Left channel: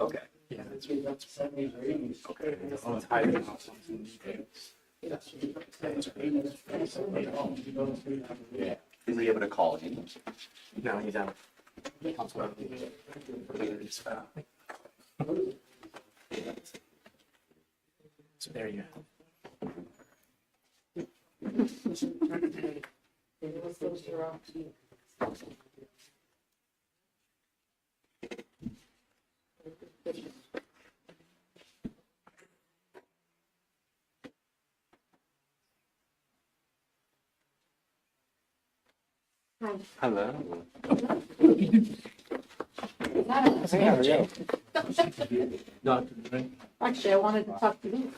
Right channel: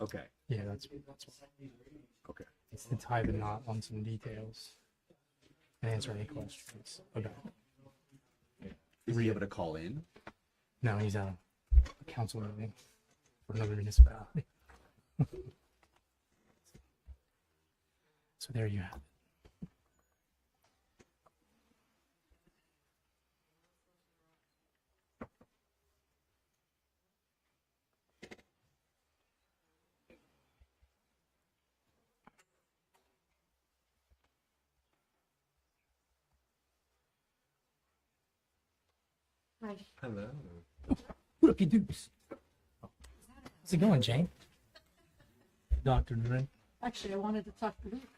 Okay. Yeah, that's Okay. I'll tie the knot on some details. To answer any questions. Yeah. Is he able to call in? No, he's out of council meeting for another municipality. So there you have it. Hello. Dr. Ray. Actually, I wanted to talk to you.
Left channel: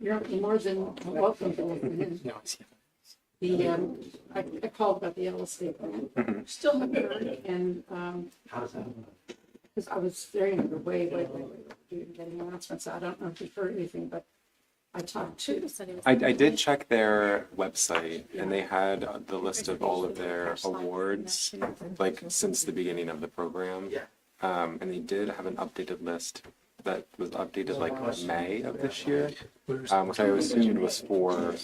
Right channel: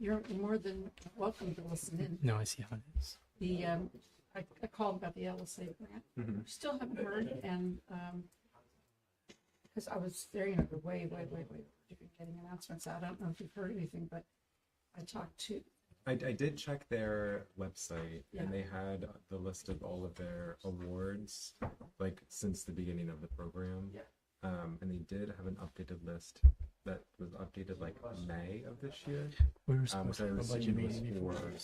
You're more than welcome to listen in. No, I see how it is. I called about the LSA grant. Mhm. Still haven't heard, and, because I was very underway, getting announcements. I don't know if you've heard anything, but I talked to. I did check their website and they had the list of all of their awards, like since the beginning of the program. And they did have an updated list that was updated like May of this year, which I assumed was for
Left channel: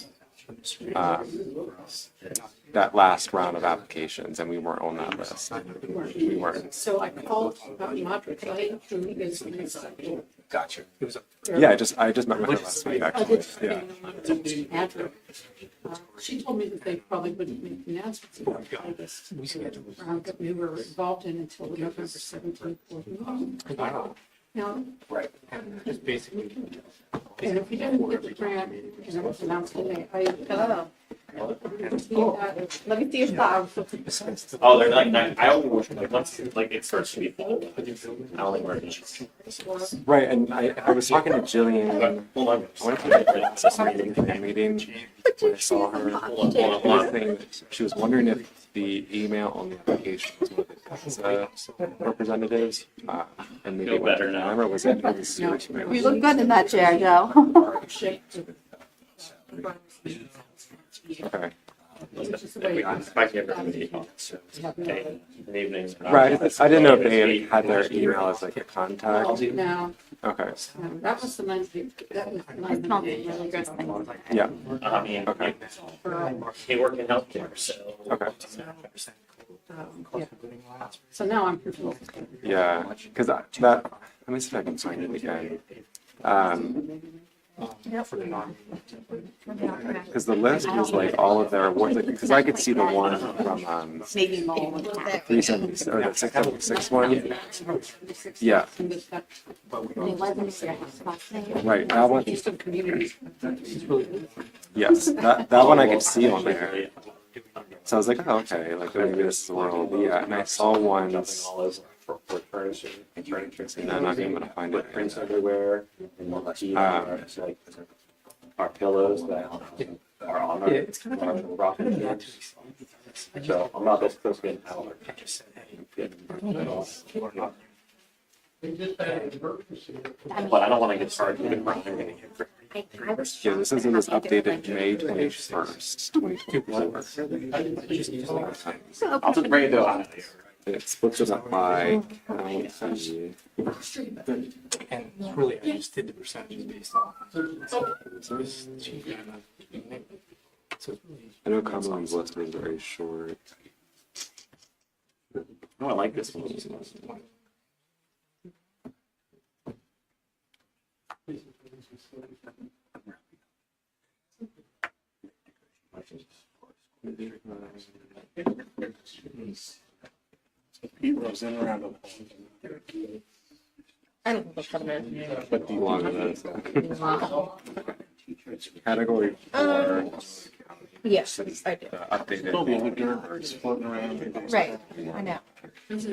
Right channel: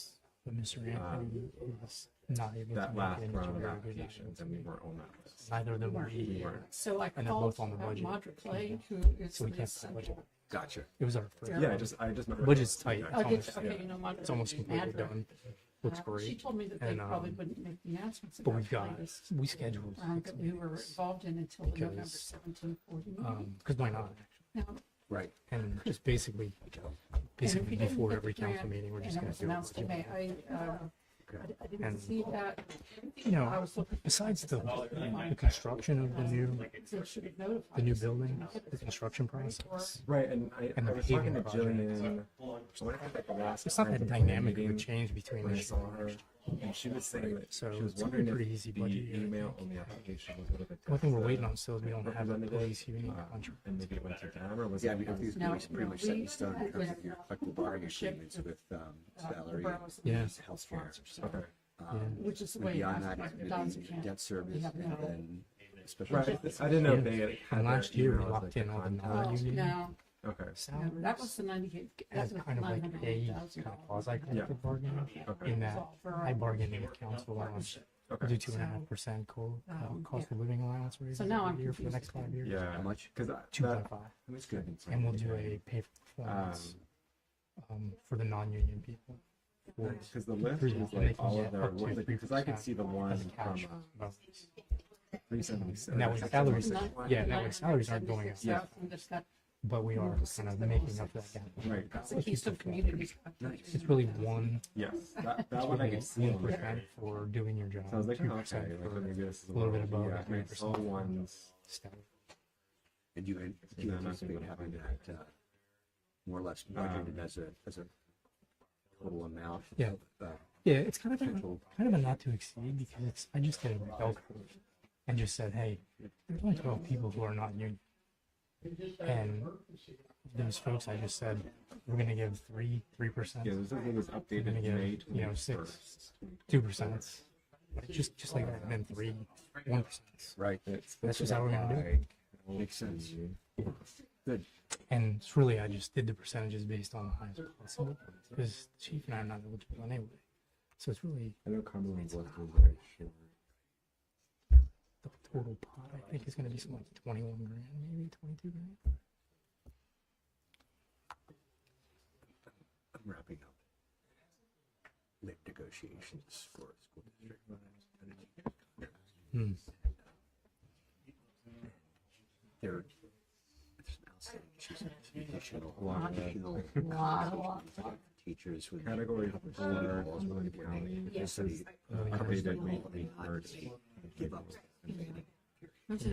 that last round of applications, and we weren't on that list. We weren't. So I called Modric Lake, who is the executive. Gotcha. It was our Yeah, I just met with her Which is last week sweet. actually. Yeah. It's almost looks great. She told me that they And, probably wouldn't make the announcements But about we've got, this we scheduled. round that we were involved in until the November 17th board meeting. Now, Right. And just basically and if we didn't before get every the council grant, meeting, we're and just it was going announced through. today, Hello. let me see your files. Besides the. Oh, they're like, I only work like once, like it starts to be full. The new building, I only work the in construction process. Right, and I was talking to Jillian. Hold on. I went to the last So some of the meeting dynamic change when between. I saw her. Hold on, She was saying that she was wondering if the email on the application was one of the representatives, and maybe it went to them, or was it his email? You look good in that chair, Joe. With salary, Yeah. healthcare. Okay. Which is the way. Debt service. Good evening. Right, I didn't know if they had their email as like a contact. Now, Okay. that was the 90, that was Kind of 90 not days. really good thing. Yeah. I mean, Okay. In that, I bargained they work in for healthcare, so. Okay. do 2.5% cost of living allowance. So now I'm for the next 5 years. Yeah, because that, 2.5. let me see if I can find And it we'll do again. a pay for the non-union people. Because the list was like all of their awards, like, because I could see the one from Maybe mold. 370 or the 676 one. Yeah, now the salaries aren't going up, Yeah, but we are kind of making up that. right. That one, Eastern communities. It's really one yes, that one I could see on there. for doing your job. So I was like, oh, okay, like maybe this is where it'll be at. And I saw ones, All over for furniture. and I'm not even gonna find it. Footprints everywhere. And More or less. like our pillows that Yeah. are on Yeah, our. it's kind of a not to exceed because it's, I just So did I'm not it as close to getting out. and just said, hey, we're talking about people who are not union. And But I don't want to get started with the we're crime. gonna give 3%. Yeah, this is in this updated May 21st, 2%. 2024. Just like it's been 3. I'll just bring it to Right. It splits it up by county. And it's really, I just did the percentages based on because chief and I'm not eligible anyway. So it's really I know Cumberland's list was very short. the total. Oh, I like this one. one. 21 grand, maybe 22 grand. I'm wrapping up. With negotiations for school district. There- I don't think they'll come in. But a lot of that. Wow. Teachers. with- Category 4, Yes, I do. updated. Right, I know. It's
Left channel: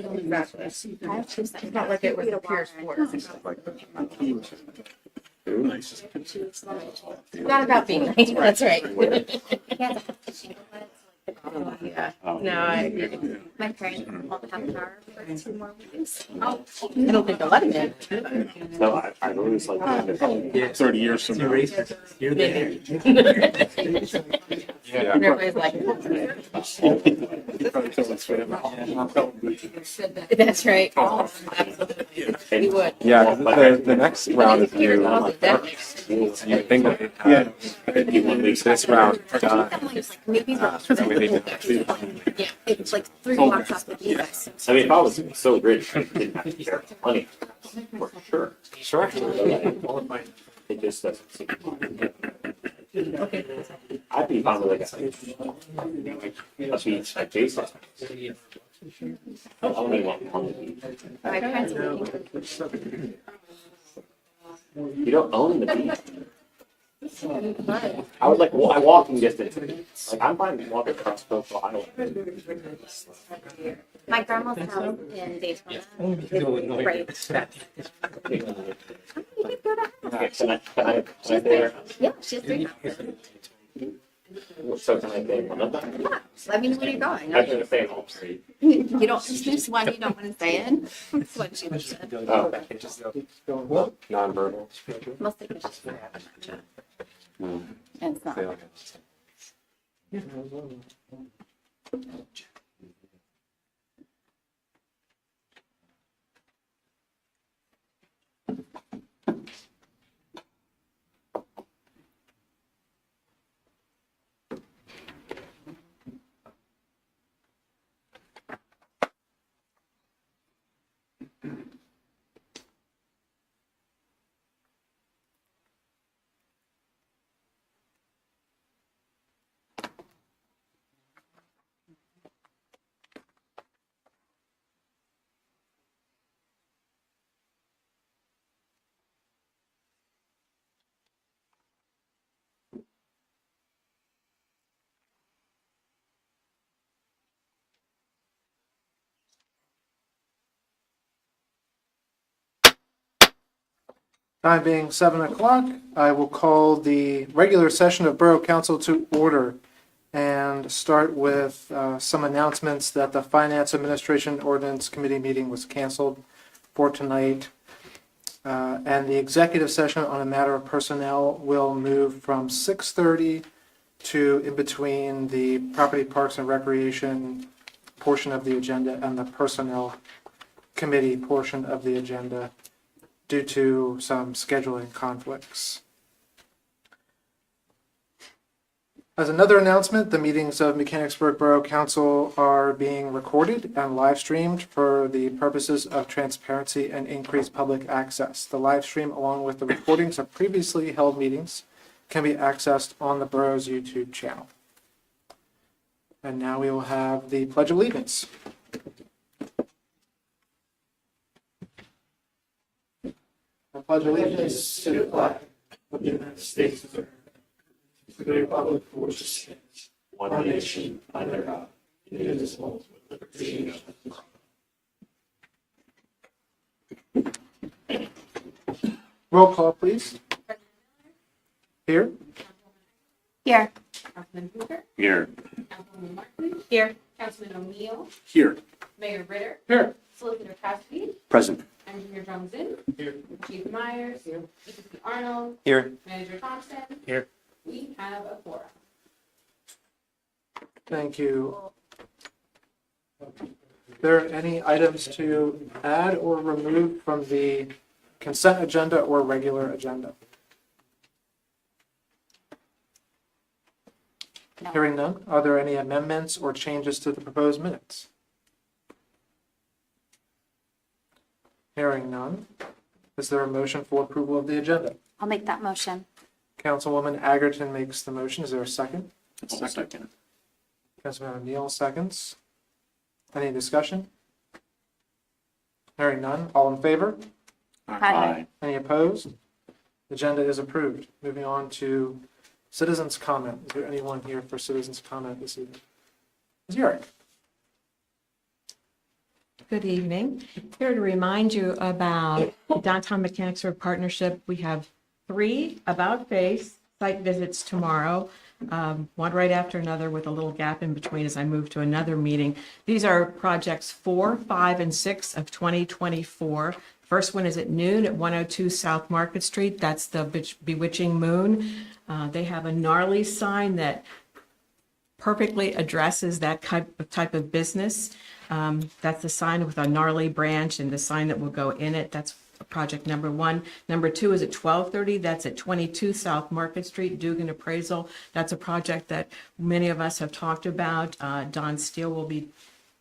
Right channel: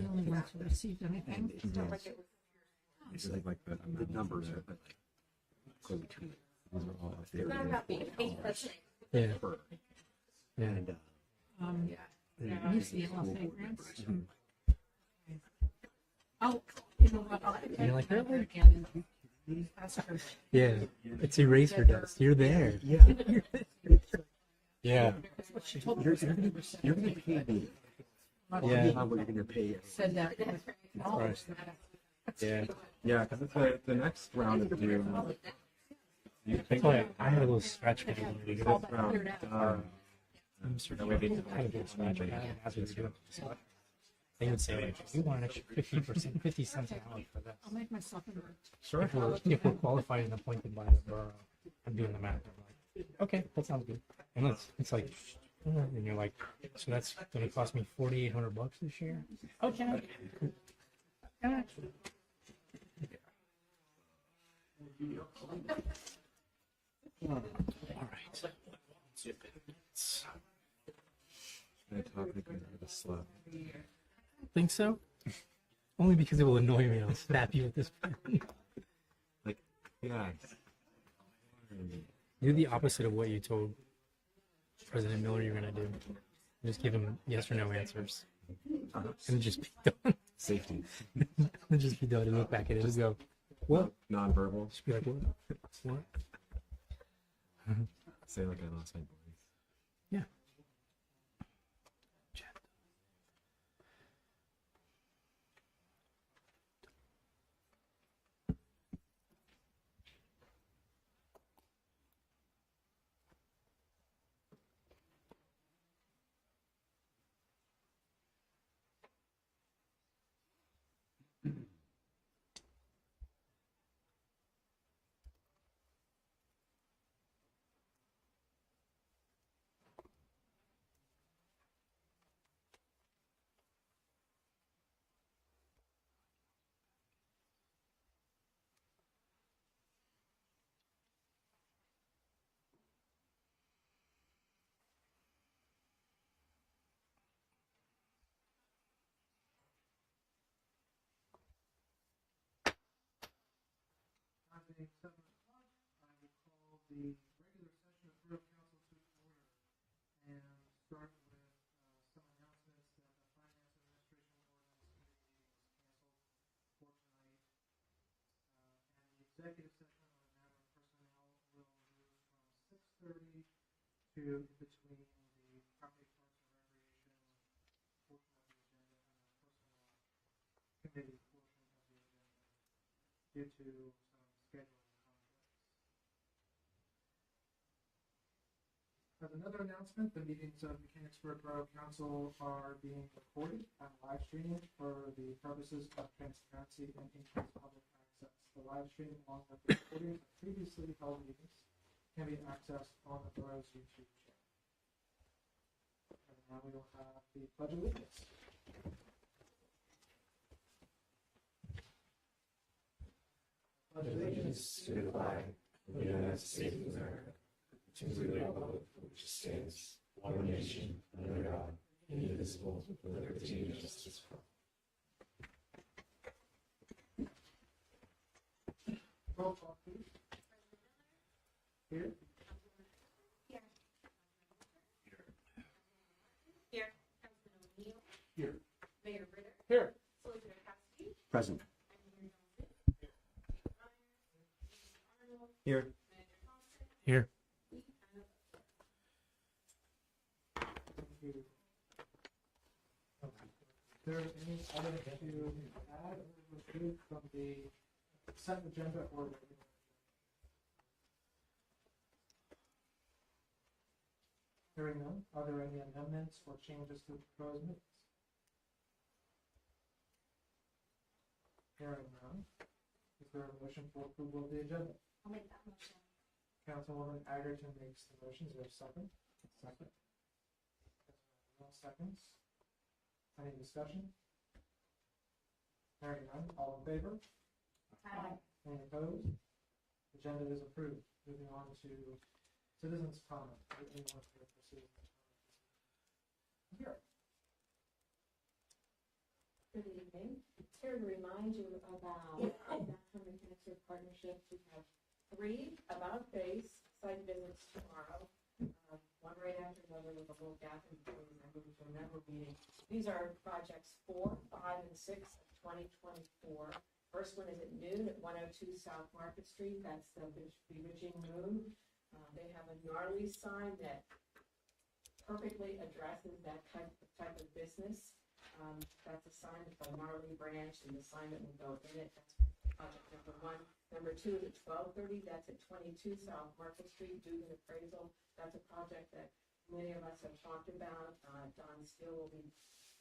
not like it was a pure sport. Like the numbers. It's not about being nice, that's right. Yeah. Yeah, no, I agree. My parents called half an hour for 2 more weeks. I don't think they'll let him in. No, I always like. Yeah. 30 years It's from now. eraser dust. You're there. Yeah. And everybody's like, Said that. that's right. Oh, absolutely. We would. Yeah, 'cause the next round is due. You think of this round done. Maybe That way they can- yeah, it's like 3 blocks off the you guys. I mean, if I was so rich, I didn't have to 50 care cents. money. For sure. Sure. Qualifying and appointed. It just doesn't seem. Okay. I'd be fine with like It's like, you're like, a beach like it Jason. cost me $4,800 this year. I'll maybe on the beach. My parents are looking You don't own the beach. I was like, well, I walking distance. Like, I'm fine walking across coastal Iowa. my grandma's Think house so? in Daytona. Only because it will annoy me to slap you with this. Can I there? Yeah, she's You're the 3. opposite of what you told. So Because I know you're gonna be. Let me know where you're going. I was gonna say it's on street. You don't, this one you don't want to stay in. That's what she I just said. go back and just go. Well, Non-verbal. just be like, well, Mostly because she's from Gotcha. And it's not. Say like I lost something. Time being 7 o'clock, I will call the regular session of Borough Council to order and start with some announcements that the Finance Administration Ordinance Committee meeting was canceled for tonight. And the executive session on a matter of personnel will move from 6:30 to in between the Property, Parks, and Recreation portion of the agenda and the Personnel Committee portion of the agenda, due to some scheduling conflicts. As another announcement, the meetings of Mechanicsburg Borough Council are being recorded and live streamed for the purposes of transparency and increased public access. The live stream, along with the recordings of previously held meetings, can be accessed on the borough's YouTube channel. And now we will have the Pledge of Allegiance. I pledge allegiance to the flag of the United States of America, to the republic for which it stands, one nation, under God, indivisible, with liberty and justice. Roll call, please. Here. Here. Councilman Hoover, Here. Councilwoman Martin, Here. Councilman O'Neill, Here. Mayor Ritter, Here. Solicitor Cassidy, Present. Engineer Johnson, Here. Chief Myers, EPC Arnold, Here. Manager Thompson. Here. We have a quorum. Thank you. Are there any items to add or remove from the consent agenda or regular agenda? No. Hearing none, are there any amendments or changes to the proposed minutes? Hearing none, is there a motion for approval of the agenda? I'll make that motion. Councilwoman Agerton makes the motion. Is there a second? Second. Councilman O'Neill seconds. Any discussion? Hearing none, all in favor? Aye. Any opposed? Agenda is approved. Moving on to citizens' comment. Is there anyone here for citizens' comment this evening? Ms. Yurick. Good evening. Here to remind you about Downtown Mechanicsburg Partnership. We have 3 about-face site visits tomorrow, one right after another with a little gap in between as I move to another meeting. These are projects 4, 5, and 6 of 2024. First one is at noon at 102 South Market Street. That's the Bewitching Moon. They have a gnarly sign that perfectly addresses that type of business. That's the sign with a gnarly branch and the sign that will go in it. That's project number one. Number two is at 1230. That's at 22 South Market Street, Dugan Appraisal. That's a project that many of us have talked about. Don Steele will be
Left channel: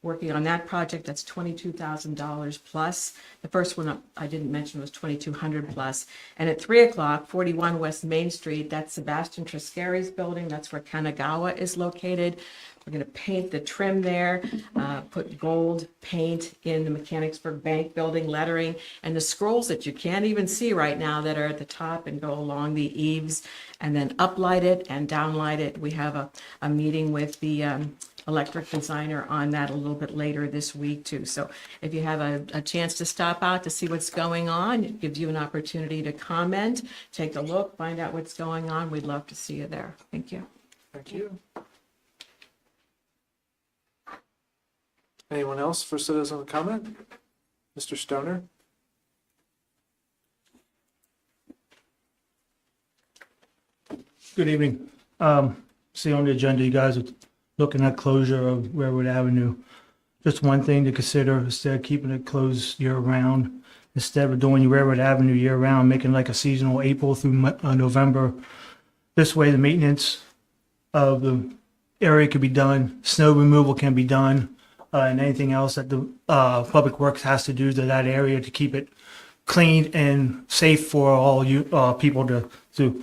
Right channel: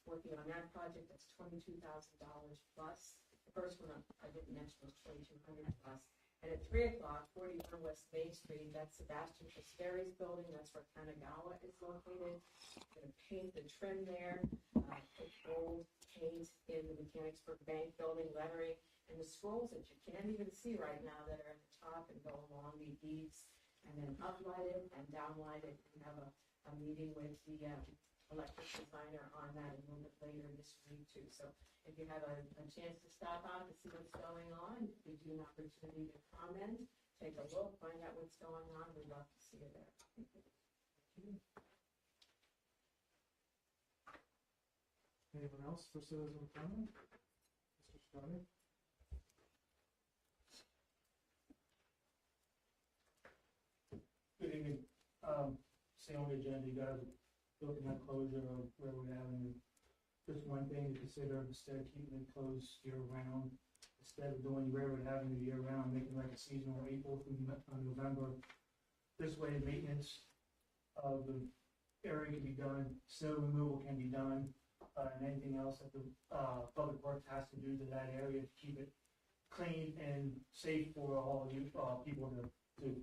working on that project. That's $22,000 plus. The first one I didn't mention was 2,200 plus. And at 3 o'clock, 41 West Main Street, that's Sebastian Triscari's building. That's where Kanagawa is located. We're going to paint the trim there, put gold paint in the Mechanicsburg Bank building lettering, and the scrolls that you can't even see right now that are at the top and go along the eaves, and then uplight it and downlight it. We have a meeting with the electric designer on that a little bit later this week too. So if you have a chance to stop out to see what's going on, it gives you an opportunity to comment, take a look, find out what's going on. We'd love to see you there. Thank you. Thank you. Anyone else for citizen comment? Mr. Stoner? Good evening. See on the agenda, you guys are looking at closure of Railroad Avenue. Just one thing to consider, instead of keeping it closed year-round, instead of doing Railroad Avenue year-round, making like a seasonal April through November. This way, the maintenance of the area could be done, snow removal can be done, and anything else that the Public Works has to do to that area to keep it clean and safe for all you people to do.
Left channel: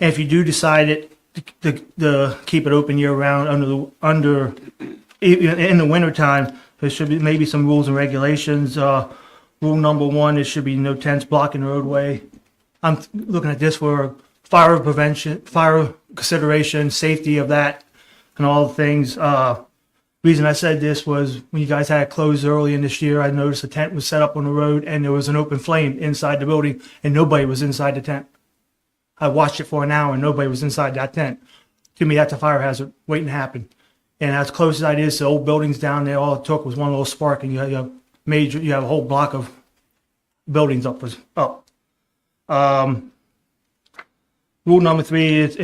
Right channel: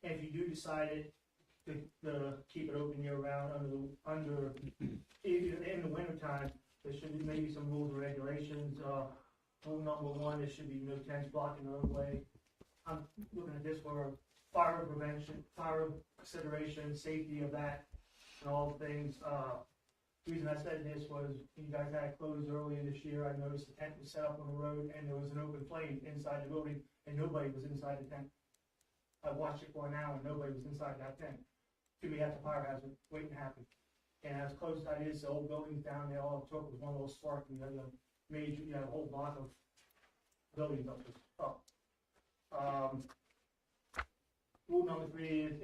And if you do decide it to keep it open year round in the wintertime, there should be maybe some rules and regulations. Rule number one, there should be no tents blocking the roadway. I'm looking at this for fire prevention, fire consideration, safety of that, and all the things. Reason I said this was when you guys had it closed early in this year, I noticed a tent was set up on the road and there was an open flame inside the building and nobody was inside the tent. I watched it for an hour and nobody was inside that tent. To me, that's a fire hazard waiting to happen. And as close as that is to old buildings down there, all it took was one little spark and you have a whole block of buildings up. Rule number three is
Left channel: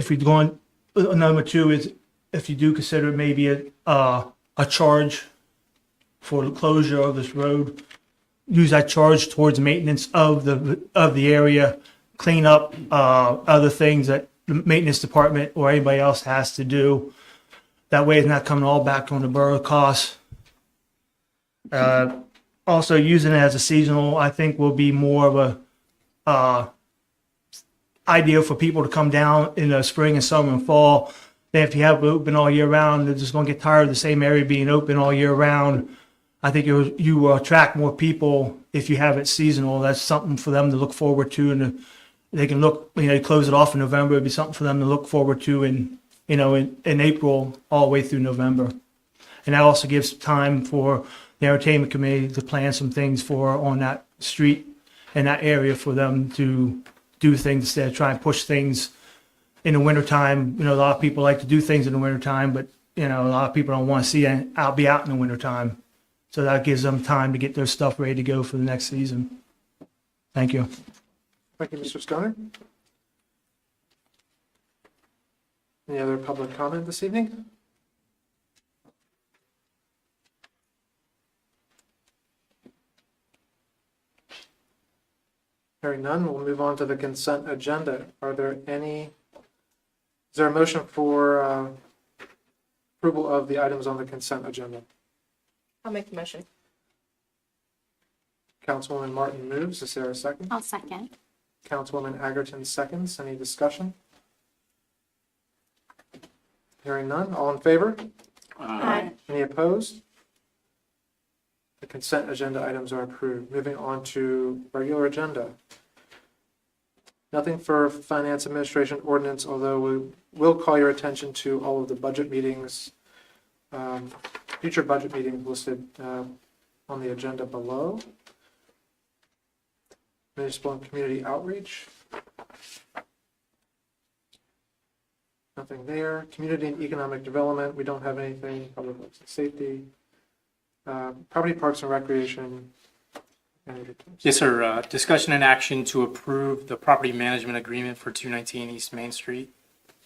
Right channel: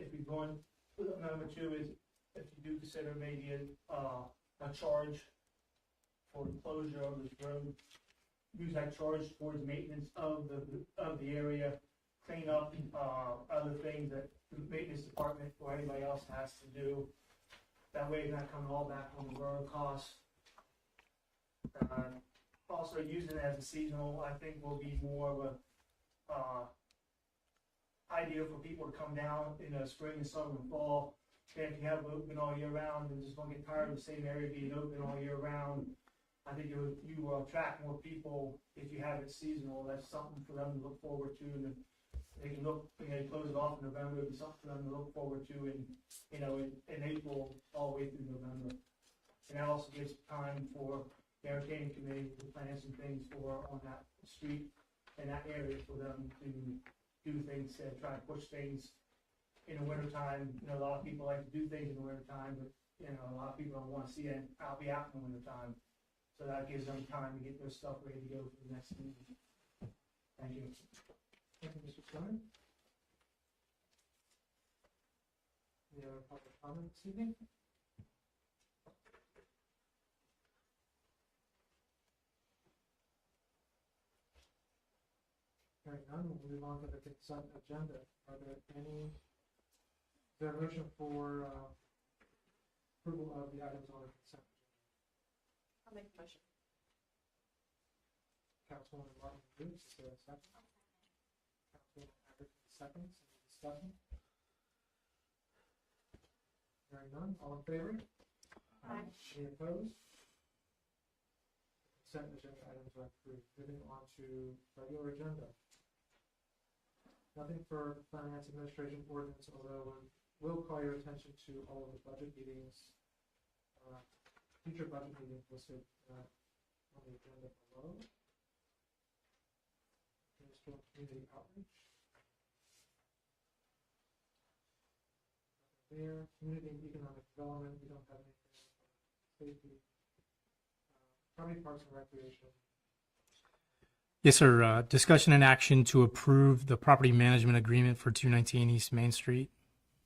number two is if you do consider maybe a charge for the closure of this road, use that charge towards maintenance of the area, clean up other things that the maintenance department or anybody else has to do. That way it's not coming all back on the borough costs. Also using it as a seasonal, I think will be more of a idea for people to come down in the spring and summer and fall. Then if you have it open all year round, they're just going to get tired of the same area being open all year round. I think you will attract more people if you have it seasonal. That's something for them to look forward to, and they can look. They close it off in November. It'd be something for them to look forward to in April all the way through November. And that also gives time for the entertainment committee to plan some things on that street and that area for them to do things instead of trying to push things in the wintertime. A lot of people like to do things in the wintertime, but a lot of people don't want to see it be out in the wintertime. So that gives them time to get their stuff ready to go for the next season. Thank you. Thank you, Mr. Stoner. Any other public comment this evening? Hearing none, we'll move on to the consent agenda. Is there a motion for approval of the items on the consent agenda? I'll make the motion. Councilwoman Martin moves. Is there a second? I'll second. Councilwoman Agerton seconds. Any discussion? Hearing none. All in favor? Aye. Any opposed? The consent agenda items are approved. Moving on to regular agenda. Nothing for finance administration ordinance, although we will call your attention to all of the budget meetings, future budget meetings listed on the agenda below. Municipal and community outreach. Nothing there. Community and economic development, we don't have anything. Public works and safety. Property, parks and recreation. Yes, sir. Discussion and action to approve the property management agreement for 219 East Main Street.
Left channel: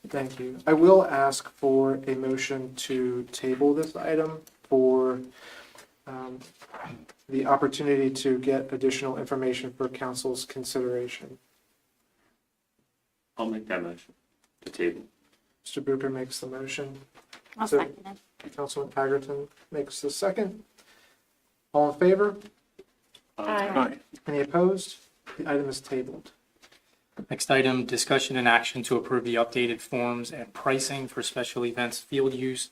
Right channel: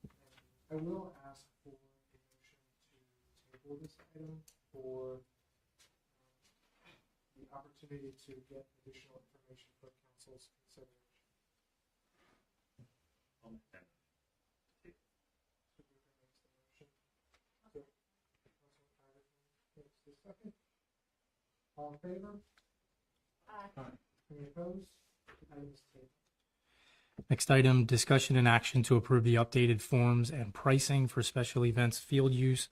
Thank you. I will ask for a motion to table this item for the opportunity to get additional information for council's consideration. I'll make that motion to table. Mr. Booker makes the motion. I'll So- second it. Councilman Egerton makes the second. All in favor? Aye. Any opposed? The item is tabled. Next item, discussion and action to approve the updated forms and pricing for special events field use,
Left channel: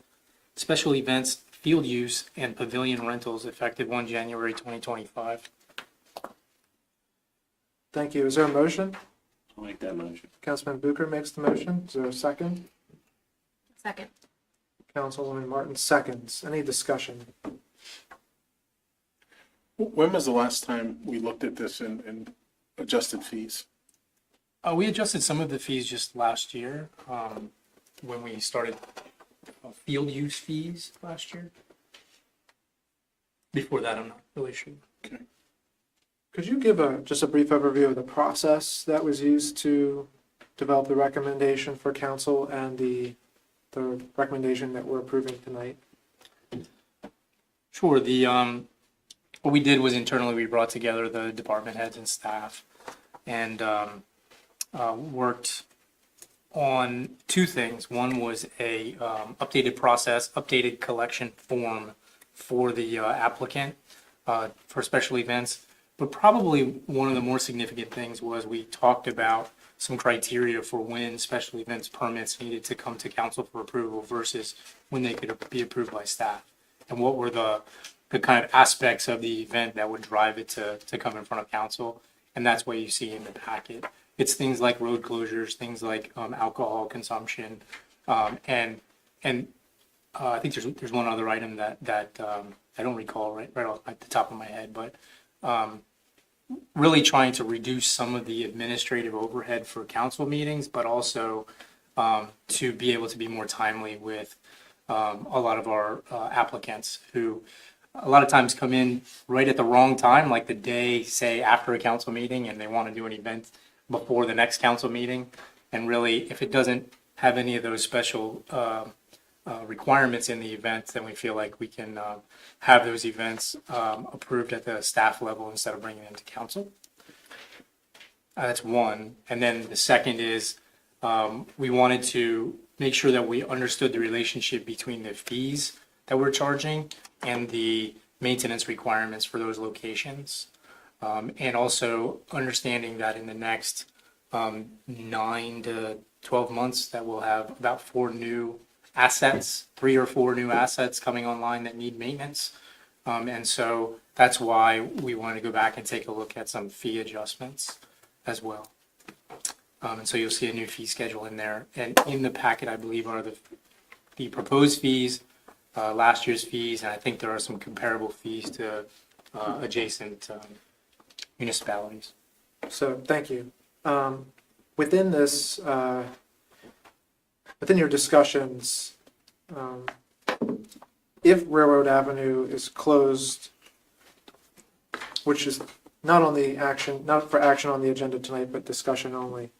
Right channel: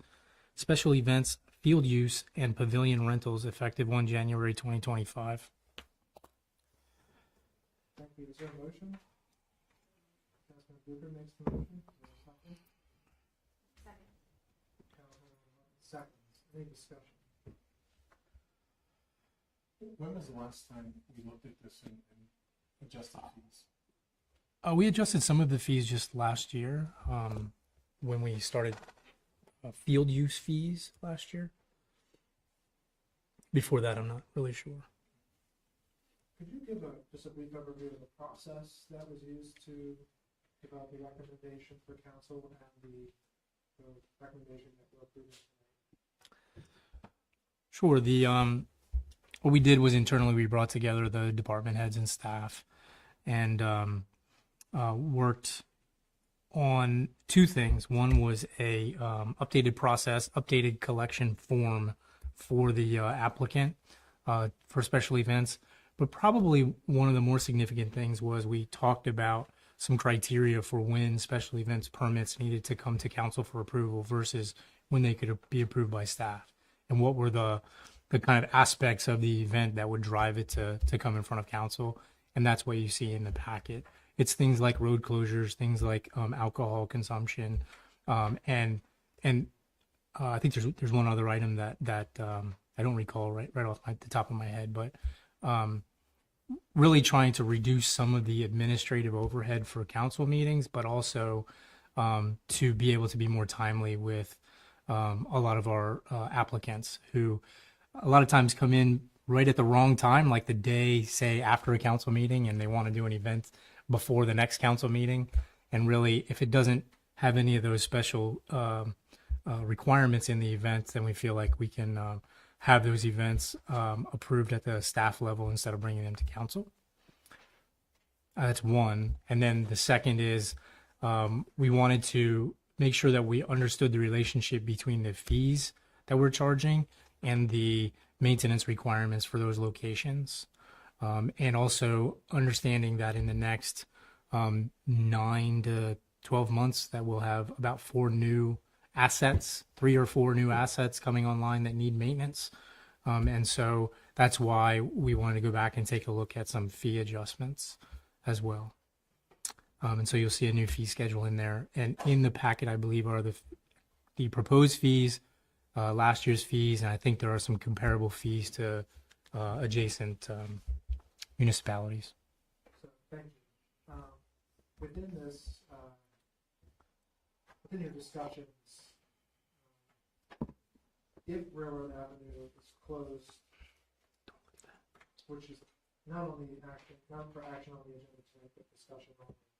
and pavilion rentals effective 1 January 2025. Thank you. Is there a motion? I'll make that motion. Councilman Booker makes the motion. Is there a second? Second. Councilwoman Martin seconds. Any discussion? When was the last time we looked at this and adjusted fees? We adjusted some of the fees just last year when we started field use fees last year. Before that, I'm not really sure. Could you give just a brief overview of the process that was used to develop the recommendation for council and the recommendation that we're approving tonight? Sure. What we did was internally we brought together the department heads and staff and worked on two things. One was a updated process, updated collection form for the applicant for special events. But probably one of the more significant things was we talked about some criteria for when special events permits needed to come to council for approval versus when they could be approved by staff. And what were the kind of aspects of the event that would drive it to come in front of council. And that's what you see in the packet. It's things like road closures, things like alcohol consumption. And I think there's one other item that I don't recall right off the top of my head, but really trying to reduce some of the administrative overhead for council meetings, but also to be able to be more timely with a lot of our applicants who a lot of times come in right at the wrong time, like the day, say, after a council meeting, and they want to do an event before the next council meeting. And really, if it doesn't have any of those special requirements in the event, then we feel like we can have those events approved at the staff level instead of bringing them to council. That's one. And then the second is we wanted to make sure that we understood the relationship between the fees that we're charging and the maintenance requirements for those locations. And also understanding that in the next 9 to 12 months that we'll have about 4 new assets, 3 or 4 new assets coming online that need maintenance. And so that's why we wanted to go back and take a look at some fee adjustments as well. And so you'll see a new fee schedule in there. And in the packet, I believe, are the proposed fees, last year's fees, and I think there are some comparable fees to adjacent municipalities. So, thank you. Within this, within your discussions, if Railroad Avenue is closed, which is not for action on the agenda tonight, but discussion only,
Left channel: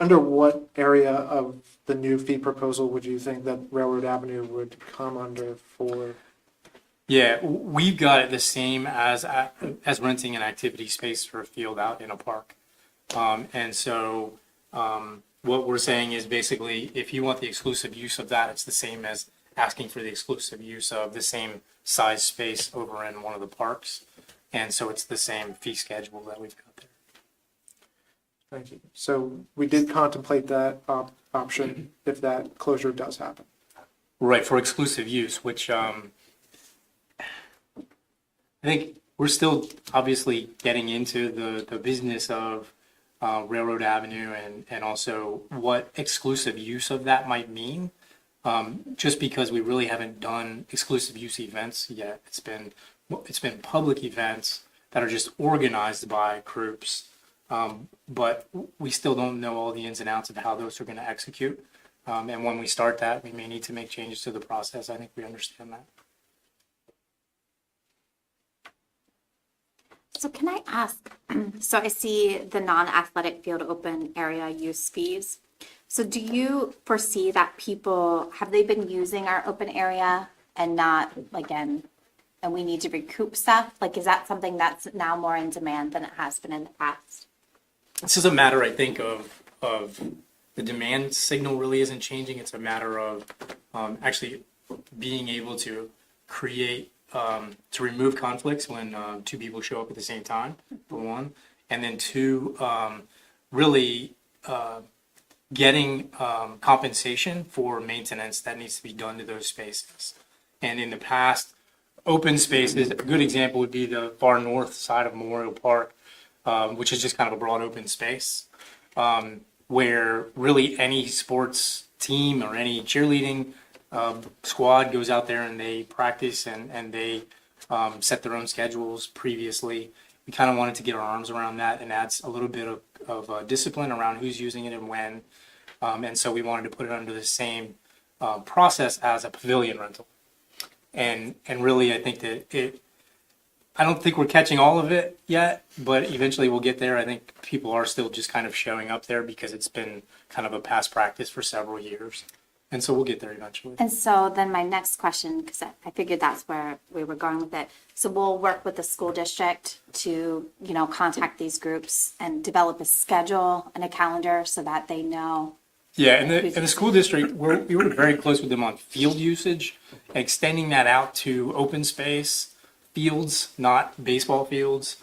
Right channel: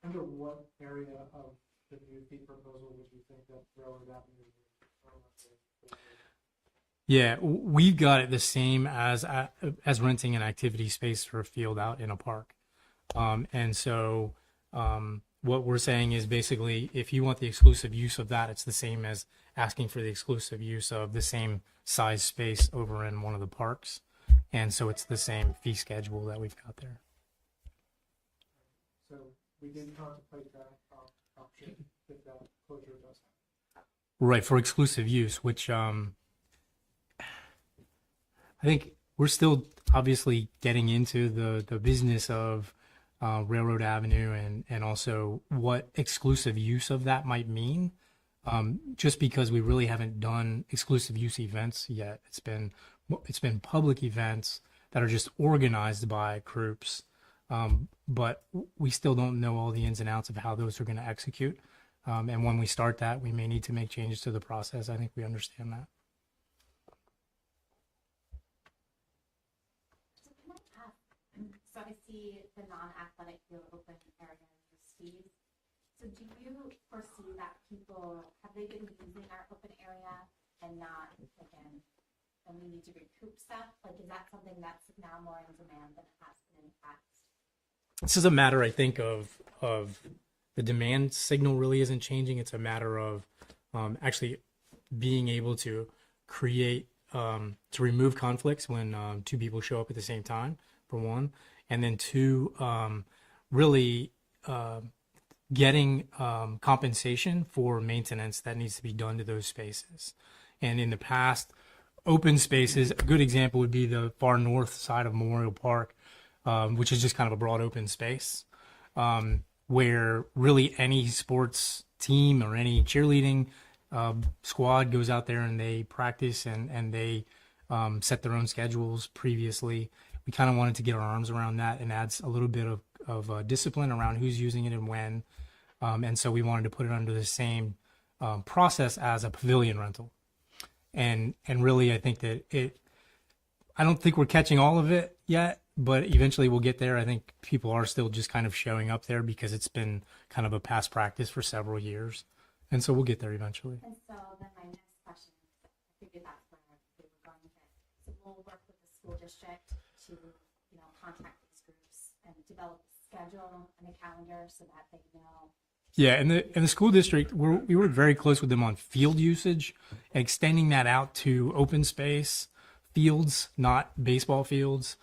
under what area of the new fee proposal would you think that Railroad Avenue would come under for? Yeah, we've got it the same as renting an activity space for a field out in a park. And so what we're saying is basically if you want the exclusive use of that, it's the same as asking for the exclusive use of the same size space over in one of the parks. And so it's the same fee schedule that we've got there. Thank you. So we did contemplate that option if that closure does happen. Right, for exclusive use, which I think we're still obviously getting into the business of Railroad Avenue and also what exclusive use of that might mean. Just because we really haven't done exclusive use events yet. It's been public events that are just organized by groups. But we still don't know all the ins and outs of how those are going to execute. And when we start that, we may need to make changes to the process. I think we understand that. So can I ask, so I see the non-athletic field open area use fees. So do you foresee that people, have they been using our open area and not, again, and we need to recoup stuff? Like, is that something that's now more in demand than it has been in the past? This is a matter, I think, of the demand signal really isn't changing. It's a matter of actually being able to create, to remove conflicts when two people show up at the same time, for one. And then two, really getting compensation for maintenance that needs to be done to those spaces. And in the past, open spaces, a good example would be the far north side of Memorial Park, which is just kind of a broad open space, where really any sports team or any cheerleading squad goes out there and they practice and they set their own schedules previously. We kind of wanted to get our arms around that and adds a little bit of discipline around who's using it and when. And so we wanted to put it under the same process as a pavilion rental. And really, I think that I don't think we're catching all of it yet, but eventually we'll get there. I think people are still just kind of showing up there because it's been kind of a past practice for several years. And so we'll get there eventually. And so then my next question, because I figured that's where we were going with it. So we'll work with the school district to, contact these groups and develop a schedule and a calendar so that they know. Yeah, and the school district, we work very close with them on field usage, extending that out to open space fields, not baseball fields,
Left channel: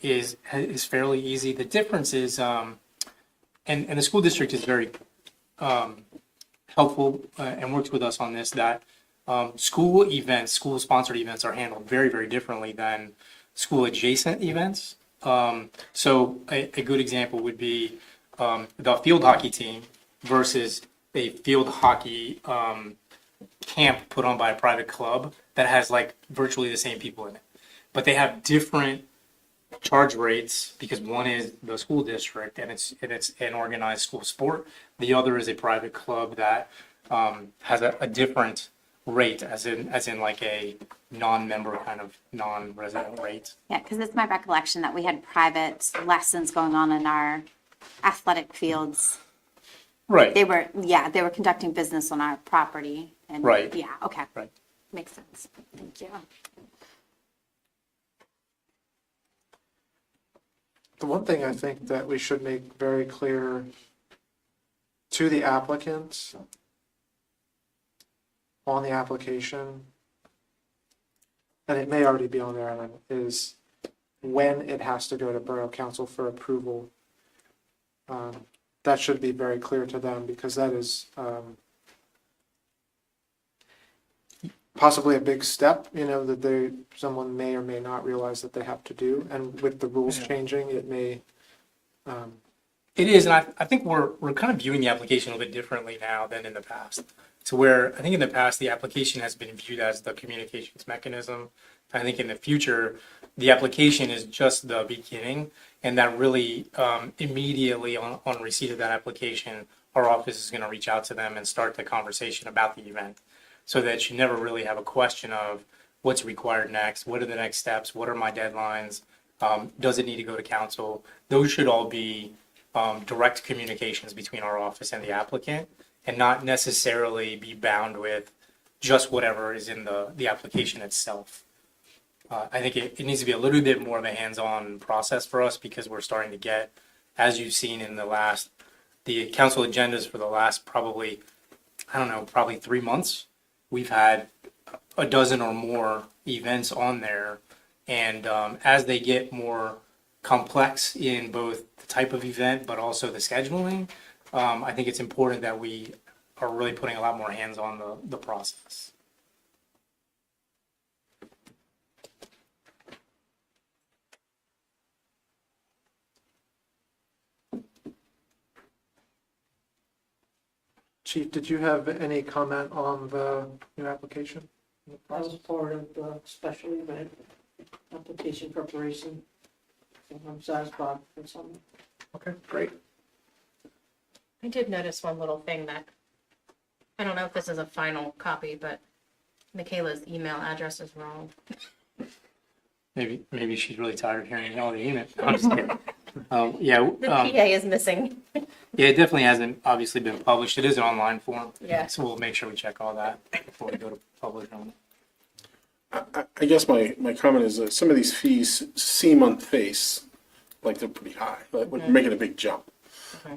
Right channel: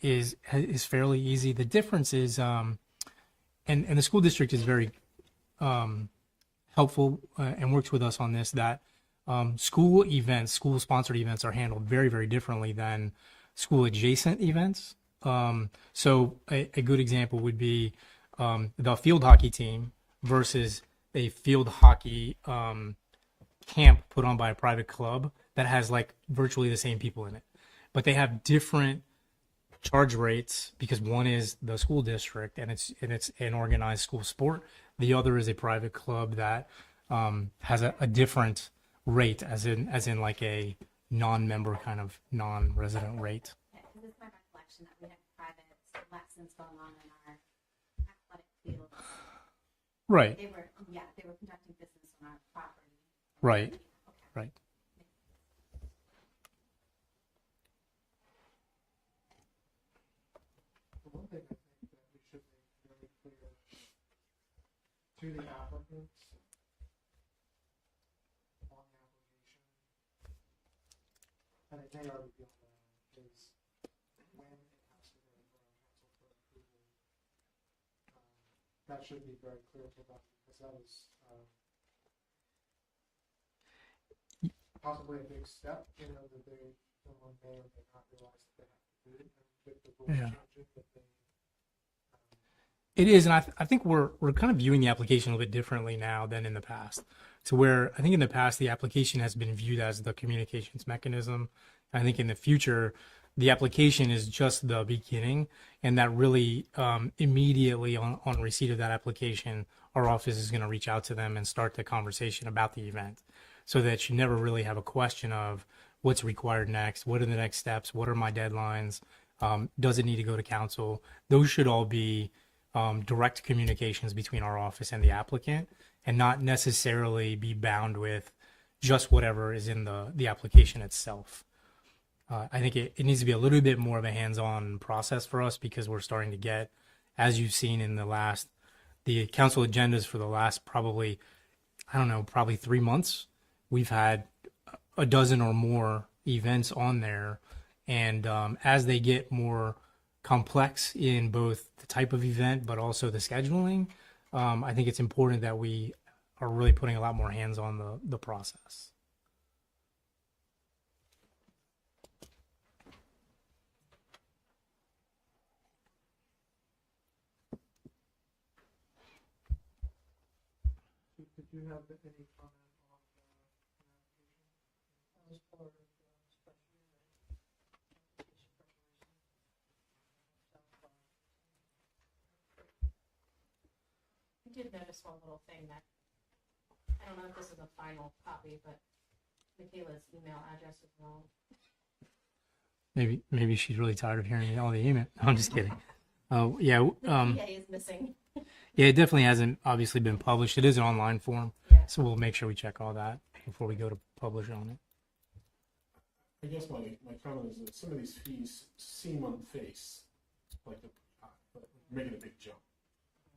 is fairly easy. The difference is, and the school district is very helpful and works with us on this, that school events, school sponsored events are handled very, very differently than school adjacent events. So a good example would be the field hockey team versus a field hockey camp put on by a private club that has like virtually the same people in it, but they have different charge rates because one is the school district and it's an organized school sport. The other is a private club that has a different rate, as in like a non-member kind of non-resident rate. Yeah, because it's my recollection that we had private lessons going on in our athletic fields. Right. They were conducting business on our property. And Right. Yeah, okay. Right. Makes sense. Thank you. The one thing I think that we should make very clear to the applicants on the application, and it may already be on there, is when it has to go to Borough Council for approval. That should be very clear to them because that is possibly a big step, that someone may or may not realize that they have to do. And with the rules changing, it may. It is, and I think we're kind of viewing the application a little bit differently now than in the past. To where I think in the past the application has been viewed as the communications mechanism. I think in the future the application is just the beginning, and that really immediately on receipt of that application, our office is going to reach out to them and start the conversation about the event, so that you never really have a question of what's required next, what are the next steps, what are my deadlines, does it need to go to council? Those should all be direct communications between our office and the applicant, and not necessarily be bound with just whatever is in the application itself. I think it needs to be a little bit more of a hands-on process for us because we're starting to get, as you've seen in the council agendas for the last probably 3 months, we've had a dozen or more events on there. And as they get more complex in both the type of event, but also the scheduling, I think it's important that we are really putting a lot more hands on the process. Chief, did you have any comment on the new application? That was part of the special event application preparation. So I'm satisfied with some. Okay, great. I did notice one little thing that, I don't know if this is a final copy, but Michaela's email address is wrong. Maybe she's really tired of hearing all the email. No, I'm just kidding. Yeah, The PA is missing. yeah, it definitely hasn't obviously been published. It is an online form, Yeah. so we'll make sure we check all that before we go to publish on it. I guess my comment is that some of these fees seem on face like they're pretty high, like we're making a big jump.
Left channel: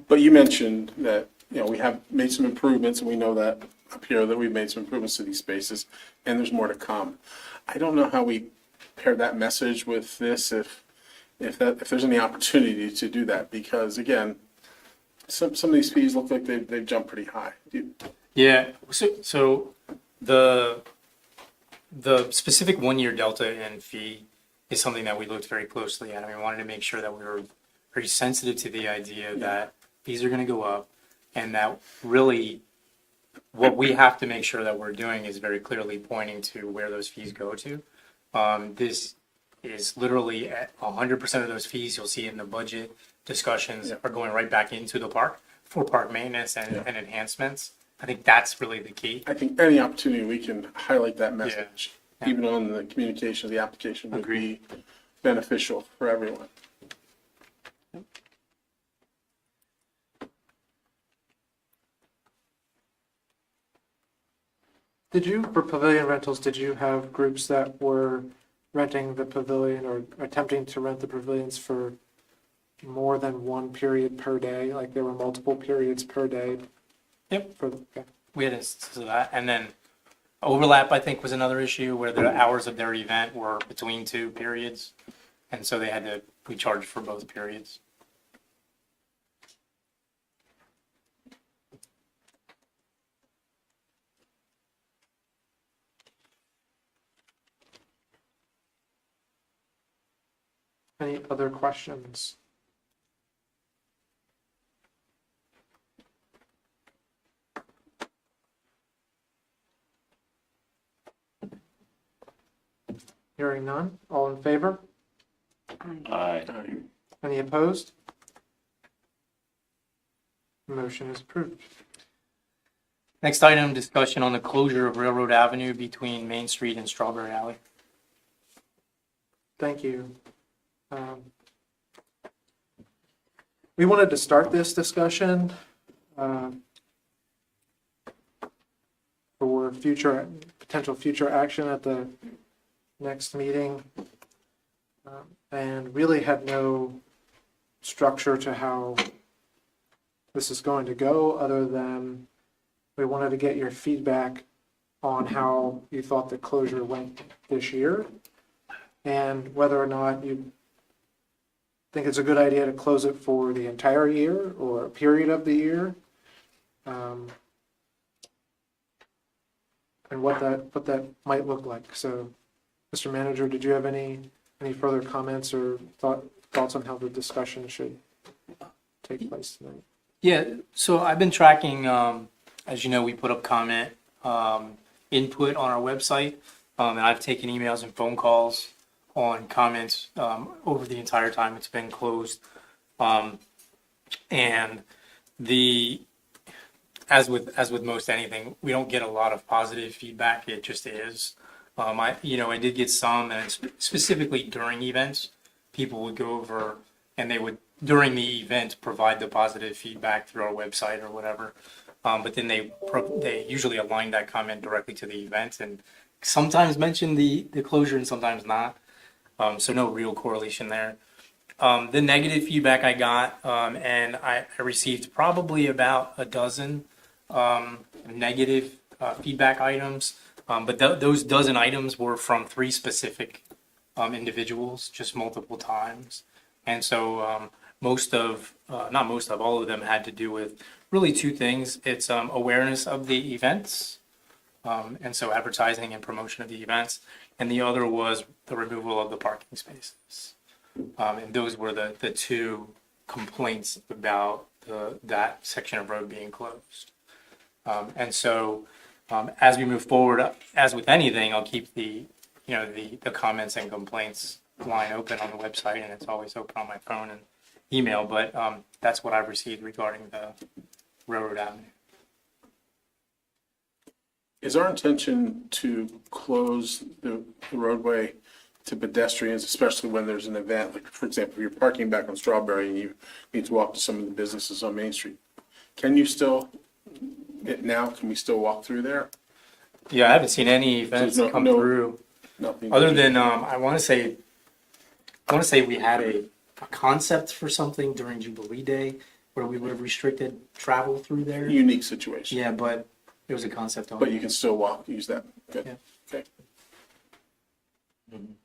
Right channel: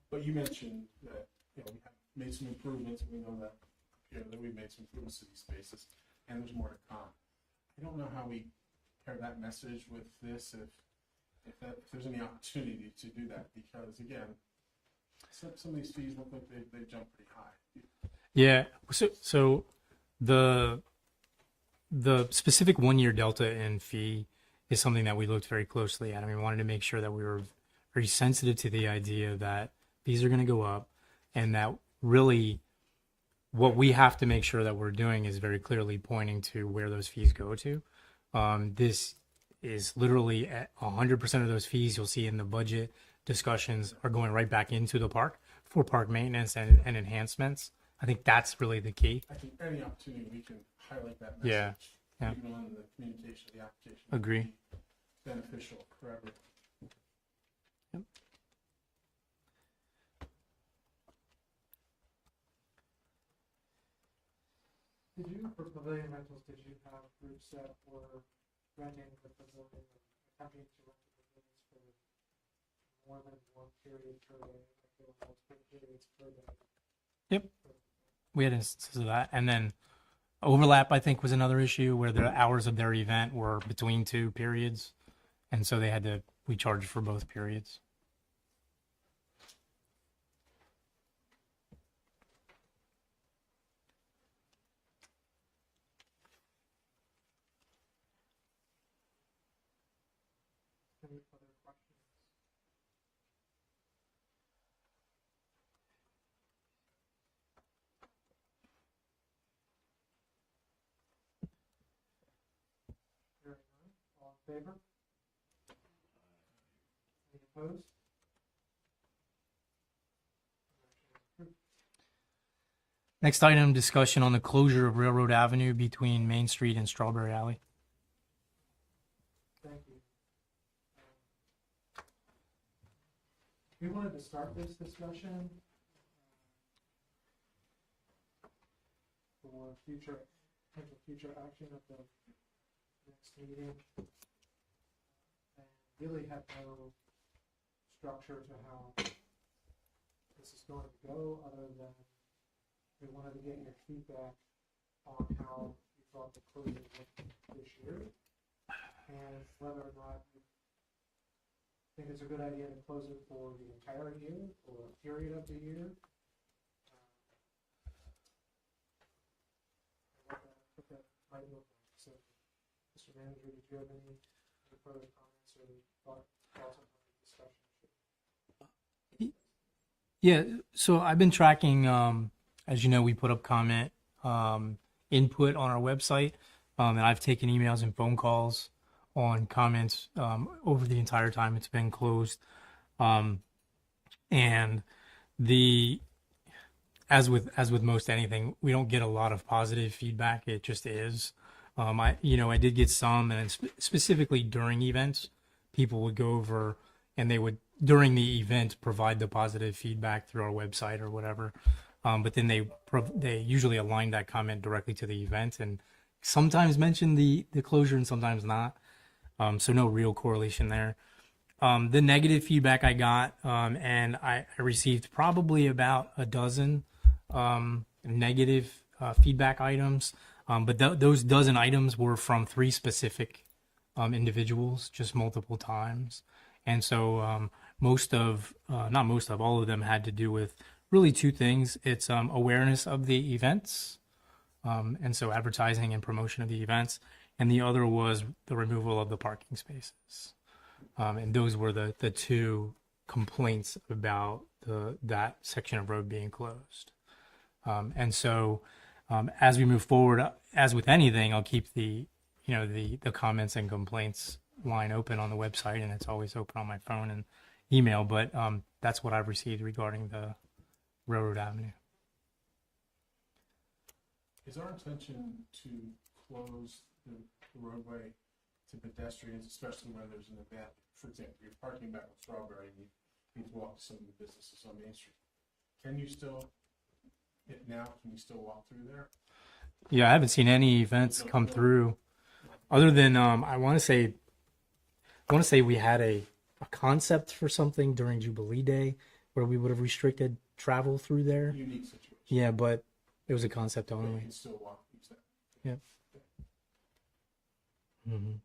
But you mentioned that, we have made some improvements, and we know that up here that we've made some improvements to these spaces, and there's more to come. I don't know how we pair that message with this, if there's any opportunity to do that, because again, some of these fees look like they've jumped pretty high. Yeah, so the specific 1 year delta in fee is something that we looked very closely at. I mean, we wanted to make sure that we were very sensitive to the idea that fees are going to go up, and that really what we have to make sure that we're doing is very clearly pointing to where those fees go to. This is literally at 100% of those fees you'll see in the budget discussions are going right back into the park for park maintenance and enhancements. I think that's really the key. I think any opportunity we can highlight that message, even on the communication of the application, would be beneficial for everyone. For pavilion rentals, did you have groups that were renting the pavilion or attempting to rent the pavilions for more than one period per day? Like there were multiple periods per day? Yep. Okay. We had instances of that. And then overlap, I think, was another issue where the hours of their event were between two periods. And so we charged for both periods. Any other questions? Hearing none, all in favor? Aye. Any opposed? Motion is approved. Next item, discussion on the closure of Railroad Avenue between Main Street and Strawberry Alley. Thank you. We wanted to start this discussion for potential future action at the next meeting, and really had no structure to how this is going to go, other than we wanted to get your feedback on how you thought the closure went this year, and whether or not you think it's a good idea to close it for the entire year or a period of the year, and what that might look like. So, Mr. Manager, did you have any further comments or thoughts on how the discussion should take place tonight? Yeah, so I've been tracking, as you know, we put up comment input on our website, and I've taken emails and phone calls on comments over the entire time it's been closed. And as with most anything, we don't get a lot of positive feedback. It just is. I did get some, and specifically during events, people would go over and they would, during the event, provide the positive feedback through our website or whatever. But then they usually align that comment directly to the event and sometimes mention the closure and sometimes not. So no real correlation there. The negative feedback I got, and I received probably about a dozen negative feedback items. But those dozen items were from 3 specific individuals, just multiple times. And so all of them had to do with really 2 things. It's awareness of the events, and so advertising and promotion of the events. And the other was the removal of the parking spaces. And those were the 2 complaints about that section of road being closed. And so as we move forward, as with anything, I'll keep the comments and complaints line open on the website, and it's always open on my phone and email. But that's what I've received regarding the Railroad Avenue. Is our intention to close the roadway to pedestrians, especially when there's an event, like, for example, if you're parking back on Strawberry and you need to walk to some of the businesses on Main Street. Can you still, can we still walk through there? Yeah, I haven't seen any events no- come no- through Nothing. other than I want to say we had a concept for something during Jubilee Day where we would have restricted travel through there. Unique situation. Yeah, but it was a concept only. But you can still walk, use that. Good. Yeah. Okay. Mhm.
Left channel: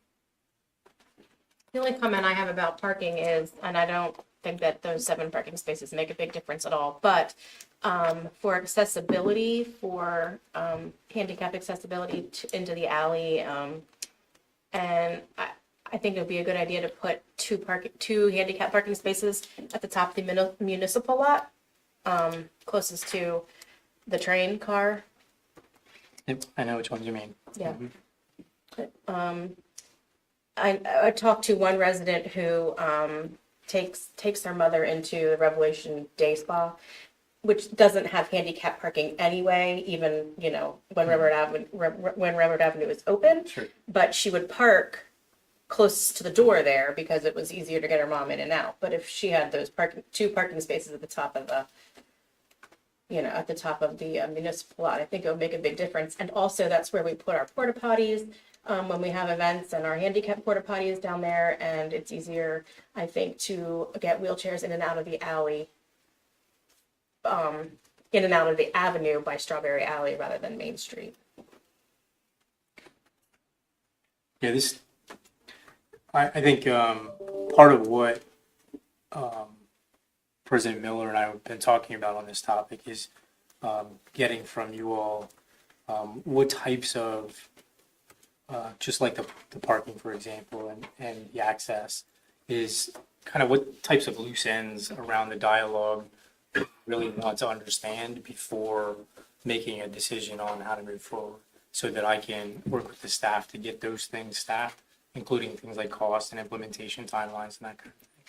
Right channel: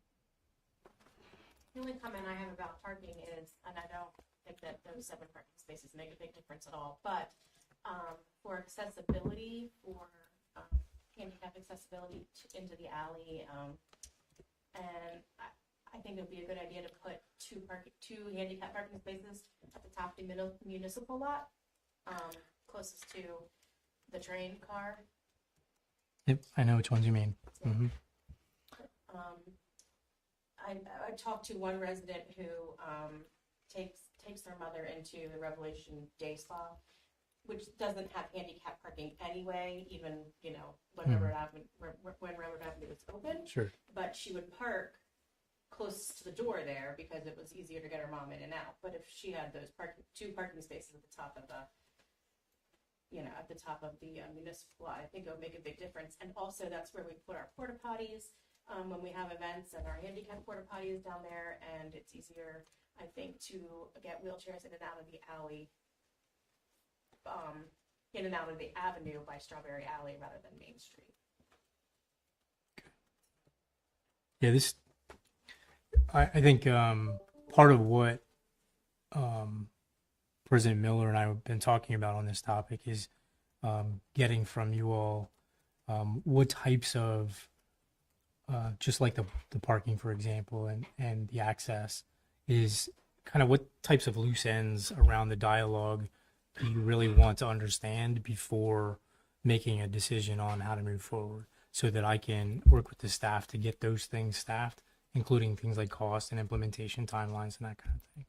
The only comment I have about parking is, and I don't think that those 7 parking spaces make a big difference at all, but for accessibility, for handicap accessibility into the alley, and I think it would be a good idea to put 2 handicap parking spaces at the top of the municipal lot, closest to the train car. Yep, I know which ones you mean. Yeah. Mhm. I talked to one resident who takes their mother into the Revelation Day Spa, which doesn't have handicap parking anyway, even, when Railroad Avenue is open. Sure. But she would park close to the door there because it was easier to get her mom in and out. But if she had those 2 parking spaces at the top of the municipal lot, I think it would make a big difference. And also that's where we put our porta potties when we have events, and our handicap porta potties down there. And it's easier, I think, to get wheelchairs in and out of the alley, in and out of the avenue by Strawberry Alley rather than Main Street. Yeah, I think part of what President Miller and I have been talking about on this topic is getting from you all what types of, just like the parking, for example, and the access, is kind of what types of loose ends around the dialogue that you really want to understand before making a decision on how to move forward, so that I can work with the staff to get those things staffed, including things like cost and implementation timelines and that kind of thing.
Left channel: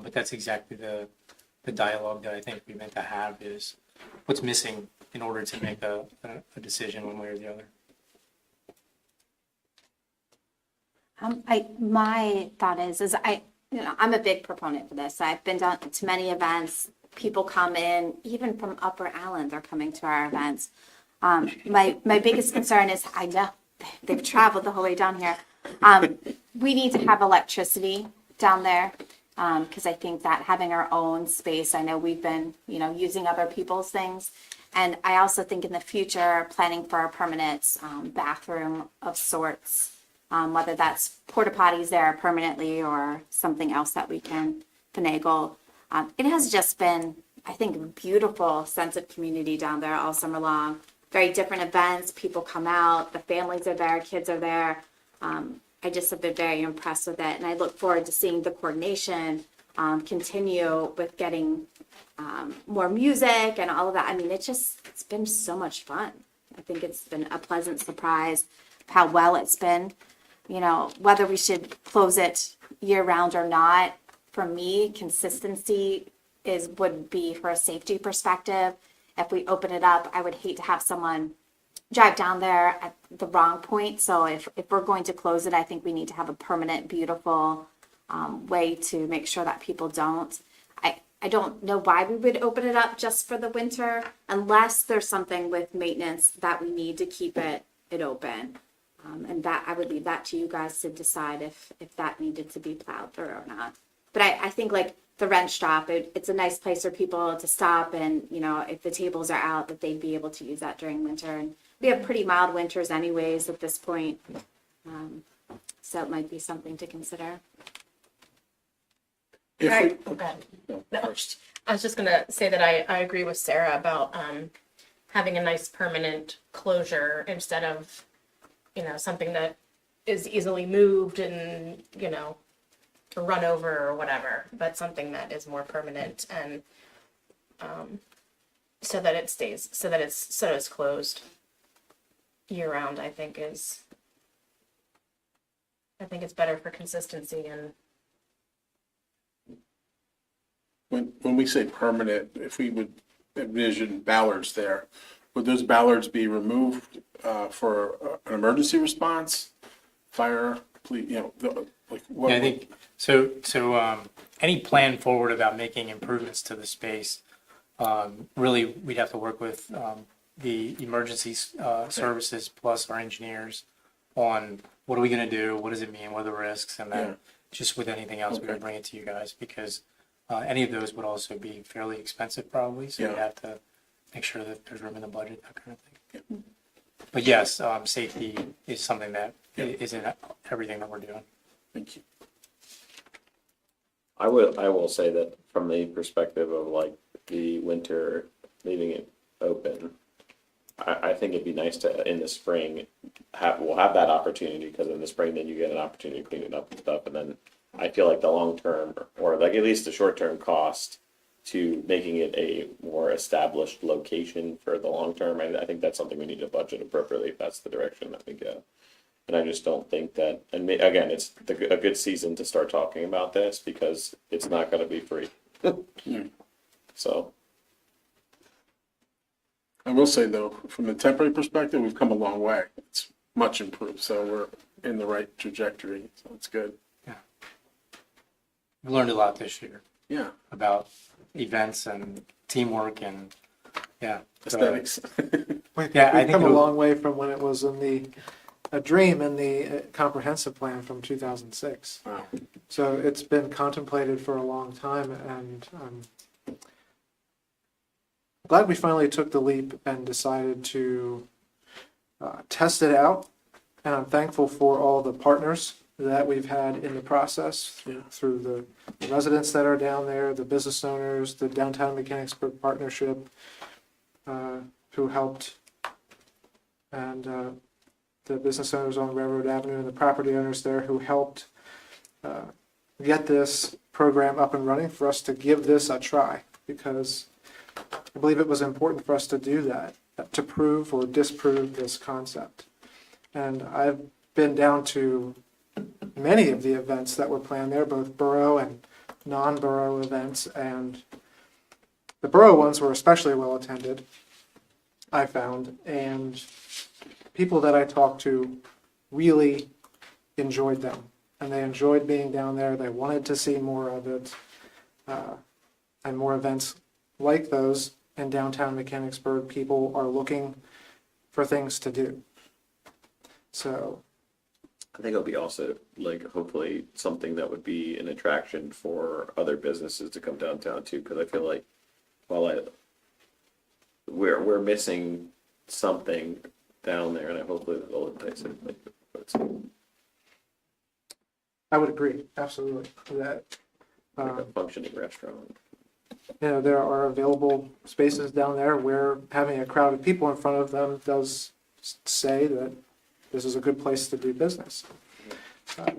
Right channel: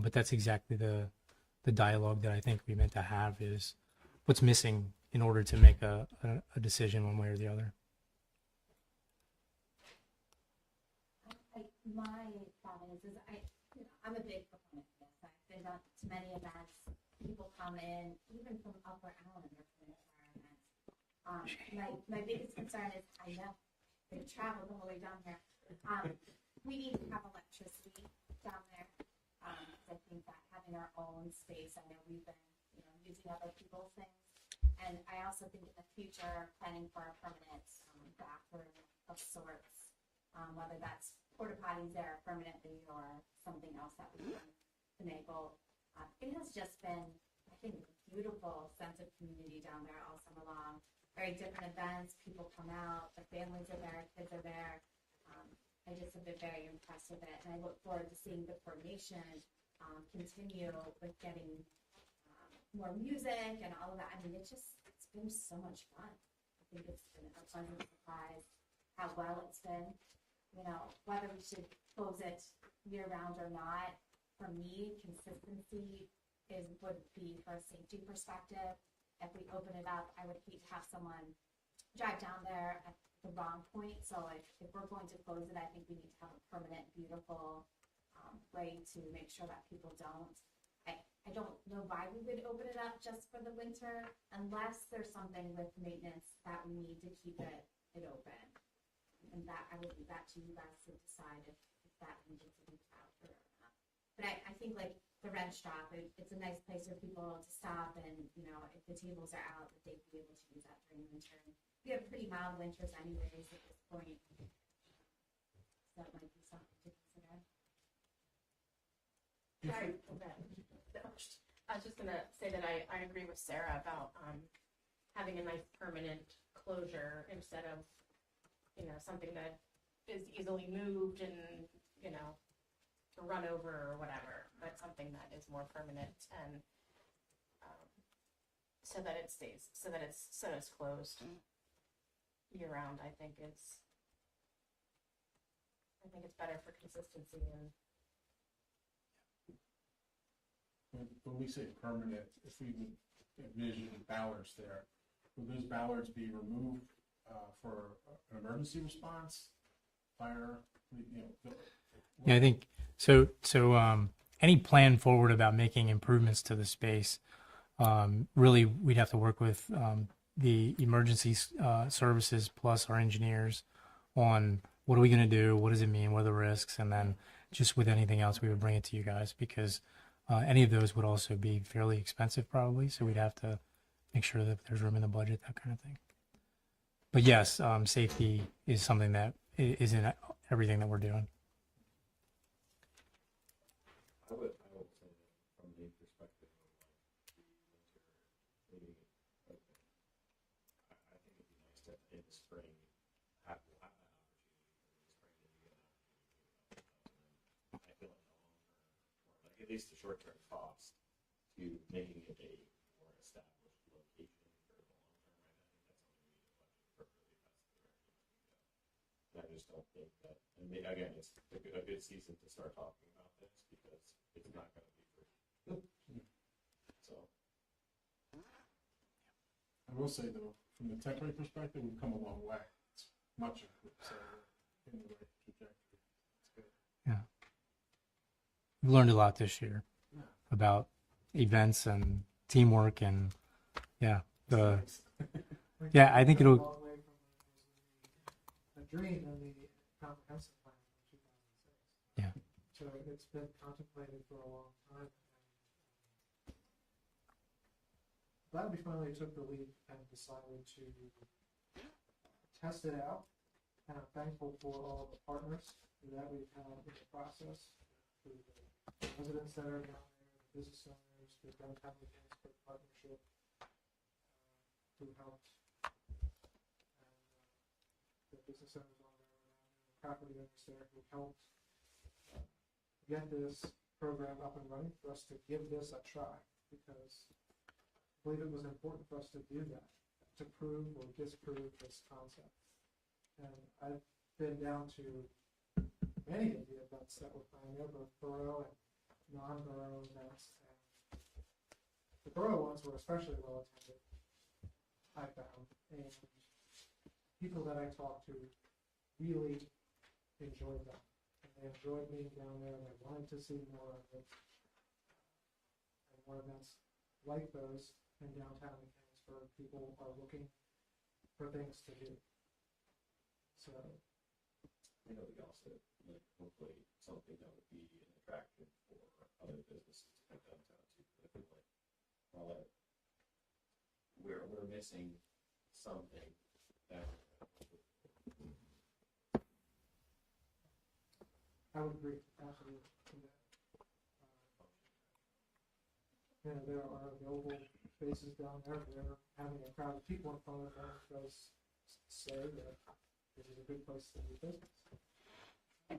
But that's exactly the dialogue that I think we meant to have, is what's missing in order to make a decision one way or the other. My thought is I'm a big proponent for this. I've been down to many events. People come in, even from Upper Allen, they're coming to our events. My biggest concern is, I know they've traveled the whole way down here. We need to have electricity down there, because I think that having our own space, I know we've been, using other people's things. And I also think in the future, planning for a permanent bathroom of sorts, whether that's porta potties there permanently or something else that we can finagle. It has just been, I think, a beautiful sense of community down there all summer long. Very different events, people come out, the families are there, kids are there. I just have been very impressed with it, and I look forward to seeing the coordination continue with getting more music and all of that. I mean, it's been so much fun. I think it's been a pleasant surprise how well it's been. Whether we should close it year round or not, for me, consistency would be, for a safety perspective. If we open it up, I would hate to have someone drive down there at the wrong point. So if we're going to close it, I think we need to have a permanent, beautiful way to make sure that people don't. I don't know why we would open it up just for the winter, unless there's something with maintenance that we need to keep it open. And that I would leave that to you guys to decide if that needed to be plowed through or not. But I think, like, the wrench stop, it's a nice place for people to stop, and if the tables are out, that they'd be able to use that during winter. And we have pretty mild winters anyways at this point, so it might be something to consider. Right. No, first. I was just gonna say that I agree with Sarah about having a nice permanent closure instead of, something that is easily moved and, to run over or whatever, but something that is more permanent, and so that it's closed year round. I think it's better for consistency. And When we say permanent, if we would envision ballards there, would those ballards be removed for an emergency response, fire, please, like what? Yeah, I think so. Any plan forward about making improvements to the space, really, we'd have to work with the emergency services plus our engineers on what are we going to do, what does it mean, what are the risks, and then Yeah. just with anything else, we would Okay. bring it to you guys because any of those would also be fairly expensive probably. So we'd Yeah. have to make sure that there's room in the budget, that kind of thing. But yes, safety is something that is in everything that we're doing. Thank you. I will say that from the perspective of like the winter, leaving it open, I think it'd be nice to, in the spring, we'll have that opportunity, because in the spring, then you get an opportunity to clean it up and stuff, and then I feel like the long-term, or like at least the short-term cost to making it a more established location for the long-term, I think that's something we need to budget appropriately if that's the direction that we go. And I just don't think that, and again, it's a good season to start talking about this, because it's not gonna be free. So, I will say though, from the temporary perspective, we've come a long way. It's much improved, so we're in the right trajectory, so it's good. We learned a lot this year Yeah, about events and teamwork and yeah. aesthetics. Yeah, I We've think come a it'll- long way from when it was a dream in the comprehensive plan from 2006. Wow. So it's been contemplated for a long time, and I'm glad we finally took the leap and decided to test it out. And I'm thankful for all the partners that we've had in the process, through the residents that are down there, the business owners, the Downtown Mechanicsburg Partnership, who helped, and the business owners on Railroad Avenue and the property owners there who helped get this program up and running for us to give this a try, because I believe it was important for us to do that, to prove or disprove this concept. And I've been down to many of the events that were planned there, both borough and non-borough events, and the borough ones were especially well attended, I found, and people that I talked to really enjoyed them, and they enjoyed being down there. They wanted to see more of it, and more events like those in downtown Mechanicsburg. People are looking for things to do. So I think it'll be also like hopefully something that would be an attraction for other businesses to come downtown too, because I feel like we're missing something down there, and I hopefully they'll entice it. I would agree, absolutely, that Like a functioning restaurant. there are available spaces down there where having a crowd of people in front of them does say that this is a good place to do business.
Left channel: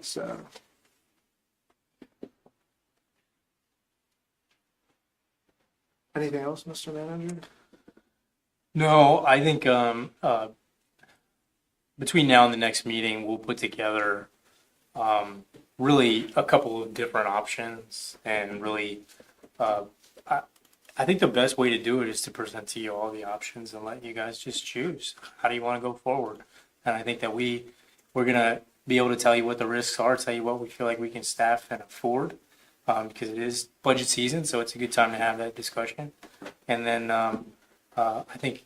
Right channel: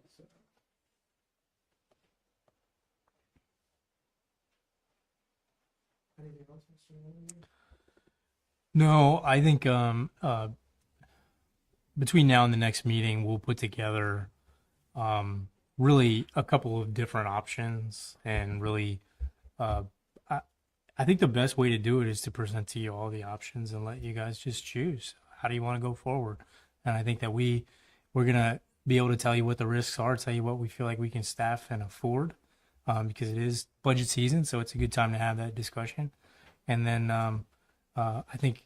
So. Anything else, Mr. Manager? No, I think between now and the next meeting, we'll put together really a couple of different options, and really, I think the best way to do it is to present to you all the options and let you guys just choose. How do you want to go forward? And I think that we're gonna be able to tell you what the risks are, tell you what we feel like we can staff and afford, because it is budget season, so it's a good time to have that discussion. And then I think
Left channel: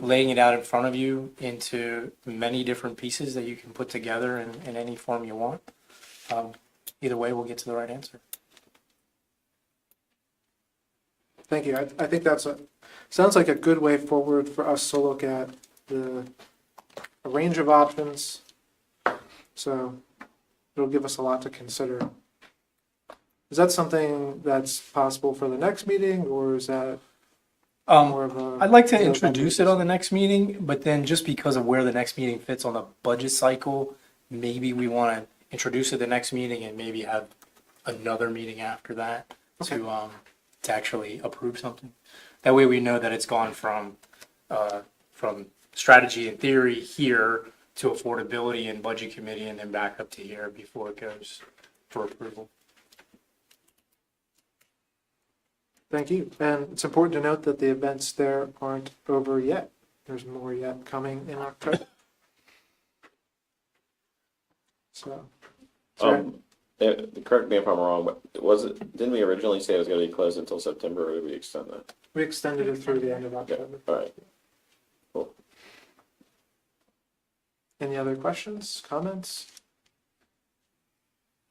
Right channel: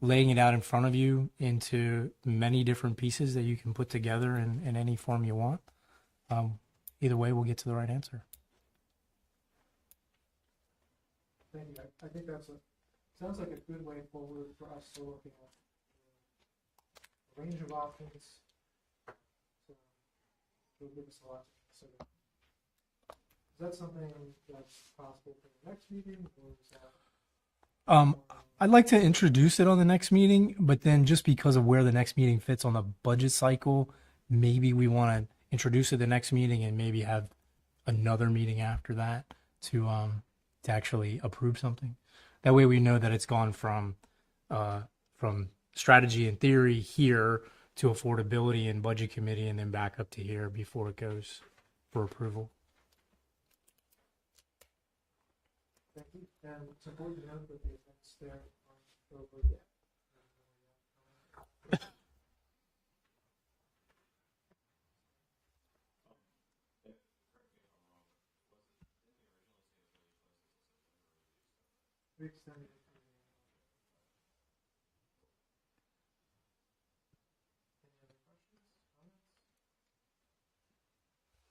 laying it out in front of you into many different pieces that you can put together in any form you want. Either way, we'll get to the right answer. Thank you. I think sounds like a good way forward for us to look at a range of options. So it'll give us a lot to consider. Is that something that's possible for the next meeting, or is that more of a? I'd like to introduce it on the next meeting, but then just because of where the next meeting fits on the budget cycle, maybe we want to introduce it the next meeting and maybe have another meeting after that to actually approve something. That way we know that it's gone from strategy and theory here to affordability and budget committee, and then back up to here before it goes for approval. Thank you. And it's important to note that the events there aren't over yet. There's more yet coming in October. So, Correct me if I'm wrong, but didn't we originally say it was gonna be closed until September, or did we extend that? we extended it through the end of October. All right. Any other questions, comments?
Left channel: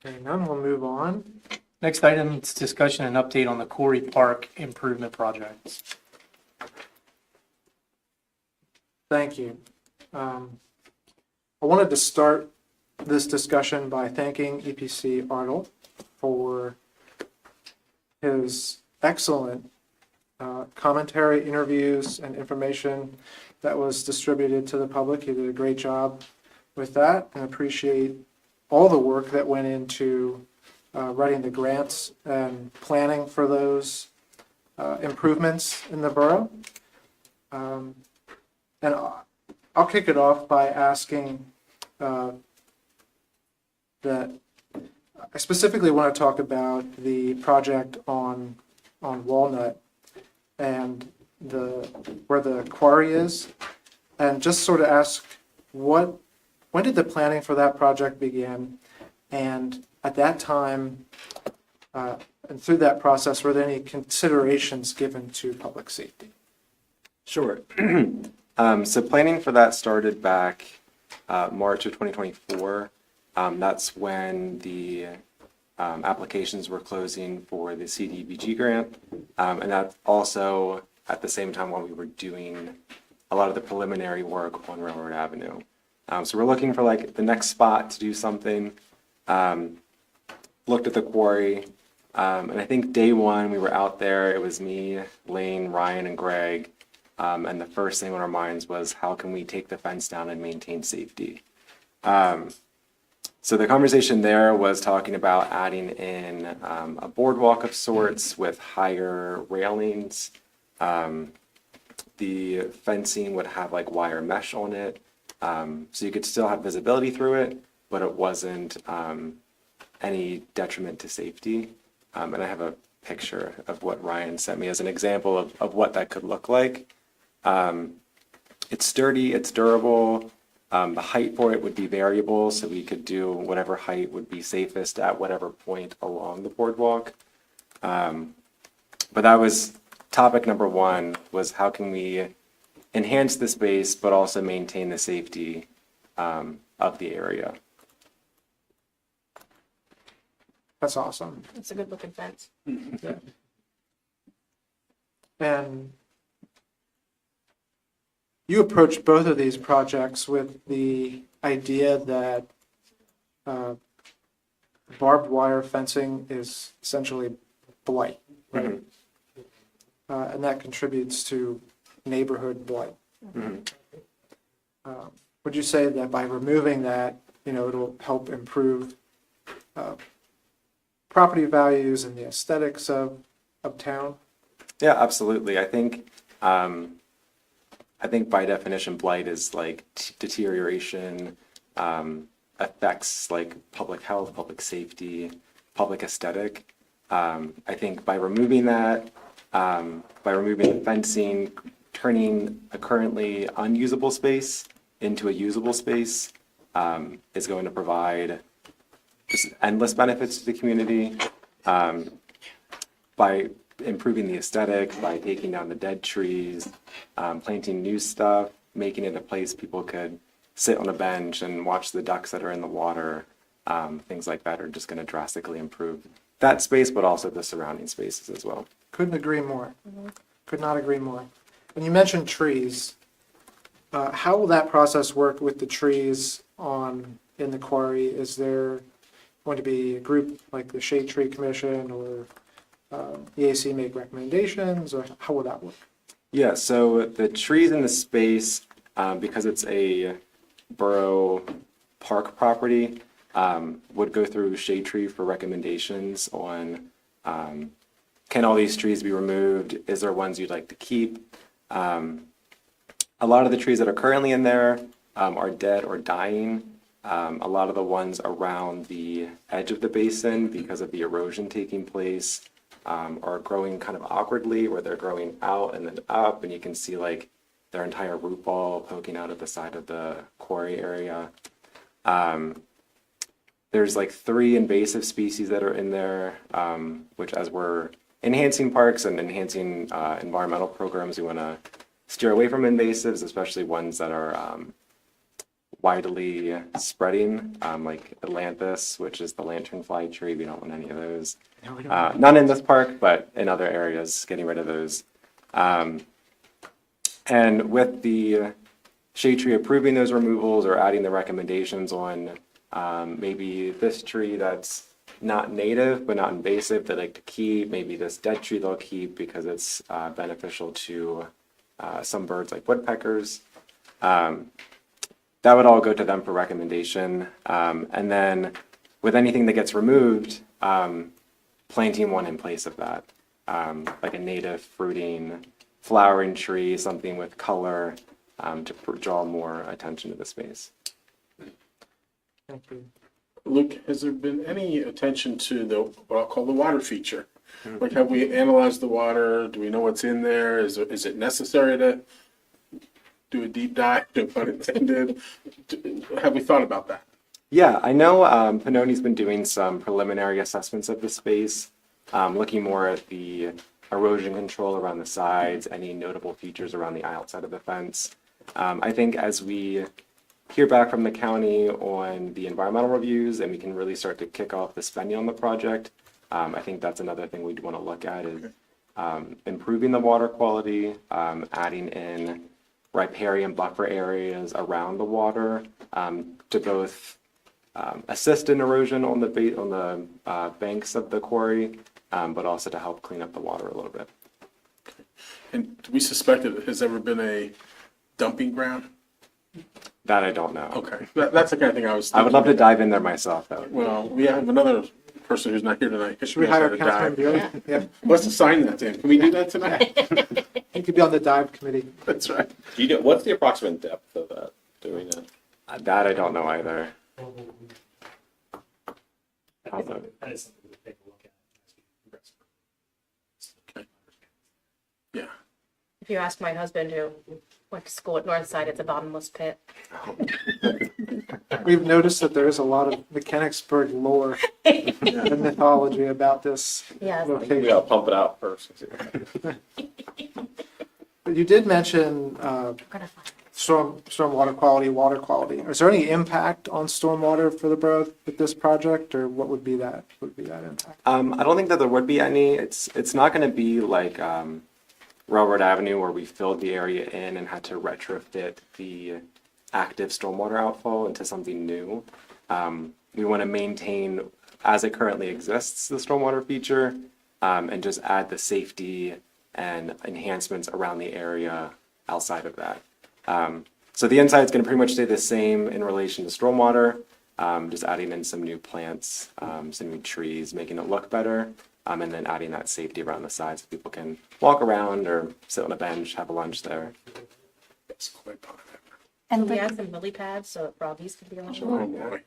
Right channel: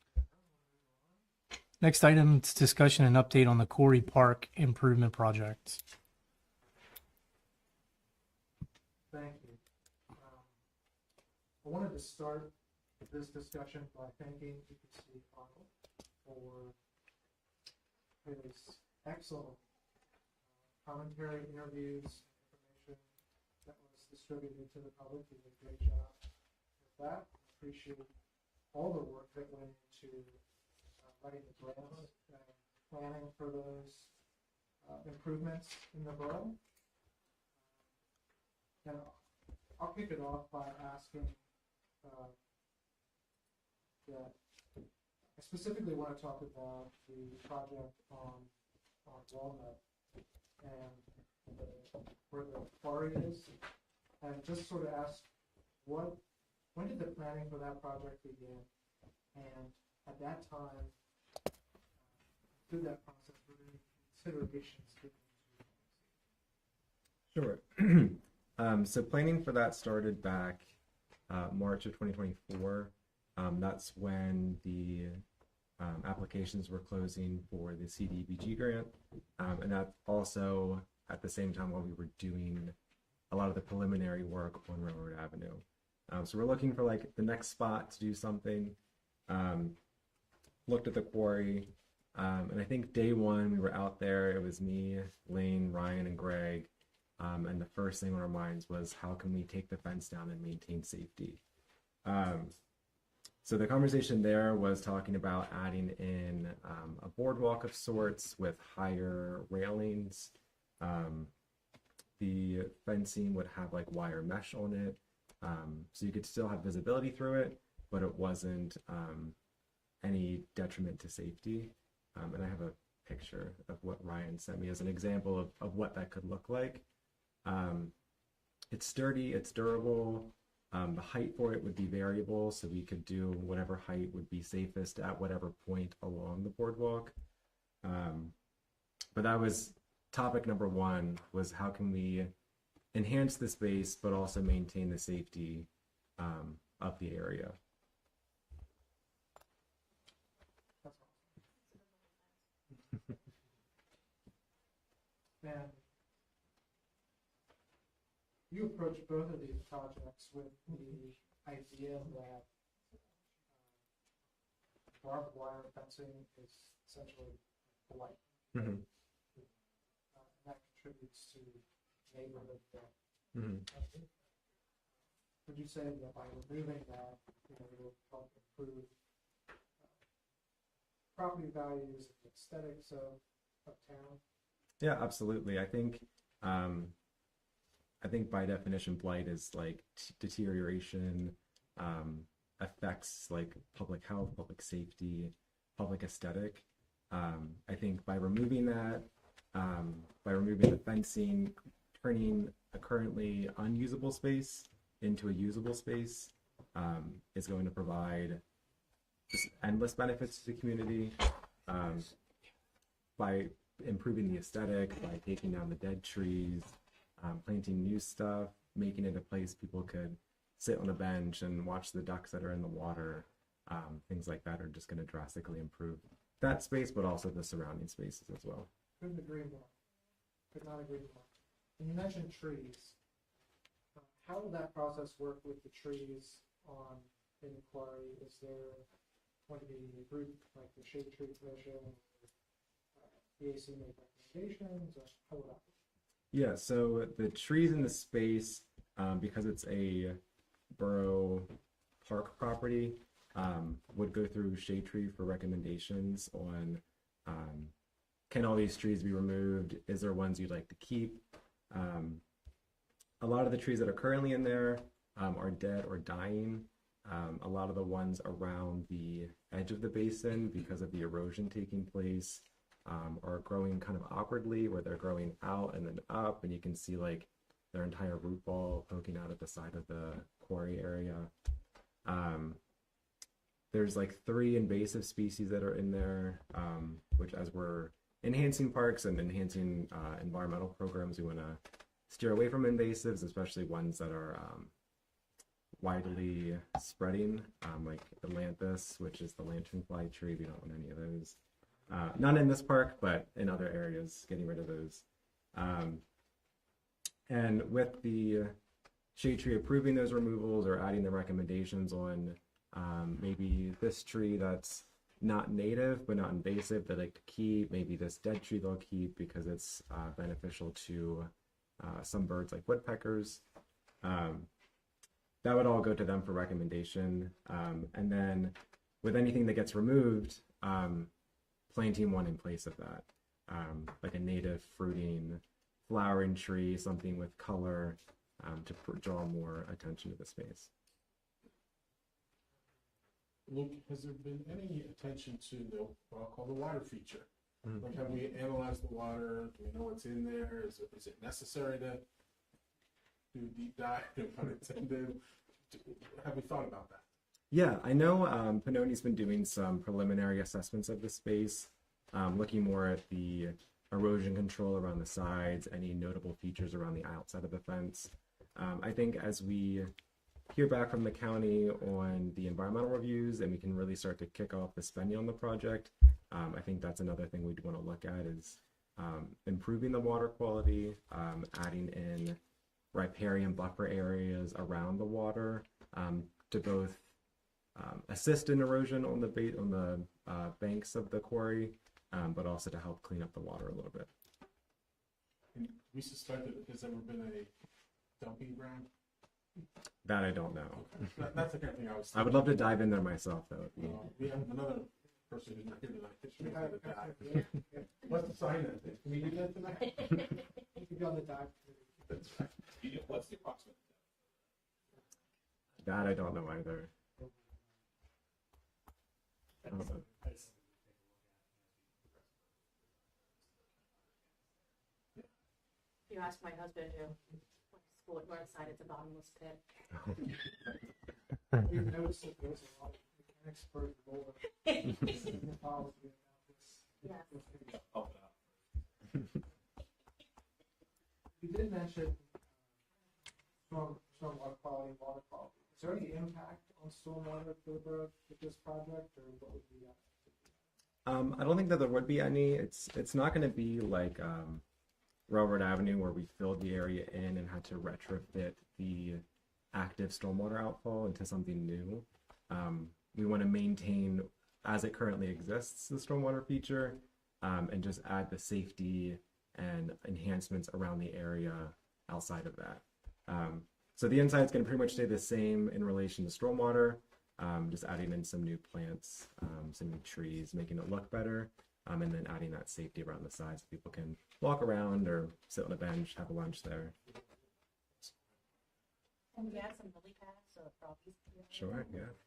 Hearing none, we'll move on. Next item is discussion and update on the Corey Park improvement projects. Thank you. I wanted to start this discussion by thanking EPC Arnold for his excellent commentary, interviews, and information that was distributed to the public. He did a great job with that, and appreciate all the work that went into writing the grants and planning for those improvements in the borough. And I'll kick it off by asking that I specifically want to talk about the project on Walnut and where the quarry is, and just sort of ask when did the planning for that project begin? And at that time, and through that process, were there any considerations given to public safety? Sure. So planning for that started back March of 2024. That's when the applications were closing for the CDBG grant. And that's also at the same time while we were doing a lot of the preliminary work on Railroad Avenue. So we're looking for like the next spot to do something. Looked at the quarry. And I think day one we were out there, it was me, Lane, Ryan, and Greg. And the first thing on our minds was how can we take the fence down and maintain safety? So the conversation there was talking about adding in a boardwalk of sorts with higher railings. The fencing would have like wire mesh on it. So you could still have visibility through it, but it wasn't any detriment to safety. And I have a picture of what Ryan sent me as an example of what that could look like. It's sturdy, it's durable. The height for it would be variable, so we could do whatever height would be safest at whatever point along the boardwalk. But that was topic number one, was how can we enhance the space but also maintain the safety of the area. That's awesome. It's a good looking fence. And you approached both of these projects with the idea that barbed wire fencing is essentially blight, right? And that contributes to neighborhood blight. Would you say that by removing that, it'll help improve property values and the aesthetics of town? Yeah, absolutely. I think by definition, blight is like deterioration, affects like public health, public safety, public aesthetic. I think by removing that, by removing the fencing, turning a currently unusable space into a usable space is going to provide just endless benefits to the community. By improving the aesthetic, by taking down the dead trees, planting new stuff, making it a place people could sit on a bench and watch the ducks that are in the water. Things like that are just going to drastically improve that space, but also the surrounding spaces as well. Couldn't agree more. Could not agree more. And you mentioned trees. How will that process work with the trees in the quarry? Is there going to be a group like the Shade Tree Commission or EAC make recommendations, or how will that work? Yeah, so the trees in the space, because it's a borough park property, would go through Shade Tree for recommendations on can all these trees be removed? Is there ones you'd like to keep? A lot of the trees that are currently in there are dead or dying. A lot of the ones around the edge of the basin, because of the erosion taking place, are growing kind of awkwardly, where they're growing out and then up, and you can see like their entire root ball poking out at the side of the quarry area. there's like 3 invasive species that are in there, which as we're enhancing parks and enhancing environmental programs, we want to steer away from invasives, especially ones that are widely spreading, like Atlantis, which is the lanternfly tree. We don't want any of those. None in this park, but in other areas, getting rid of those. And with the shade tree approving those removals or adding the recommendations on maybe this tree that's not native but not invasive they like to keep, maybe this dead tree they'll keep because it's beneficial to some birds like woodpeckers. That would all go to them for recommendation. And then with anything that gets removed, planting one in place of that, like a native fruiting, flowering tree, something with color to draw more attention to the space. Thank you. Luke, has there been any attention to the, what I'll call the water feature? Like, have we analyzed the water? Do we know what's in there? Is it necessary to do a deep dive, no pun intended? Have we thought about that? Yeah, I know Pannoni's been doing some preliminary assessments of the space, looking more at the erosion control around the sides, any notable features around the outside of the fence. I think as we hear back from the county on the environmental reviews and we can really start to kick off the spending on the project, I think that's another thing we'd want to look at is improving the water quality, adding in riparian buffer areas around the water to both assist in erosion on the banks of the quarry, but also to help clean up the water a little bit. And do we suspect that has ever been a dumping ground? That I don't know. Okay, that's the kind of thing I was thinking. I would love to dive in there myself, though. Well, we have another person who's not here tonight. Should we hire Councilman dive? Bueller? Yeah, Let's assign that to him. Can we do that tonight? he could be on the dive committee. That's right. Do you know, what's the approximate depth of that? Do we know? That I don't know either. Also, Yeah. If you ask my husband who went to school at Northside, it's a bottomless pit. We've noticed that there is a lot of Mechanicsburg lore and mythology about this Yeah. We location. gotta pump it out first. But you did mention We're gonna find storm water quality, water quality. Is there any impact on stormwater for the borough with this project, or what would be that? Would be that impact? I don't think that there would be any. It's not going to be like Railroad Avenue where we filled the area in and had to retrofit the active stormwater outfall into something new. We want to maintain, as it currently exists, the stormwater feature, and just add the safety and enhancements around the area outside of that. So the inside is going to pretty much stay the same in relation to stormwater, just adding in some new plants, some new trees, making it look better, and then adding that safety around the sides so people can walk around or sit on a bench, have a lunch there. That's quite positive. And We Luke, had some lily pads so that froggies could be on. Oh, boy.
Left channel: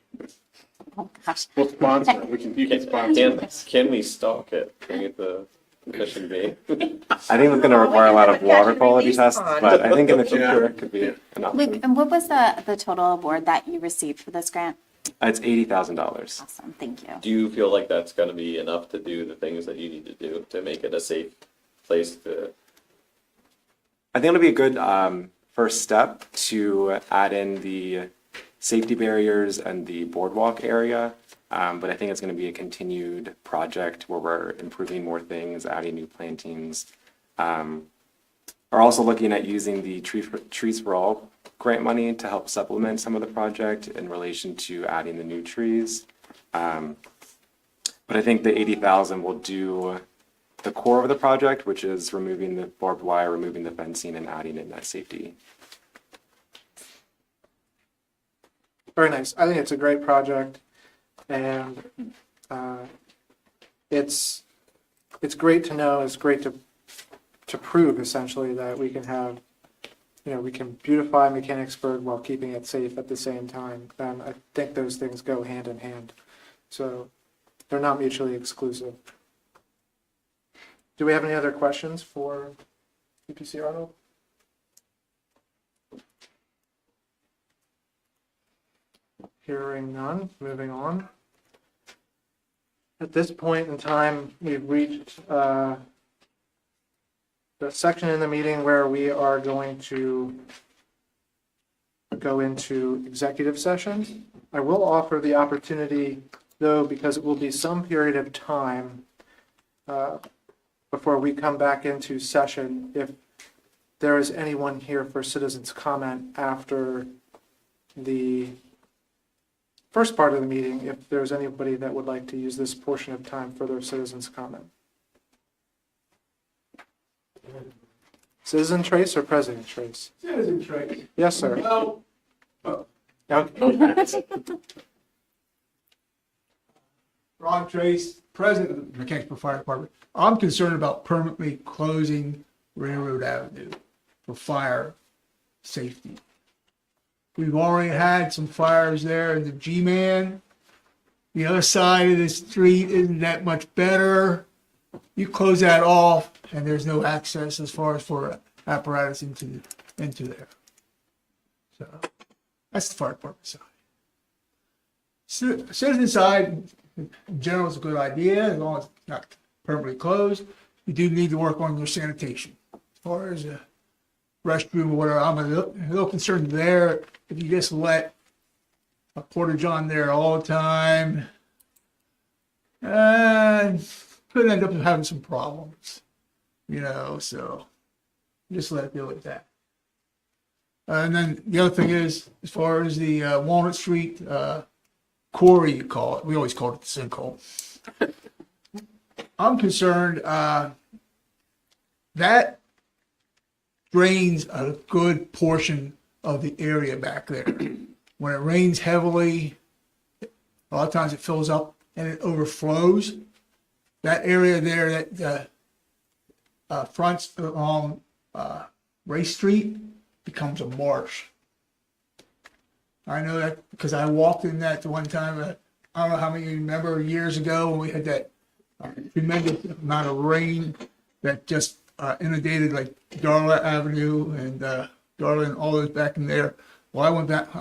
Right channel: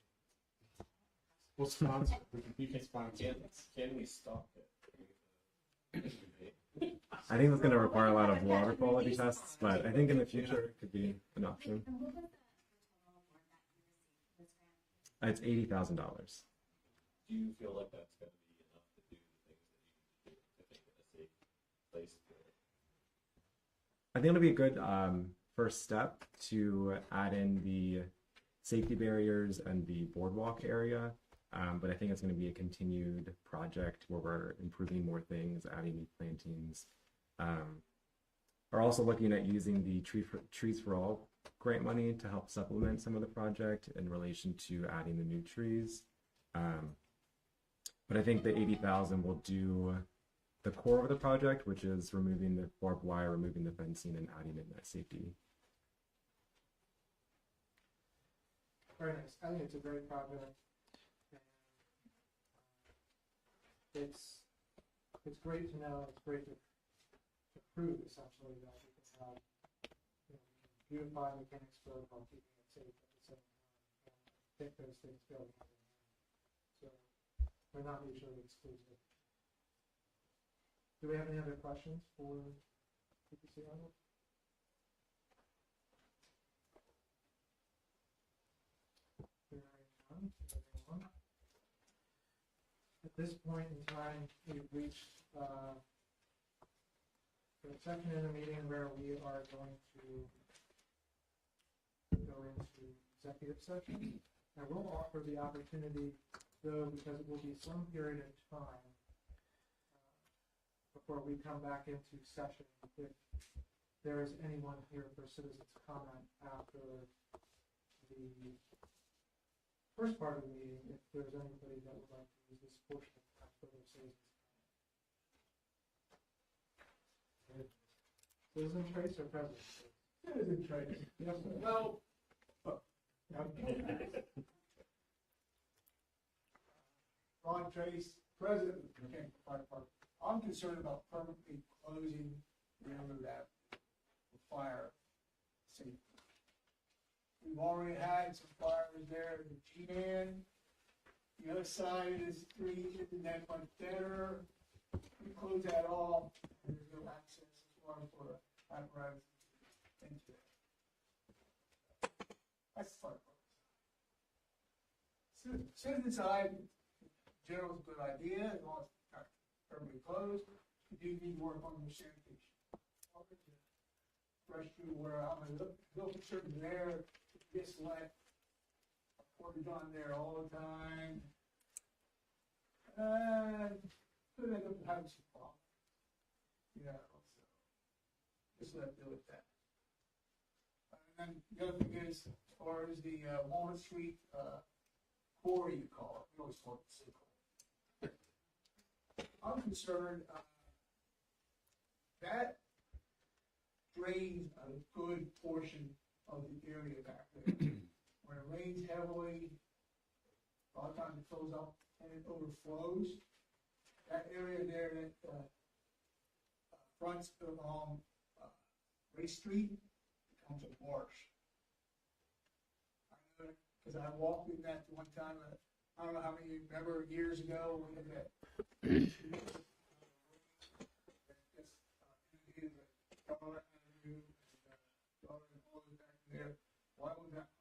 oh gosh, We'll sponsor it. You can sponsor it. Can we stalk it? Can we get the mission be? I think it's going to require a lot of water quality tests, but I think in the future Yeah. it could be an Luke, option. and what was the total award that you received for this grant? It's $80,000. Awesome, thank you. Do you feel like that's gonna be enough to do the things that you need to do to make it a safe place to? I think it'll be a good first step to add in the safety barriers and the boardwalk area. But I think it's going to be a continued project where we're improving more things, adding new plantings. We're also looking at using the Trees for All grant money to help supplement some of the project in relation to adding the new trees. But I think the 80,000 will do the core of the project, which is removing the barbed wire, removing the fencing, and adding in that safety. Very nice. I think it's a great project, and it's great to know. It's great to prove essentially that we can have, we can beautify Mechanicsburg while keeping it safe at the same time. And I think those things go hand in hand. So they're not mutually exclusive. Do we have any other questions for EPC Arnold? Hearing none, moving on. At this point in time, we've reached the section in the meeting where we are going to go into executive session. I will offer the opportunity, though, because it will be some period of time before we come back into session, if there is anyone here for citizens' comment after the first part of the meeting, if there's anybody that would like to use this portion of time for their citizens' comment. Citizen Trace or President Trace? Citizen Trace. Yes, sir. Well, Okay. Ron Trace, President of the Mechanicsburg Fire Department. I'm concerned about permanently closing Railroad Avenue for fire safety. We've already had some fires there in the G-Man. The other side of the street isn't that much better. You close that off and there's no access as far as for apparatus into there. So that's the fire department side. Citizen side, in general, is a good idea as long as it's not permanently closed. You do need to work on your sanitation. As far as a restroom or whatever, I'm a little concerned there. If you just let a porta-john there all the time, could end up having some problems, so just let it deal with that. And then the other thing is, as far as the Walnut Street quarry, you call it, we always call it the sinkhole. I'm concerned that drains a good portion of the area back there. When it rains heavily, a lot of times it fills up and it overflows. That area there that fronts along Race Street becomes a marsh. I know that because I walked in that the one time, I don't know how many of you remember years ago when we had that tremendous amount of rain that just inundated like Darla Avenue and Darla and all those back in there. Well, I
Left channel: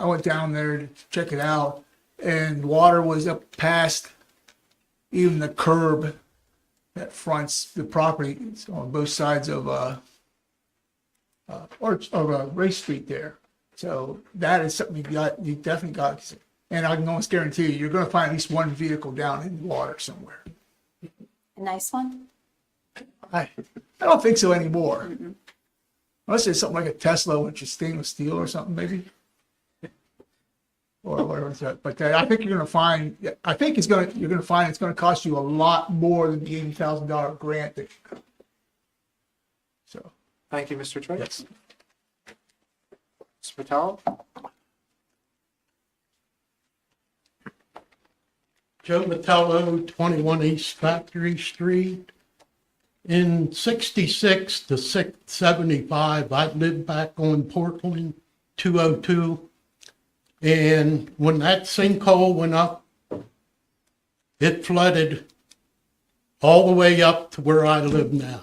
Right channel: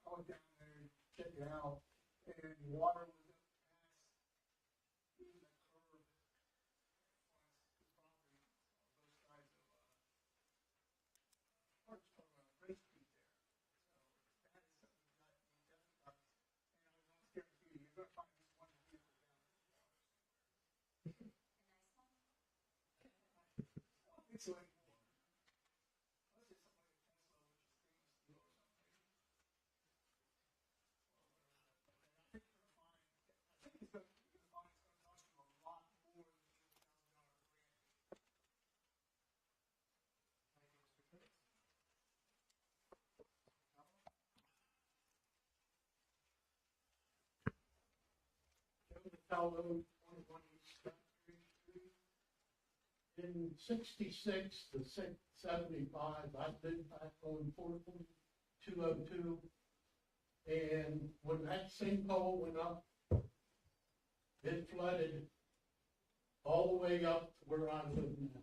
went down there to check it out, and water was up past even the curb that fronts the property on both sides of Race Street there. So that is something you definitely got. And I can almost guarantee you're going to find at least one vehicle down in the water somewhere. A nice one? I don't think so anymore. Unless it's something like a Tesla, which is stainless steel or something, maybe. Or whatever it's at. But I think you're going to find. I think you're going to find it's going to cost you a lot more than the $80,000 grant that you got. So. Thank you, Mr. Trace. Yes. Mr. Patel? Joe Vitello, 21 East Factory Street. In 66 to 75, I lived back on Portland 202. And when that sinkhole went up, it flooded all the way up to where I live now.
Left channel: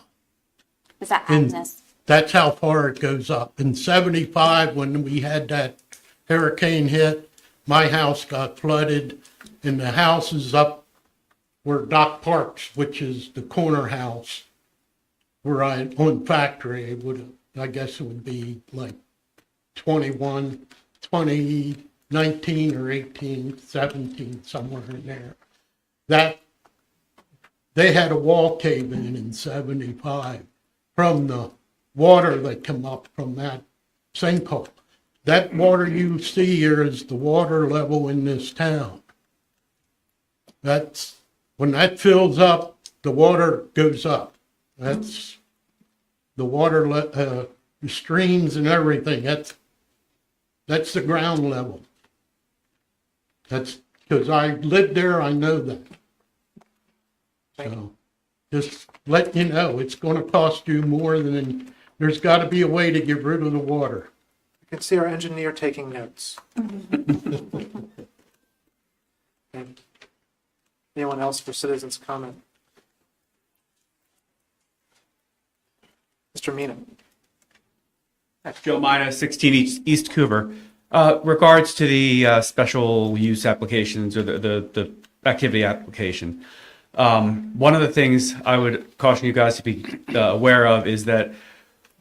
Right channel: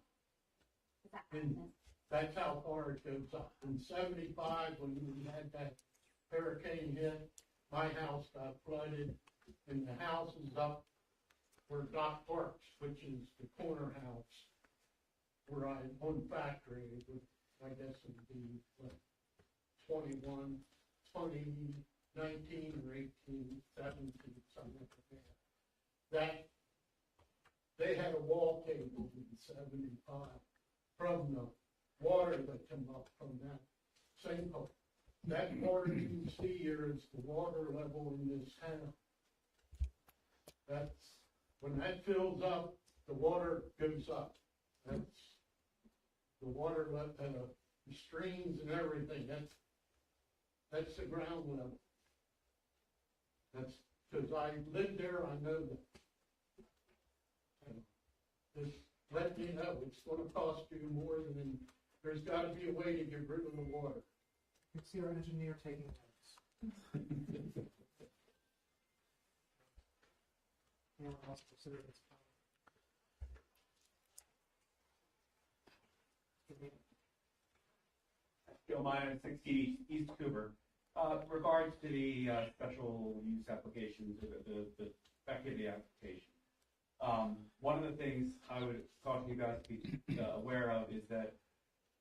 Was that And Agnes? that's how far it goes up. In 75, when we had that hurricane hit, my house got flooded, and the house is up where Doc Parks, which is the corner house, where on Factory, it would, I guess it would be like 19 or 18, 17, somewhere in there. That, they had a wall cave in 75 from the water that come up from that sinkhole. That water you see here is the water level in this town. That's, when that fills up, the water goes up. That's the water, the streams and everything, that's the ground level. That's, because I lived there, I know that. So, just let you know, it's gonna cost you more than, there's gotta be a way to get rid of the water. You can see our engineer taking notes. Anyone else for citizens' comment? Mr. Mina? Joe Mina, 16 East Coover. Regards to the special use applications or the activity application. One of the things I would caution you guys to be aware of is that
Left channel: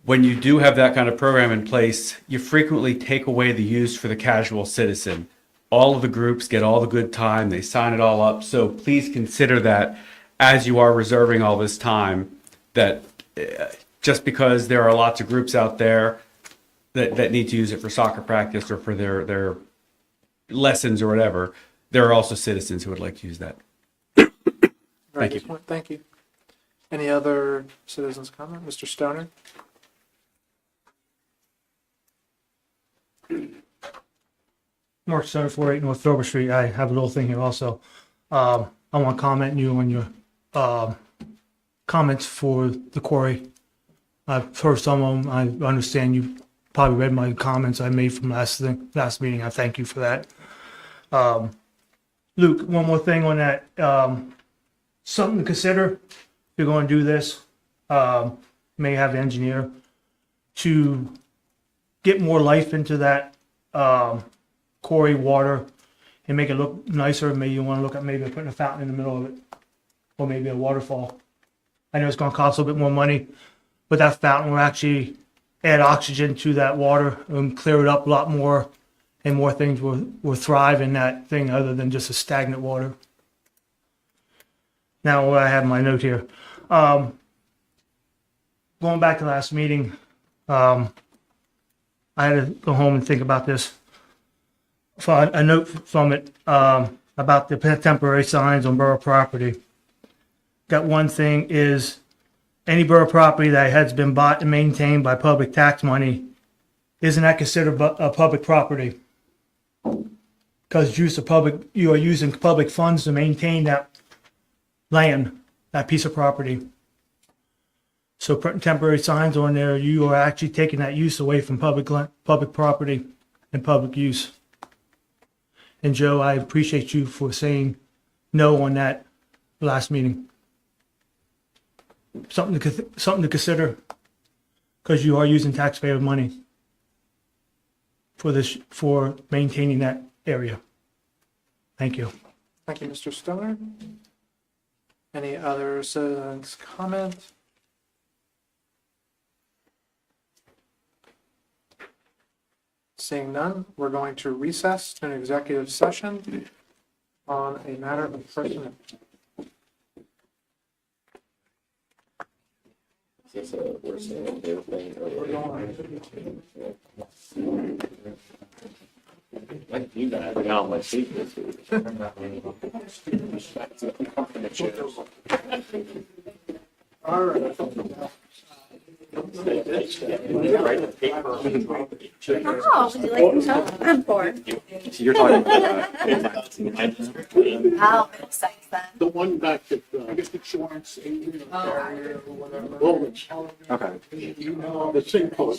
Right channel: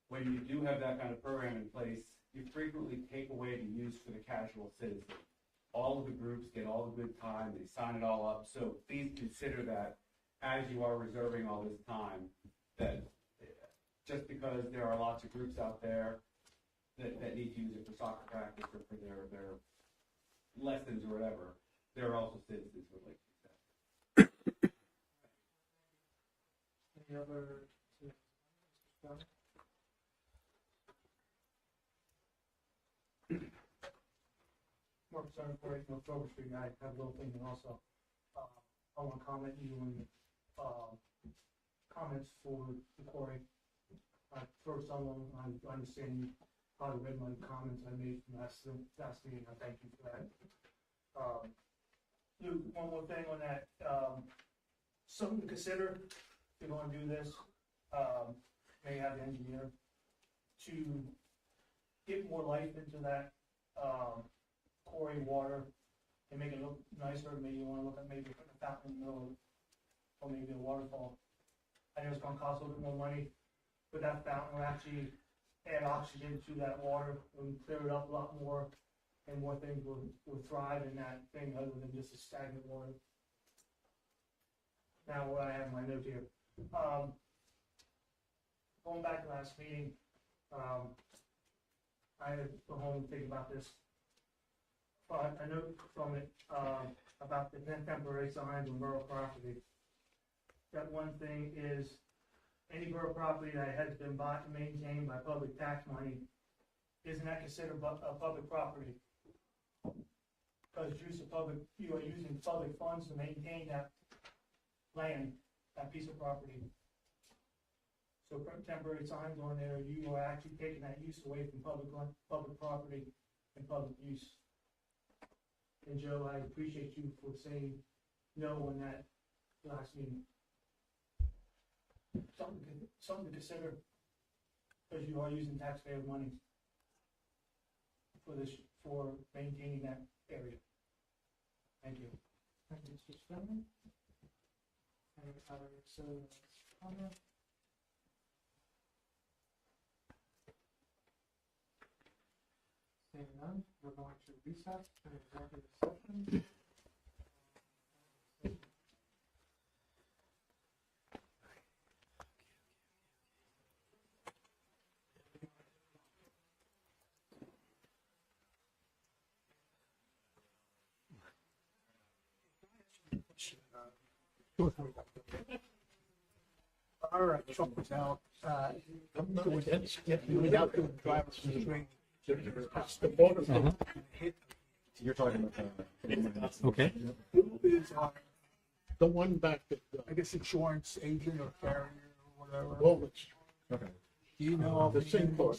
when you do have that kind of program in place, you frequently take away the use for the casual citizen. All of the groups get all the good time, they sign it all up. So please consider that as you are reserving all this time, that just because there are lots of groups out there that need to use it for soccer practice or for their lessons or whatever, there are also citizens who would like to use that. Thank you. Thank you. Any other citizens comment? Mr. Stoner? Mark Stoner, 48 North Dover Street. I have a little thing here also. I want to comment you on your comments for the quarry. I've heard some of them. I understand you probably read my comments I made from last meeting. I thank you for that. Luke, one more thing on that. Something to consider if you're going to do this. May have the engineer to get more life into that quarry water and make it look nicer. Maybe you want to look at maybe putting a fountain in the middle of it, or maybe a waterfall. I know it's going to cost a little bit more money, but that fountain will actually add oxygen to that water and clear it up a lot more, and more things will thrive in that thing other than just a stagnant water. Now, what I have in my note here, going back to last meeting, I had to go home and think about this. A note from it about the temporary signs on borough property. Got one thing is any borough property that has been bought and maintained by public tax money, isn't that considered a public property? Because you are using public funds to maintain that land, that piece of property. So putting temporary signs on there, you are actually taking that use away from public property and public use. And Joe, I appreciate you for saying no on that last meeting. Something to consider, because you are using taxpayer money for maintaining that area. Thank you. Thank you, Mr. Stoner. Any other citizens comment? Seeing none, we're going to recess to an executive session on a matter of personnel. Is this a worse thing you guys are on my seat this week. All right. Oh, would you like to come? I'm bored. You're talking about Oh, makes sense then. The one back at, I guess insurance agent or carrier or whatever. Woolwich, okay. the sinkhole.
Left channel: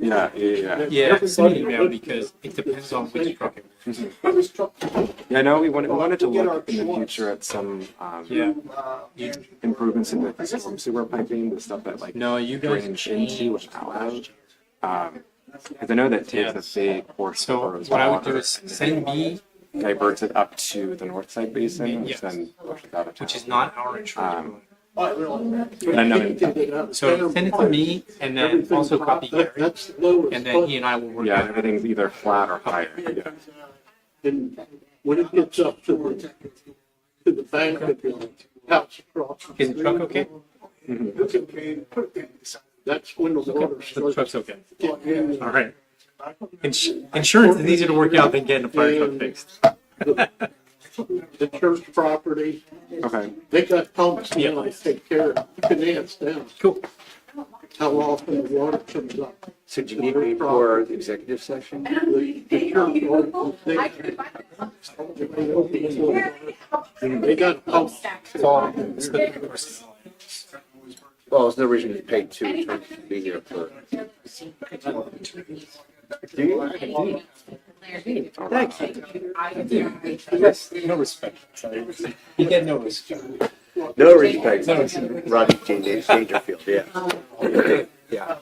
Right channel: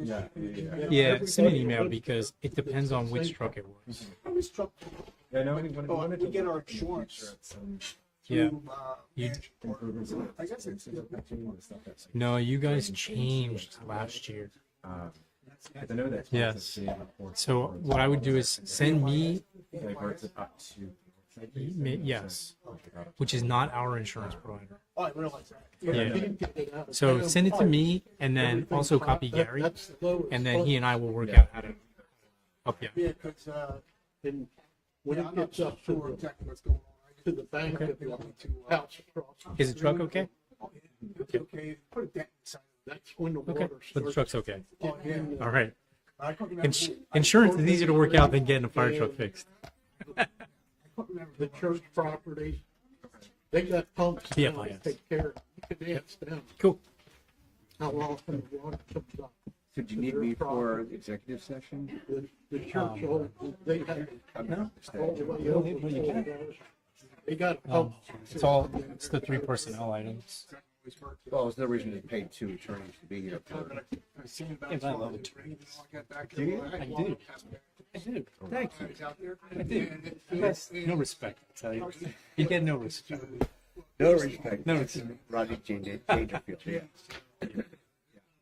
Yeah. Yeah, send an email because it depends on which truck it was. Yeah, I know we wanted to look in the future at some Yeah. You, improvements in the storm sewer piping, the stuff that like no, you guys drains changed into and out of. last year. Because I know that Yes. takes a big portion So of Borough's what I would water do is and send me, diverts it up to the north side basin, which Yes. then pushes out of which town. is not our insurance provider. And I know So send it to me and then also copy Gary, and then he and I will work yeah, out. everything's either flat or higher. Okay. Yeah. And when it gets up to the bank of the house across. Is the truck okay? That's when the water So the starts truck's okay. getting in. All right. Insurance is easier to work out than getting a fire truck fixed. The church property, Okay. they got pumps Yeah, now yeah. to take care of, you can dance down Cool. how often the water comes up. So do you need me for the executive session? The church, they got pumps. It's the 3 personnel items. Well, there's no reason to pay 2 attorneys to be here for. Do you? I do. Thank you. Yes, no respect. Sorry. You get no respect. No respect. Rodney Dangerfield, yeah. Yeah.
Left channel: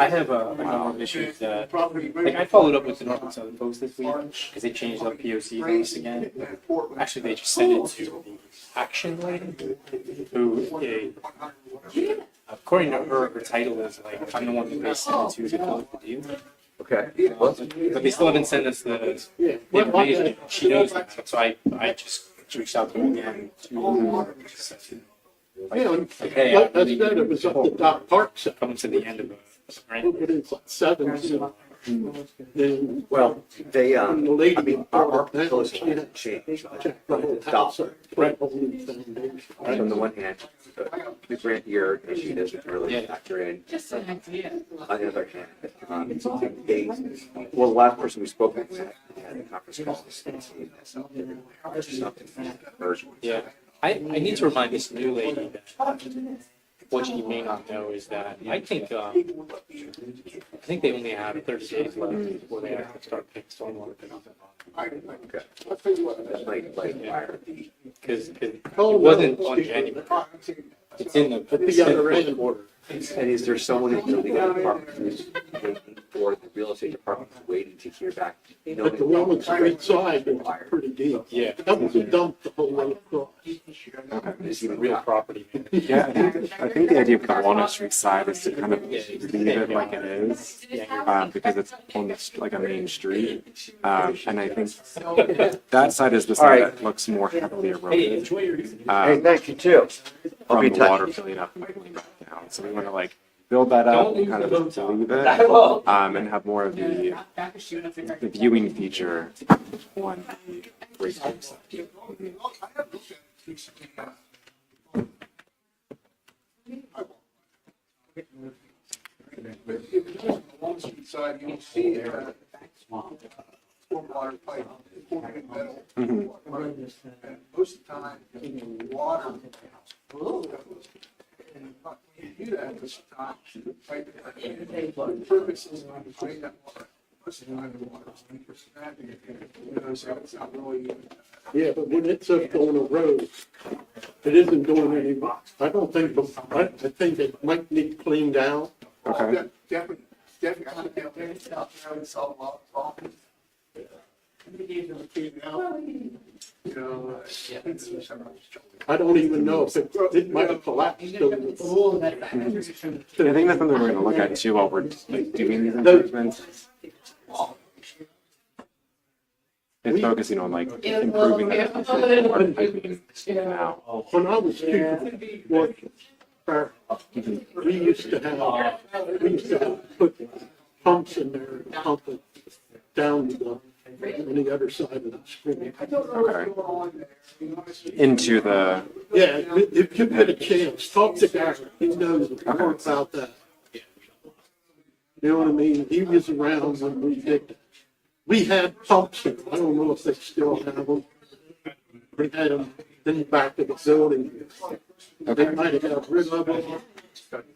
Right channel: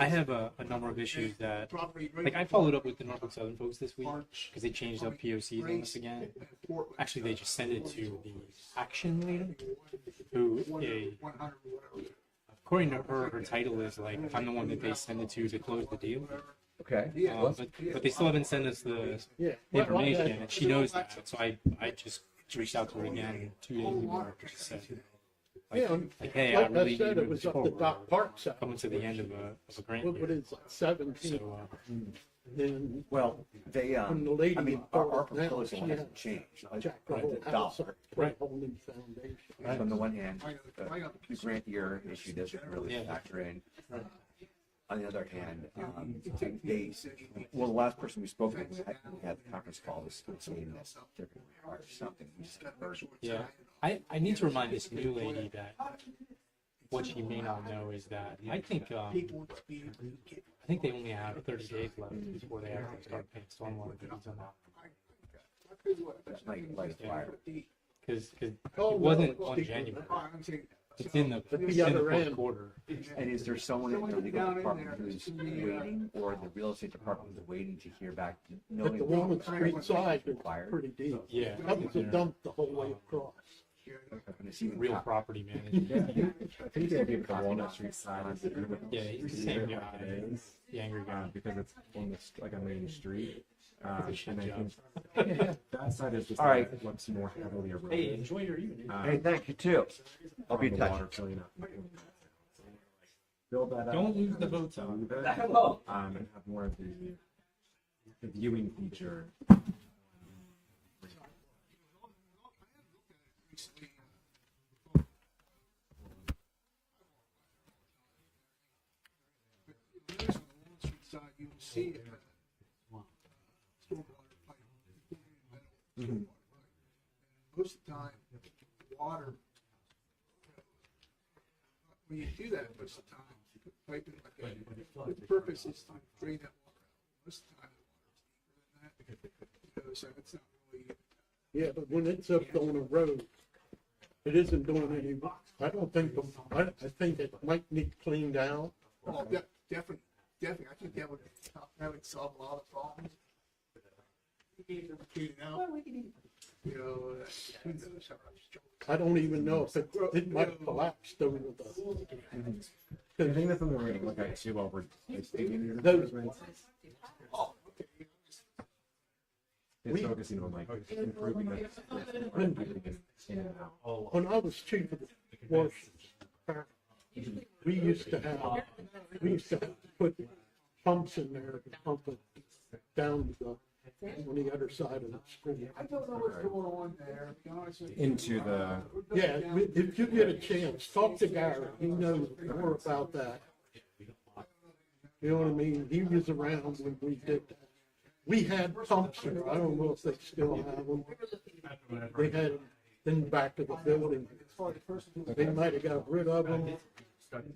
I have a number of issues that, like, I followed up with the Norfolk Southern folks this week because they changed up POCs on this again. Actually, they just sent it to the action lady, who, according to her title is like, I'm the one that they sent it to close the deal. Okay. But they still haven't sent us the information, and she knows that, so I just reached out to her again. Hey, Like I said, it was up the Dock Park side. coming to the end of a grant. What is it, 7? So, Then Well, they, when the lady I mean, bought our it down, proposal she hasn't had changed. checked the whole Stop. house up, put a whole new foundation. On the one hand, the grant year issue doesn't really factor in. Just an idea. On the other hand, they, well, the last person we spoke with had the conference call was saying this, there's just nothing version. yeah, I need to remind this new lady that what she may not know is that I think they only have 30 days left before they actually start paying stormwater fees on that. That might light a fire. Because it wasn't on January. It's in the, At it's the in the other fourth end. quarter. And is there someone in the legal department who's waiting, or the real estate department is waiting to hear back? But the Walnut Street side is pretty deep. Yeah. That was a dump the whole way across. Is even Real property management. Yeah, I think the idea of the Walnut Street side is to kind of Yeah, leave it like it is, because it's on the, like a main street. And I think that side is the side right. that looks more heavily Hey, eroded. enjoy your evening. Hey, thank you too. I'll From be in the water touch. filling up and cooling back down. So we want to like build that up Don't and kind lose the of boat to dock. leave it, and have more of the viewing feature on the race course side. If you're on the Wall Street side, you'll see stormwater pipe, pouring metal. And most of the time, water. And when you do that, most of the time, right, the purpose is to drain that water. Most of the time, the water is 3%, so it's not really. Yeah, but when it's up on a road, it isn't doing any, I don't think, I think it might need cleaned out. Okay. Definitely, I think they'll get it out there and solve a lot of problems. You know, I don't even know if it might have collapsed over the. I think that's something we're going to look at too while we're like doing these improvements. And focusing on like improving the water piping now. When I was chief of we used to put pumps in there and pump it down on the other side of the stream. Okay. Into the, Yeah, if you get a chance, talk to Gary, he knows more about that. You know what I mean? He was around when we did that. We had pumps there, I don't know if they still have them. They had them in the back of the building. They might have got rid of them.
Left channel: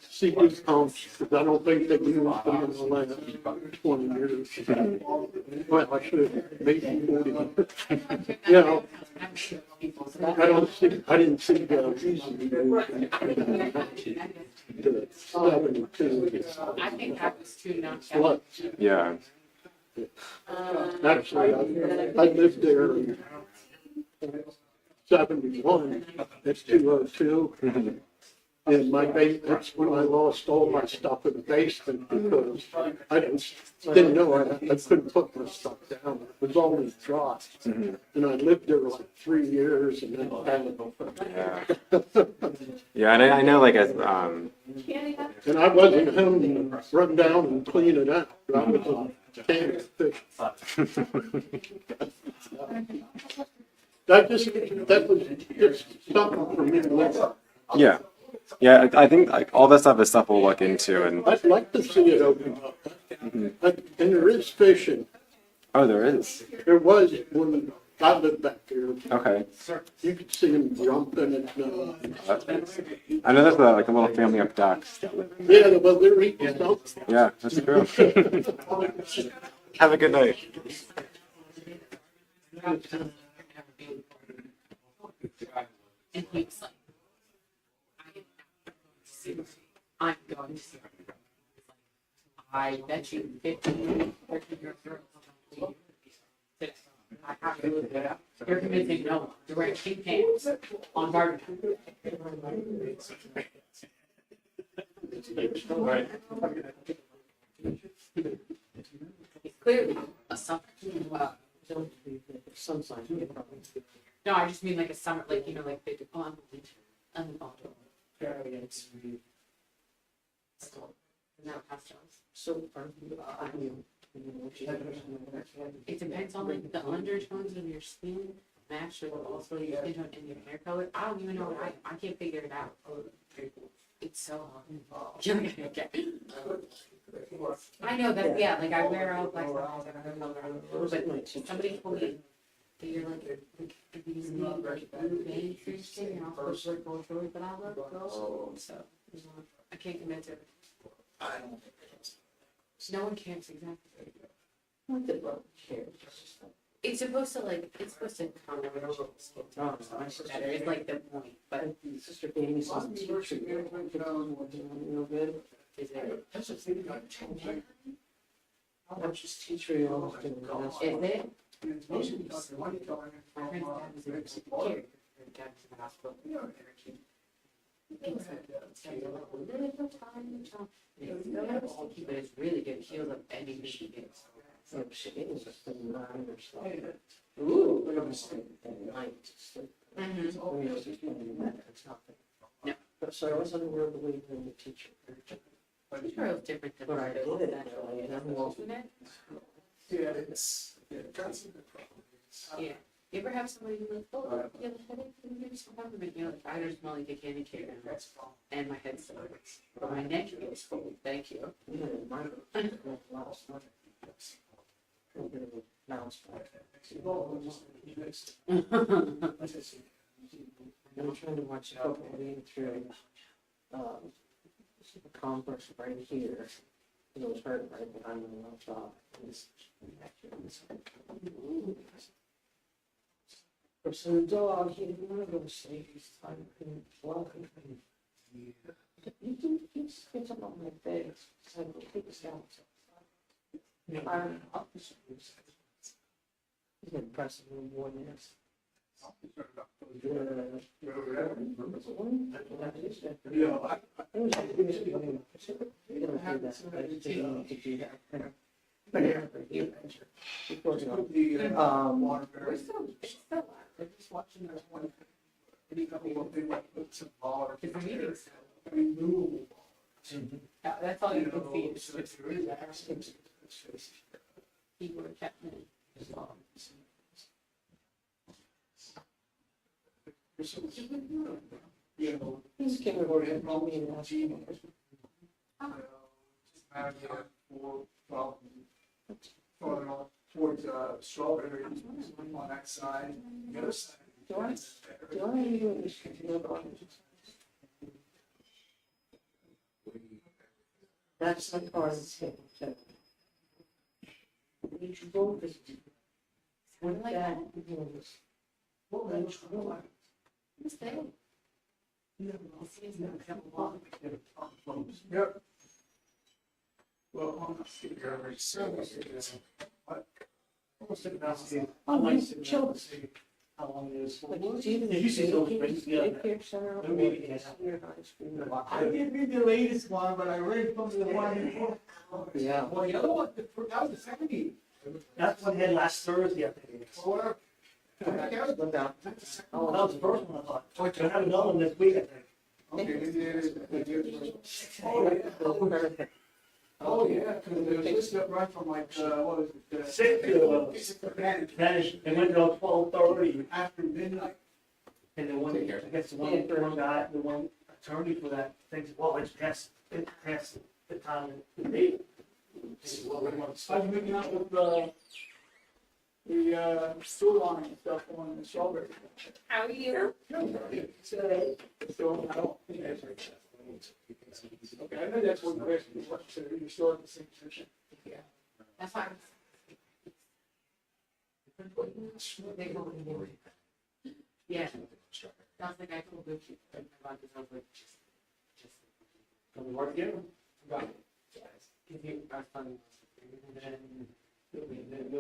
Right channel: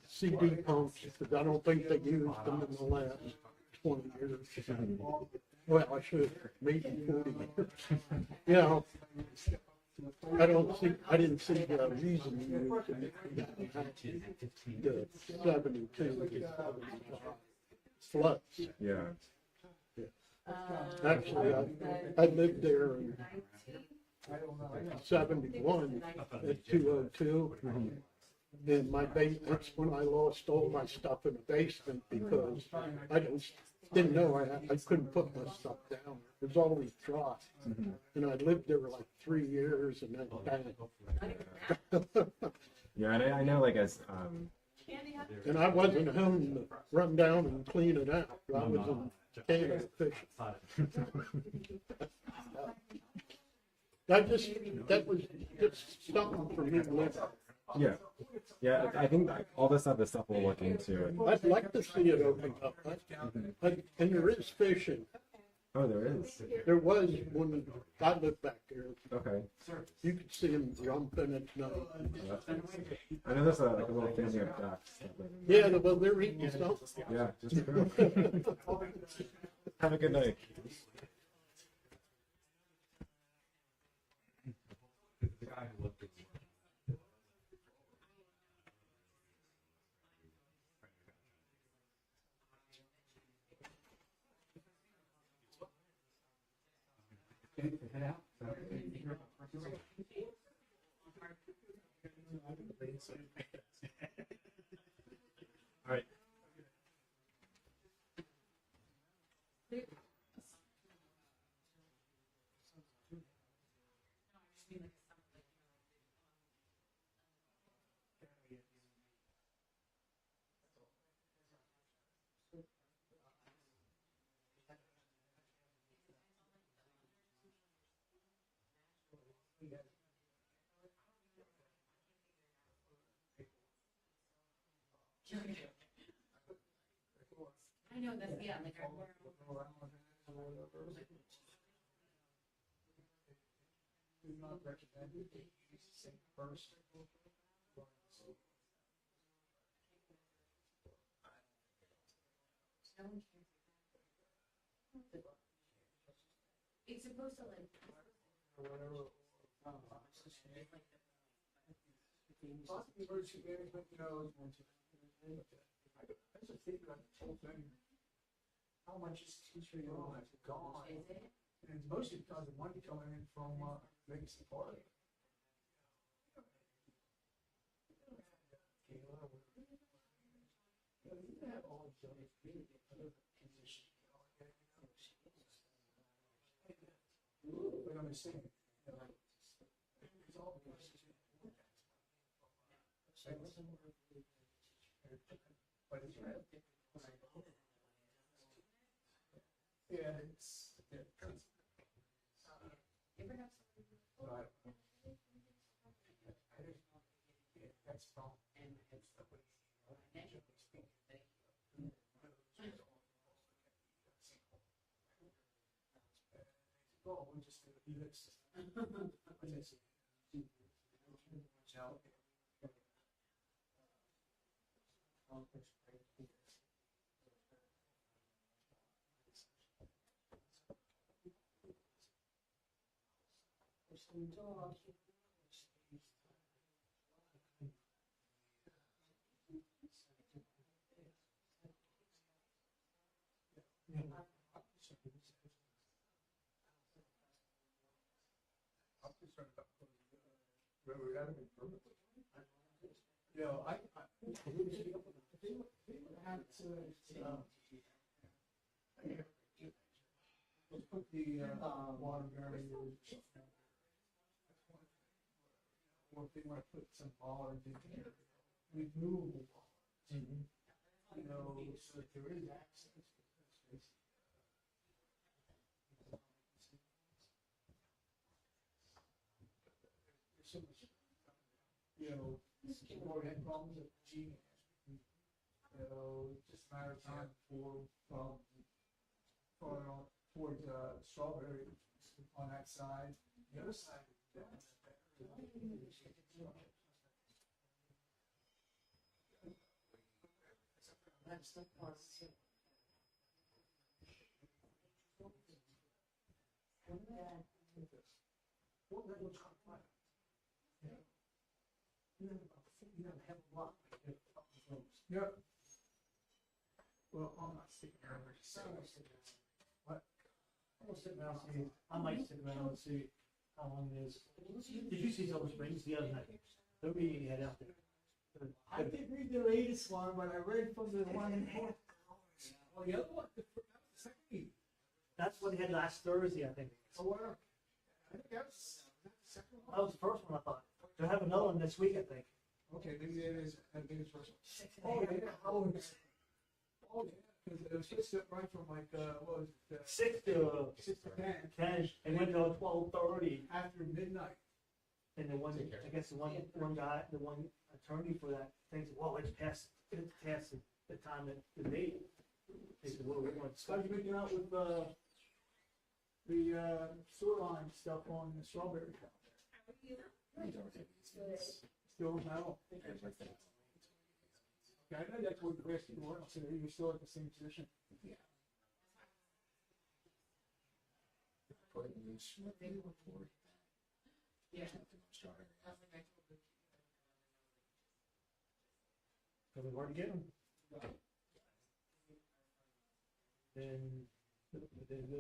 CD pumps, because I don't think they used them in the last 20 years. Well, I should, maybe 40 years. You know, I didn't see the reason to move the 72 I think that was too much. floods. yeah. Actually, I lived there in 71, it's 202. And that's when I lost all my stuff in the basement because I didn't know I couldn't put my stuff down. It was always dry. And I lived there like 3 years and then Yeah, and I know like as, and I wasn't home to run down and clean it out. I was a can of fish. That was just something for me to live. yeah. Yeah, I think like all that stuff is stuff we'll look into and, I'd like to see it open up. And there is fishing. oh, there is. There was when I lived back there. Okay. You could see them jumping and, I know there's like a little family of ducks. yeah, well, they're eating something. Yeah, that's true. Have a good night. And he was like, I'm going to see. I bet you 15, 13 girls. I have to, they're convincing no one to wear pink pants on garden. Right. It's clearly a summer. No, I just mean like a summer, like, you know, like they do on the bottom. No, pastels. So, it depends on like the undertones of your skin match with also your skin tone and your hair color. I don't even know what I can't figure it out. It's so hard. I know that, yeah, like I wear out like, but somebody told me that you're like these blue veins through your skin, you're not supposed to go through it, but I love those. So, I can't convince her. No one cares exactly. It's supposed to like, it's supposed to calm down your skin tone so much better. It's like the point, but Sister Baby's on teacher. Is it? How much is teacher? Is it? But it's really good. It heals up anything she gets. Ooh. No. So I wasn't aware of the way the teacher. Teacher is different than what I did. Yeah. You ever have somebody who like, oh, you have a headache? Can you give me some compliment? You know, like, I just smell like a candy cane and my head still hurts. But my neck is full. Thank you. I'm trying to watch a couple reading through the converse right here. It was hurt right behind my laptop. So the dog, he didn't want to go to sleep. He's tired and walking. You can get up on my bed. So I will take this out. He's been pressing me more than this. They're just watching this one. That's all you can see. He would have kept me. He's came over here and told me and asked me. Towards Strawberry on that side, the other side. Do I even that's my car is hit. You should go visit. What like that? What like what's that? Yep. Well, I'm not sitting here very soon. What? I'm sitting down to see. I like sitting down to see how long it is. You see those things together. I didn't read the latest one, but I read from the one before. Yeah. Well, the other one, that was the second meeting. That's what he had last Thursday, I think it was. That was the first one, I thought. We'll have another one this week, I think. Oh, yeah, because it was listed up right from like, what was it? 6 to, it went till 12:30 after midnight. And the one, I guess the one guy, the one attorney for that thinks, well, it's past the time and the date. I was making out with, the sewer line and stuff on the Strawberry. How are you? Still, I don't. Okay, I know that's one question, so you're still at the same position. Yeah. That's fine. Yeah. Sounds like I told you about this. I was like, just. Can we work again? Got it. Give you our fund. And then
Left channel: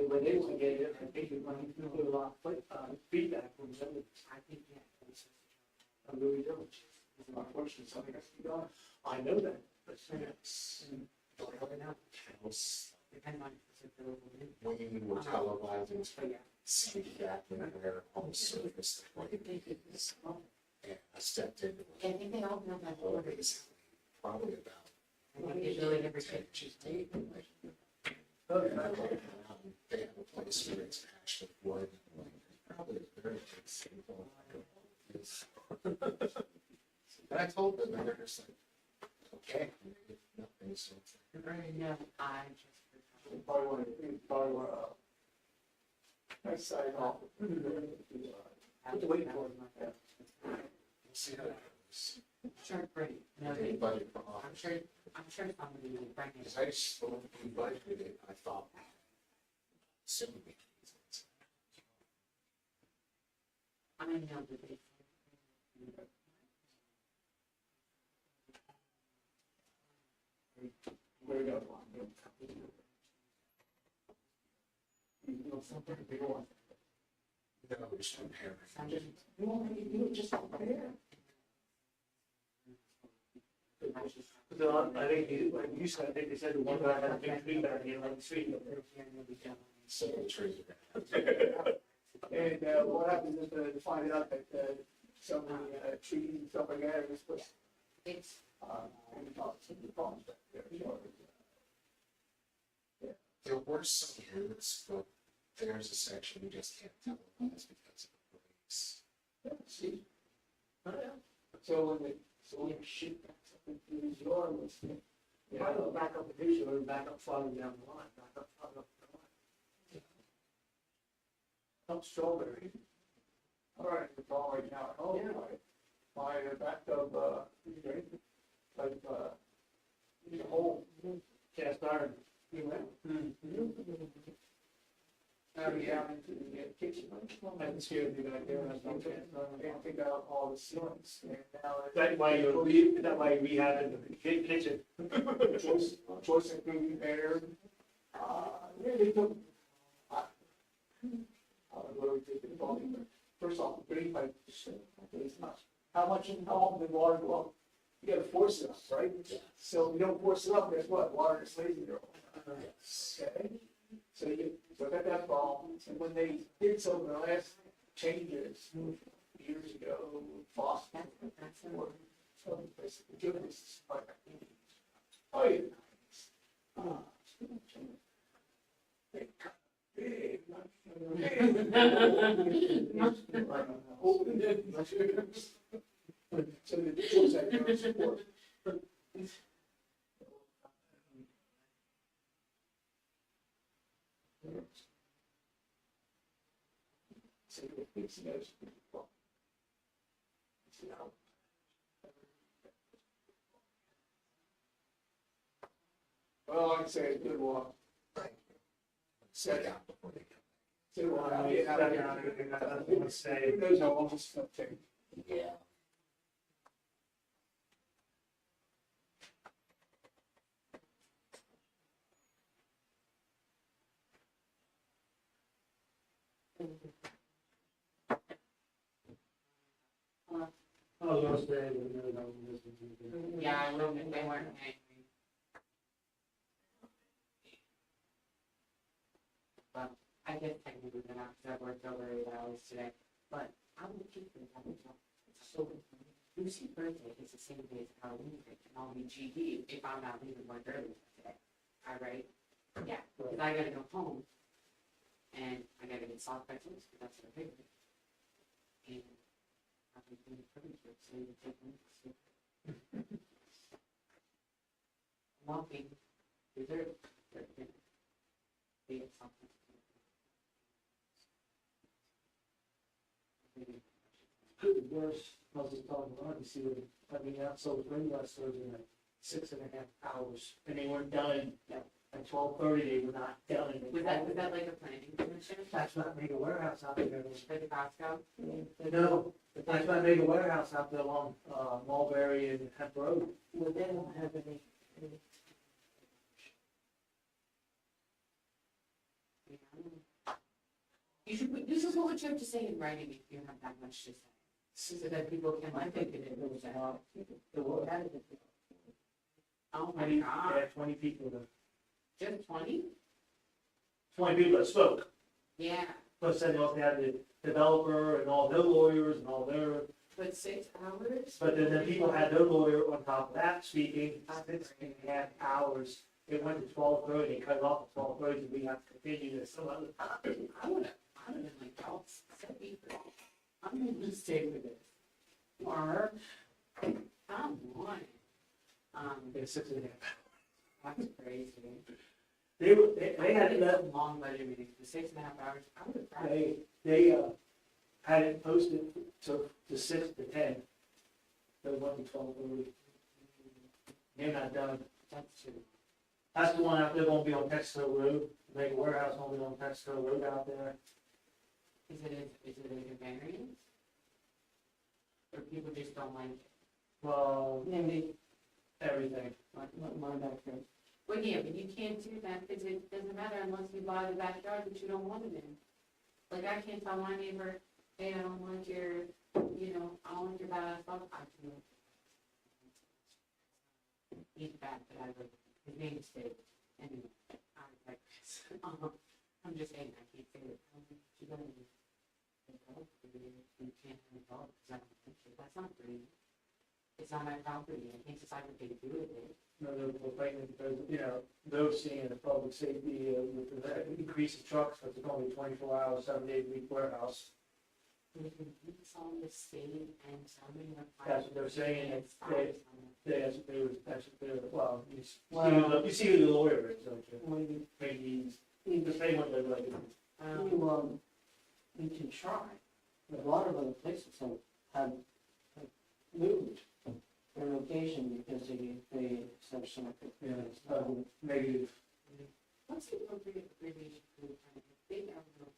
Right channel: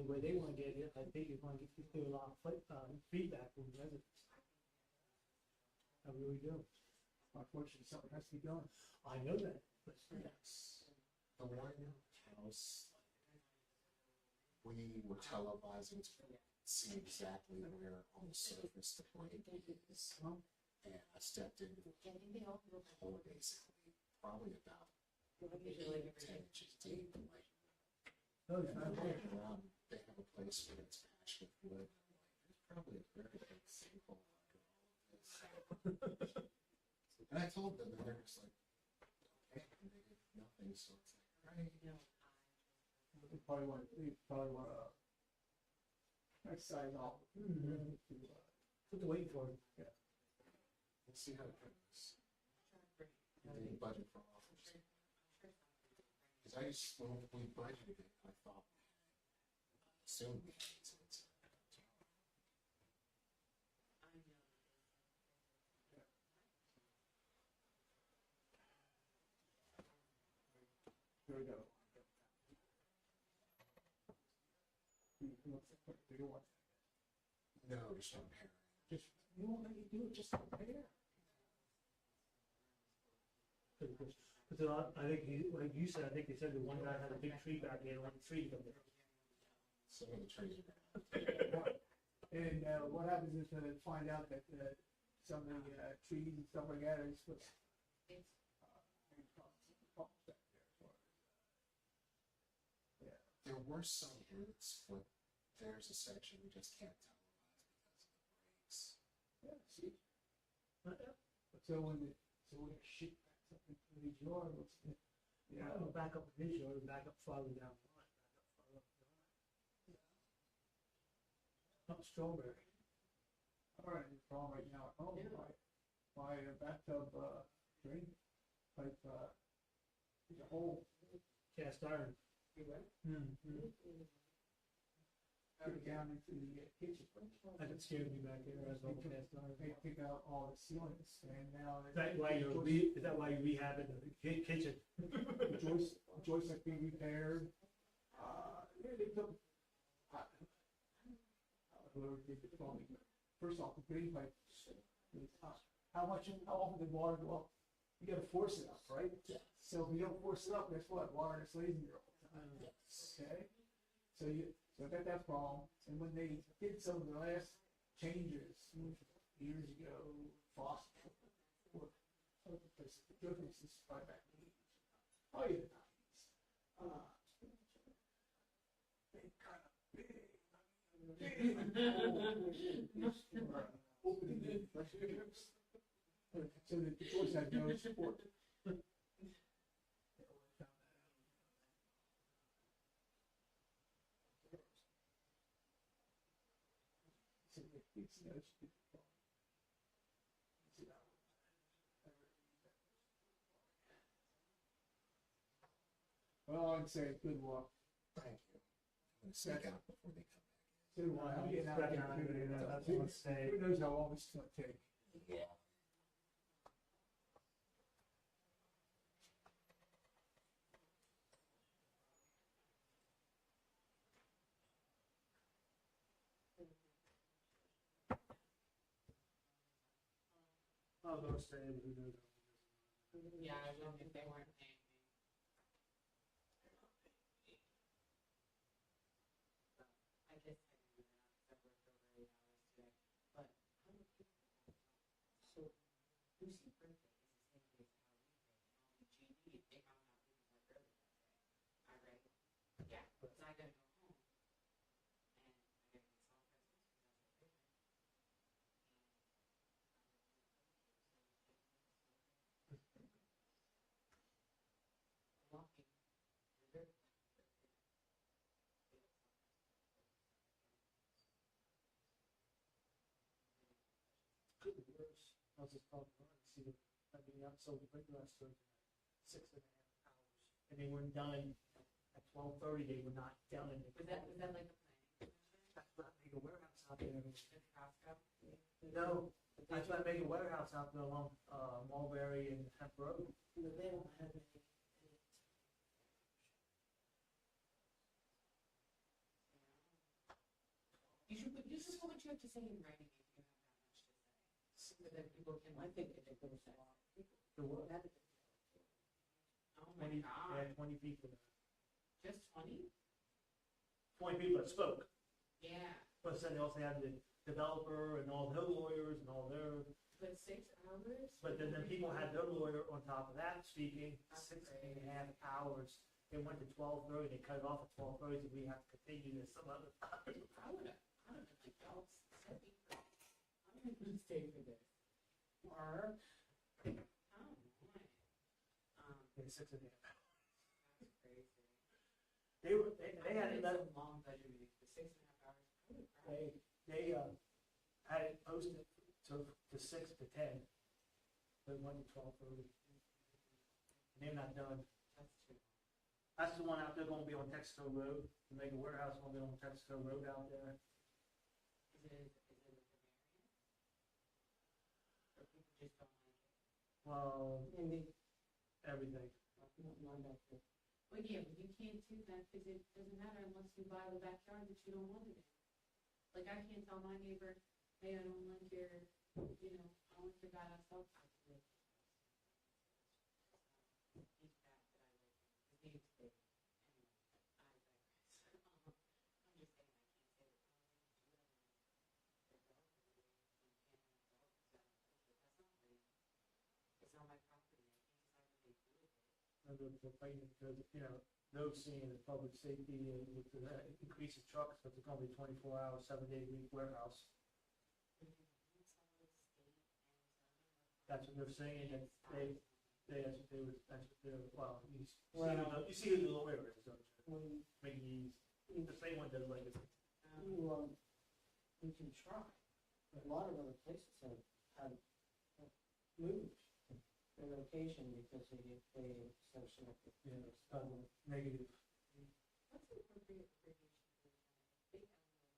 when they want to get it, I think you're going to do a lot of feedback from them. I think, yeah. I really do. Unfortunately, something has to be done. I know that, but yes. Depending on if it's available. When you were televising, see exactly where on the surface the light is. And I stepped in. I think they all know that. Probably about I think they really never 10 inches deep. Oh, And I walk around, they have a place where it's actually wood. Probably a very big sample. And I told them, and they're just like, okay, nothing, so it's like, Right, no, I just. Probably want to, next side off. Put the weight for it, yeah. we'll see how it goes. Sure, great. No, Any they- budget for I'm office. sure, somebody will bring it. Because I just, when we budgeted it, I thought, soon we I mean, no, but they. Where we go? Something big one. No, just repair. I'm just. You want me to do it just there? Because I think, like you said, I think they said the one guy had a big tree back here, like 3 of them. So the trees are And what happens is to find out that so many trees and stuff like that, it's what. It's. Problems back there. There were some roots, but there's a section we just can't tell what it's because of the breaks. Yeah, see? Oh, yeah. So when you shoot something through his yard, it's, I don't back up the picture, or back up farther down the line, back up farther up the line. Up Strawberry. All right, the problem right now, oh, my bathtub, like, the whole cast iron, you went. Down into the kitchen. I can see it back there, that's no cast iron, I can't pick out all the ceilings, and now. Is that why you rehab in the kitchen? Choice and food repaired. Yeah, they took. Literally taking the ball. First off, the drain pipe, how often did water go up? You gotta force it up, right? So if you don't force it up, guess what? Water is lazy there. Okay? So I got that problem, and when they did some of the last changes years ago, Foster, so basically, goodness is like, oh yeah. They got big, so the choice I do is support. Well, I can say it's good walk. Thank you. Set out before they come. Say, well, I mean, who knows how long it's gonna take? Yeah. I was gonna say, Yeah, I know that they weren't angry. Well, I guess technically they're not, because I worked over 8 hours today, but I'm looking for that. So Lucy's birthday is the same day as Halloween, and I'll be GD if I'm not leaving work early today. All right? Yeah, because I gotta go home, and I gotta get soft pretzels, because that's what I figured. And I'll be doing furniture, so you take me. Walking, dessert, be it something. good, worse, I was just talking about, you see, so the ring wrestlers in like 6.5 hours, and they weren't done at 12:30, they were not done. Was that like a planning commission? That's not Mega Warehouse out there. For the Costco? No, that's not Mega Warehouse out there along, Mulberry and Hemp Road. Well, they don't have any. this is what you have to say in writing if you have that much to say. So that people can like think it was a lot. Oh my God, 20 people, just 20? 20 people that spoke. Yeah, Plus then you also had the developer and all their lawyers and all their, but 6 hours? but then the people had their lawyer on top of that speaking 6.5 hours. It went to 12:30, cut it off at 12:30, so we have to continue this some other time. I would have been like, oh, 7 people. I'm gonna stay with it. Or, come on. It's 6.5. That's crazy. They had It's that, a long budget meeting, for 6.5 hours, I would have cried. they had it posted to 6 to 10. So it went to 12:30. They're not done. That's too. That's the one out there gonna be on Texaco Road, the mega warehouse gonna be on Texaco Road out there. Is it a variance? Or people just don't like it? Well, Maybe. everything. My backyard. Well, yeah, but you can't do that because it doesn't matter unless you buy the backyard that you don't want it in. Like, I can't tell my neighbor, hey, I don't want your, I don't want your bad asphalt. I can. He's bad, but I would, his name is Dave. Anyway, I digress. I'm just saying, I can't say it. You don't need you can't have a dog because I don't think so. That's not free. It's on my property. I can't decide what they do with it. No, they're fighting because, they're seeing the public safety with the increase of trucks, because it's only 24 hours, 7 days a week warehouse. It's on the state and somebody. That's what they're saying, It's that's what they were, well, you see who the lawyer is, don't you? Maybe he's the same one that like. We can try. A lot of other places have moved their location because they said something. Negative. What's the appropriate abbreviation for the kind of big outdoor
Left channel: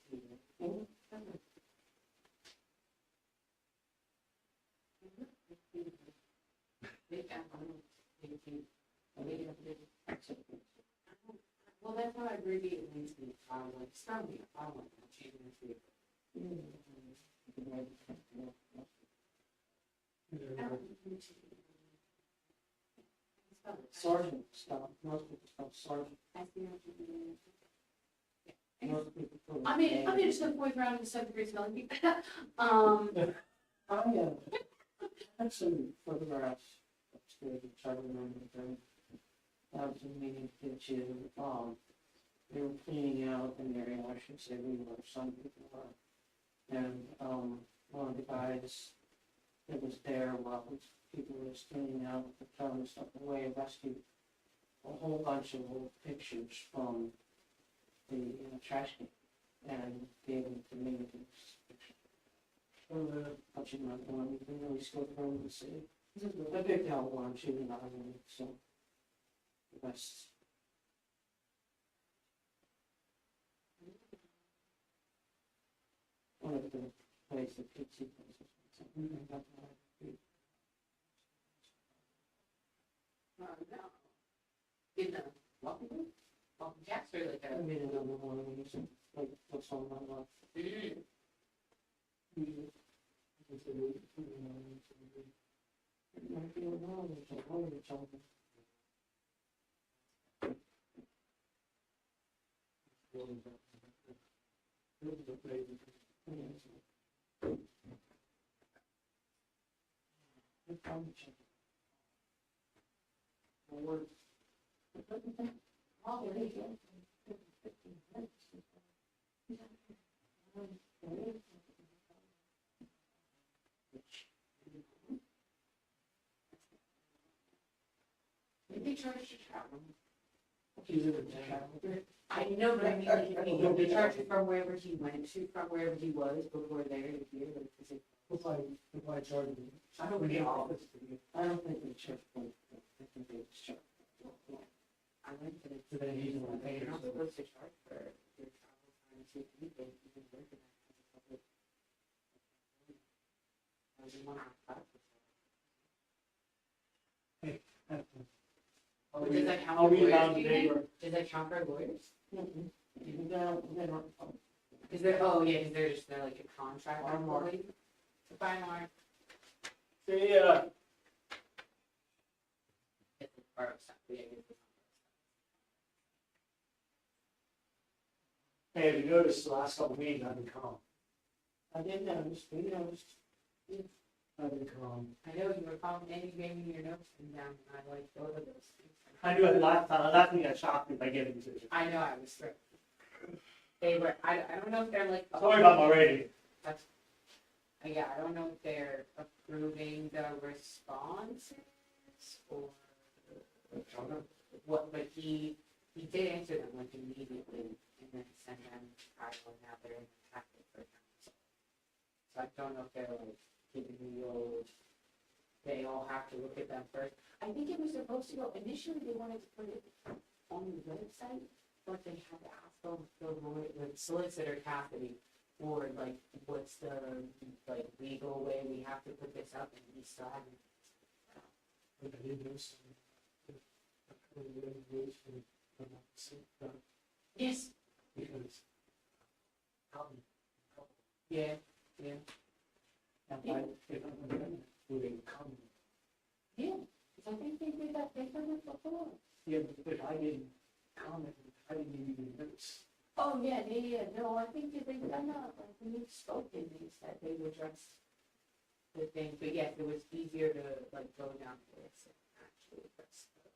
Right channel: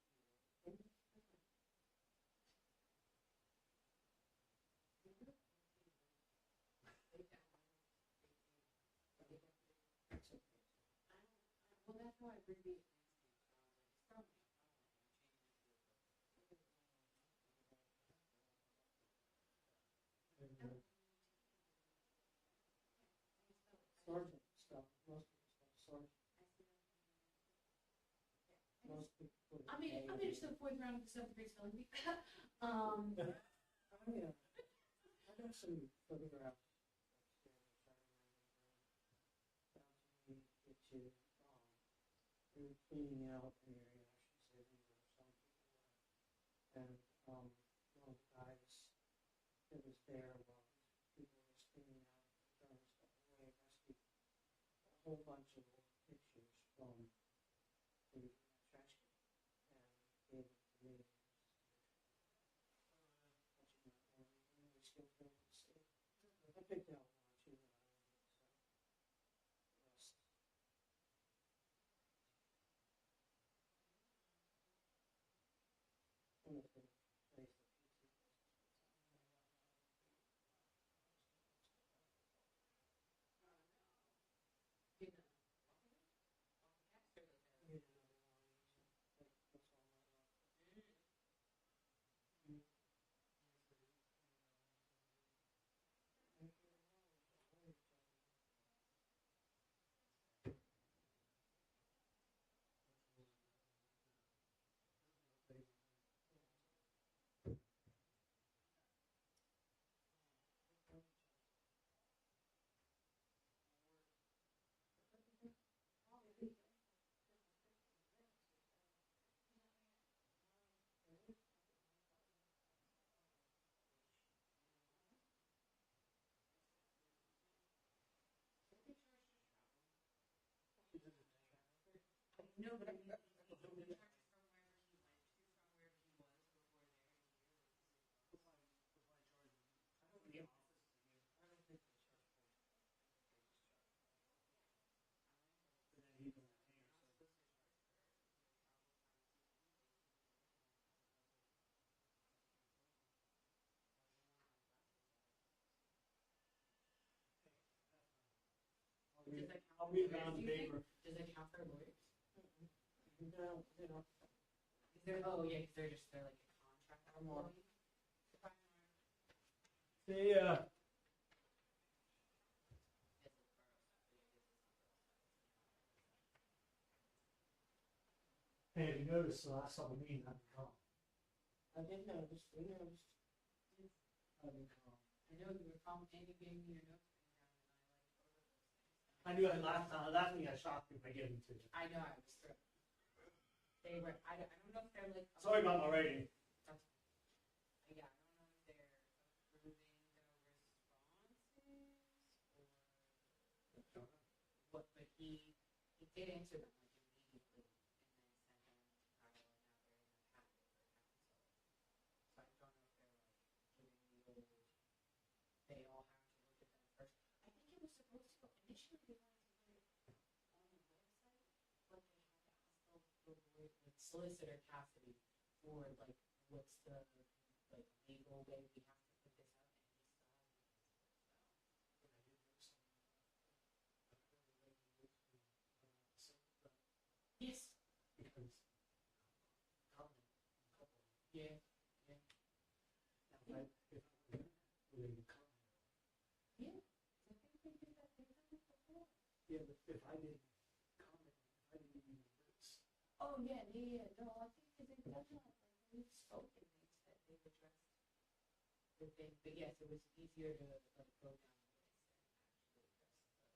well, that's how I abbreviate it means to be following. It's not me following, I'm changing the field. Sergeant stuff, most people spell sergeant. I mean, just a point around the 7th grade spelling bee. I had some photographs upstairs of child remembering. That was a meeting to they were cleaning out an area, I should say we were, some people were. And one of the guys that was there while people were cleaning out the throwing stuff away rescued a whole bunch of old pictures from the trash can and gave them to me. But you can really still from the city. I picked out one, she was not in it, so. The best. One of the places, pizza places. No. In the welcome jacks or like I made another one of these, like, what's on my life. They charge to travel. I I know, but I mean, they charge you from wherever he went to, from wherever he was before there to here. If I charge you. I don't think office. I don't think they charge for it. I think they just charge. I went to the. So then he's gonna pay You're not yourself. supposed to charge for your travel time to anything, you can work in that. I didn't want to have classes. But does that count I'll for read lawyers, down do the you think? paper. Does that count for lawyers? They don't, Is there, oh, yeah, is there just, they're like a contract employee? Bye, Mark. Yeah. It's a borough stuff, yeah, it's- Hey, have you noticed the last couple meetings I've been calm? I didn't notice, we noticed. I've been calm. I know you were calling, and you gave me your notes and down, and I like both of those things. I knew it last time, last thing got shocked me by giving to you. I know, I was thrilled. They were, I don't know if they're like. Sorry about my rating. That's, yeah, I don't know if they're approving the responses or what, but he did answer them like immediately and then send them Kyle and now they're in the packet for council. So I don't know if they're like giving me the old, they all have to look at them first. I think it was supposed to go, initially they wanted to put it on the website, but they had to ask the lawyer, the solicitor Cassidy, or like, what's the like legal way we have to put this up, and we still haven't. Yes. Yeah, yeah. Yeah, so I think they did that, they've done it before. Yeah, but I didn't comment, I didn't give you notes. Oh, yeah, no, I think that they've done that, like, when we've spoken, they said they would address the thing, but yes, it was easier to, like, go down this and actually address the.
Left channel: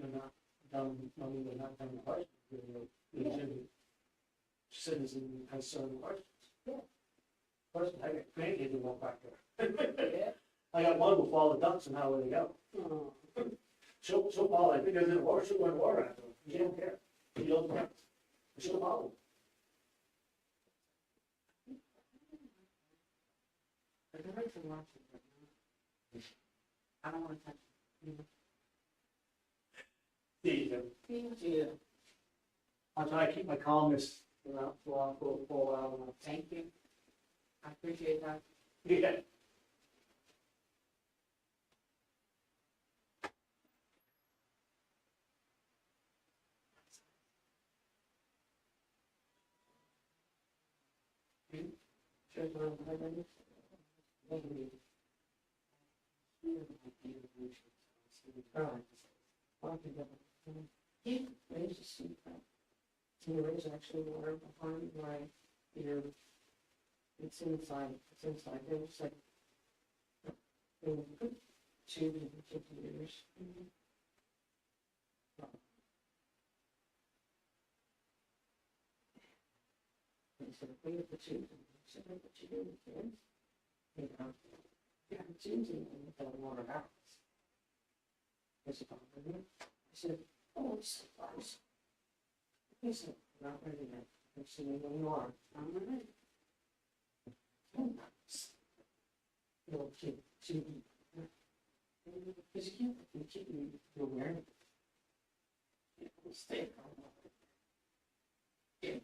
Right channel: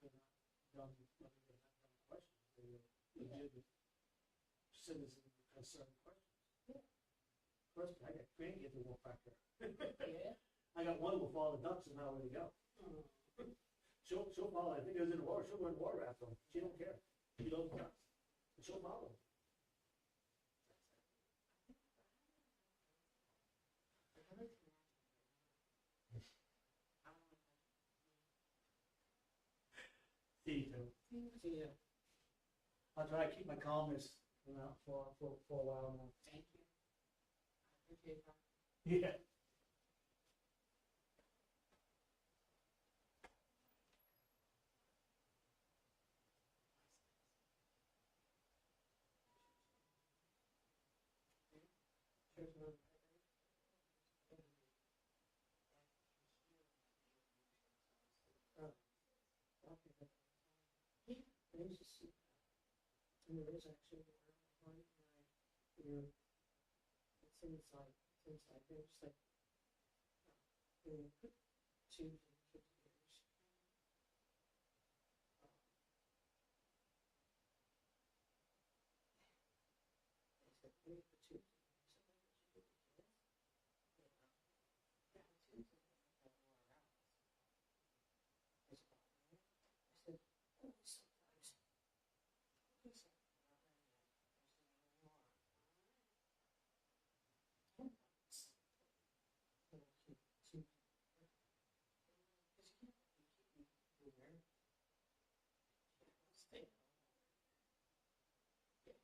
You're not done, I mean, we're not done the questions, we're legitimate citizen concern questions. Yeah. First, I got grandkids who walk back there. Yeah. I got one who follow the ducks and how will they go? Oh. She'll follow, if it goes in the water, she'll go in the water after them, she don't care, she don't care, she'll follow. But there is a lot of it, I don't wanna touch it. See you. Yeah. I'll try to keep my calmness for a while. Thank you. I appreciate that. Yeah. Yeah, there's a seat back. So there is actually water behind where, you know, it's inside, there's like, there was a good 250 years. They said, we have the tubes, and I said, what you do with kids? You know, yeah, the tubes in and the water out. I said, I said, oh, it's surprise. He said, not ready yet. I said, well, you are. I'm ready. Oh, nice. Little kid, too. Because you can't, you're wearing it. Yeah, stay calm. Yeah.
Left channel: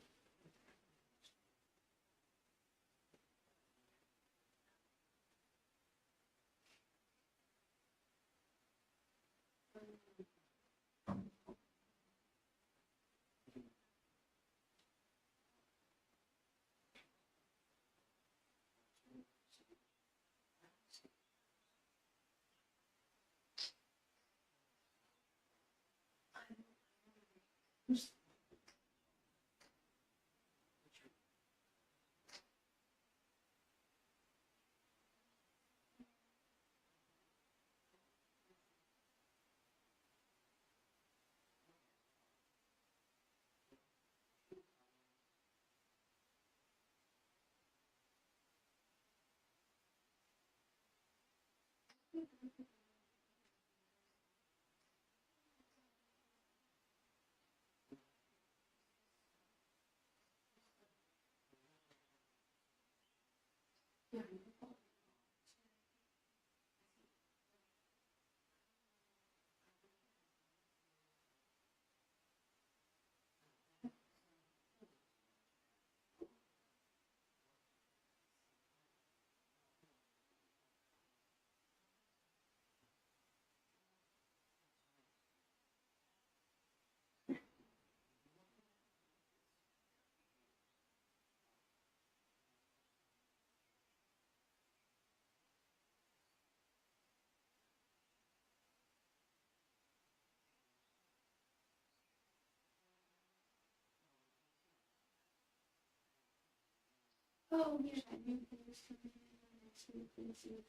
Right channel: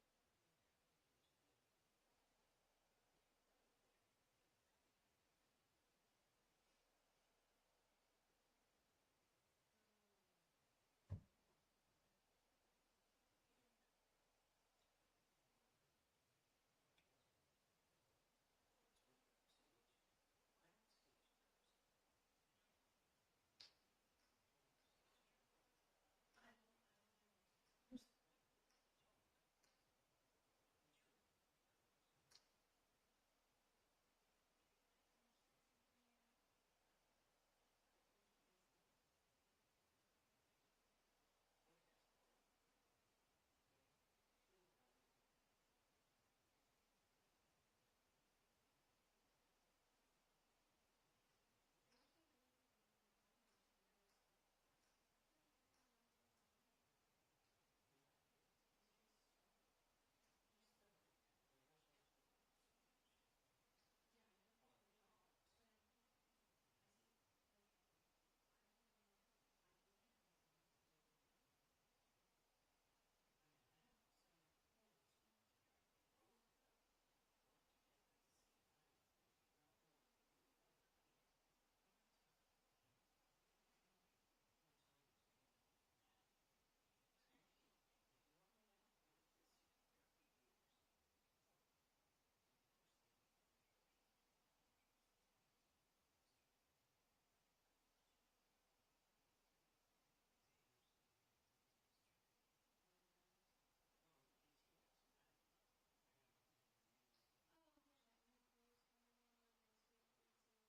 Oh, yeah, that new thing is coming in next week. Let's see what's in it.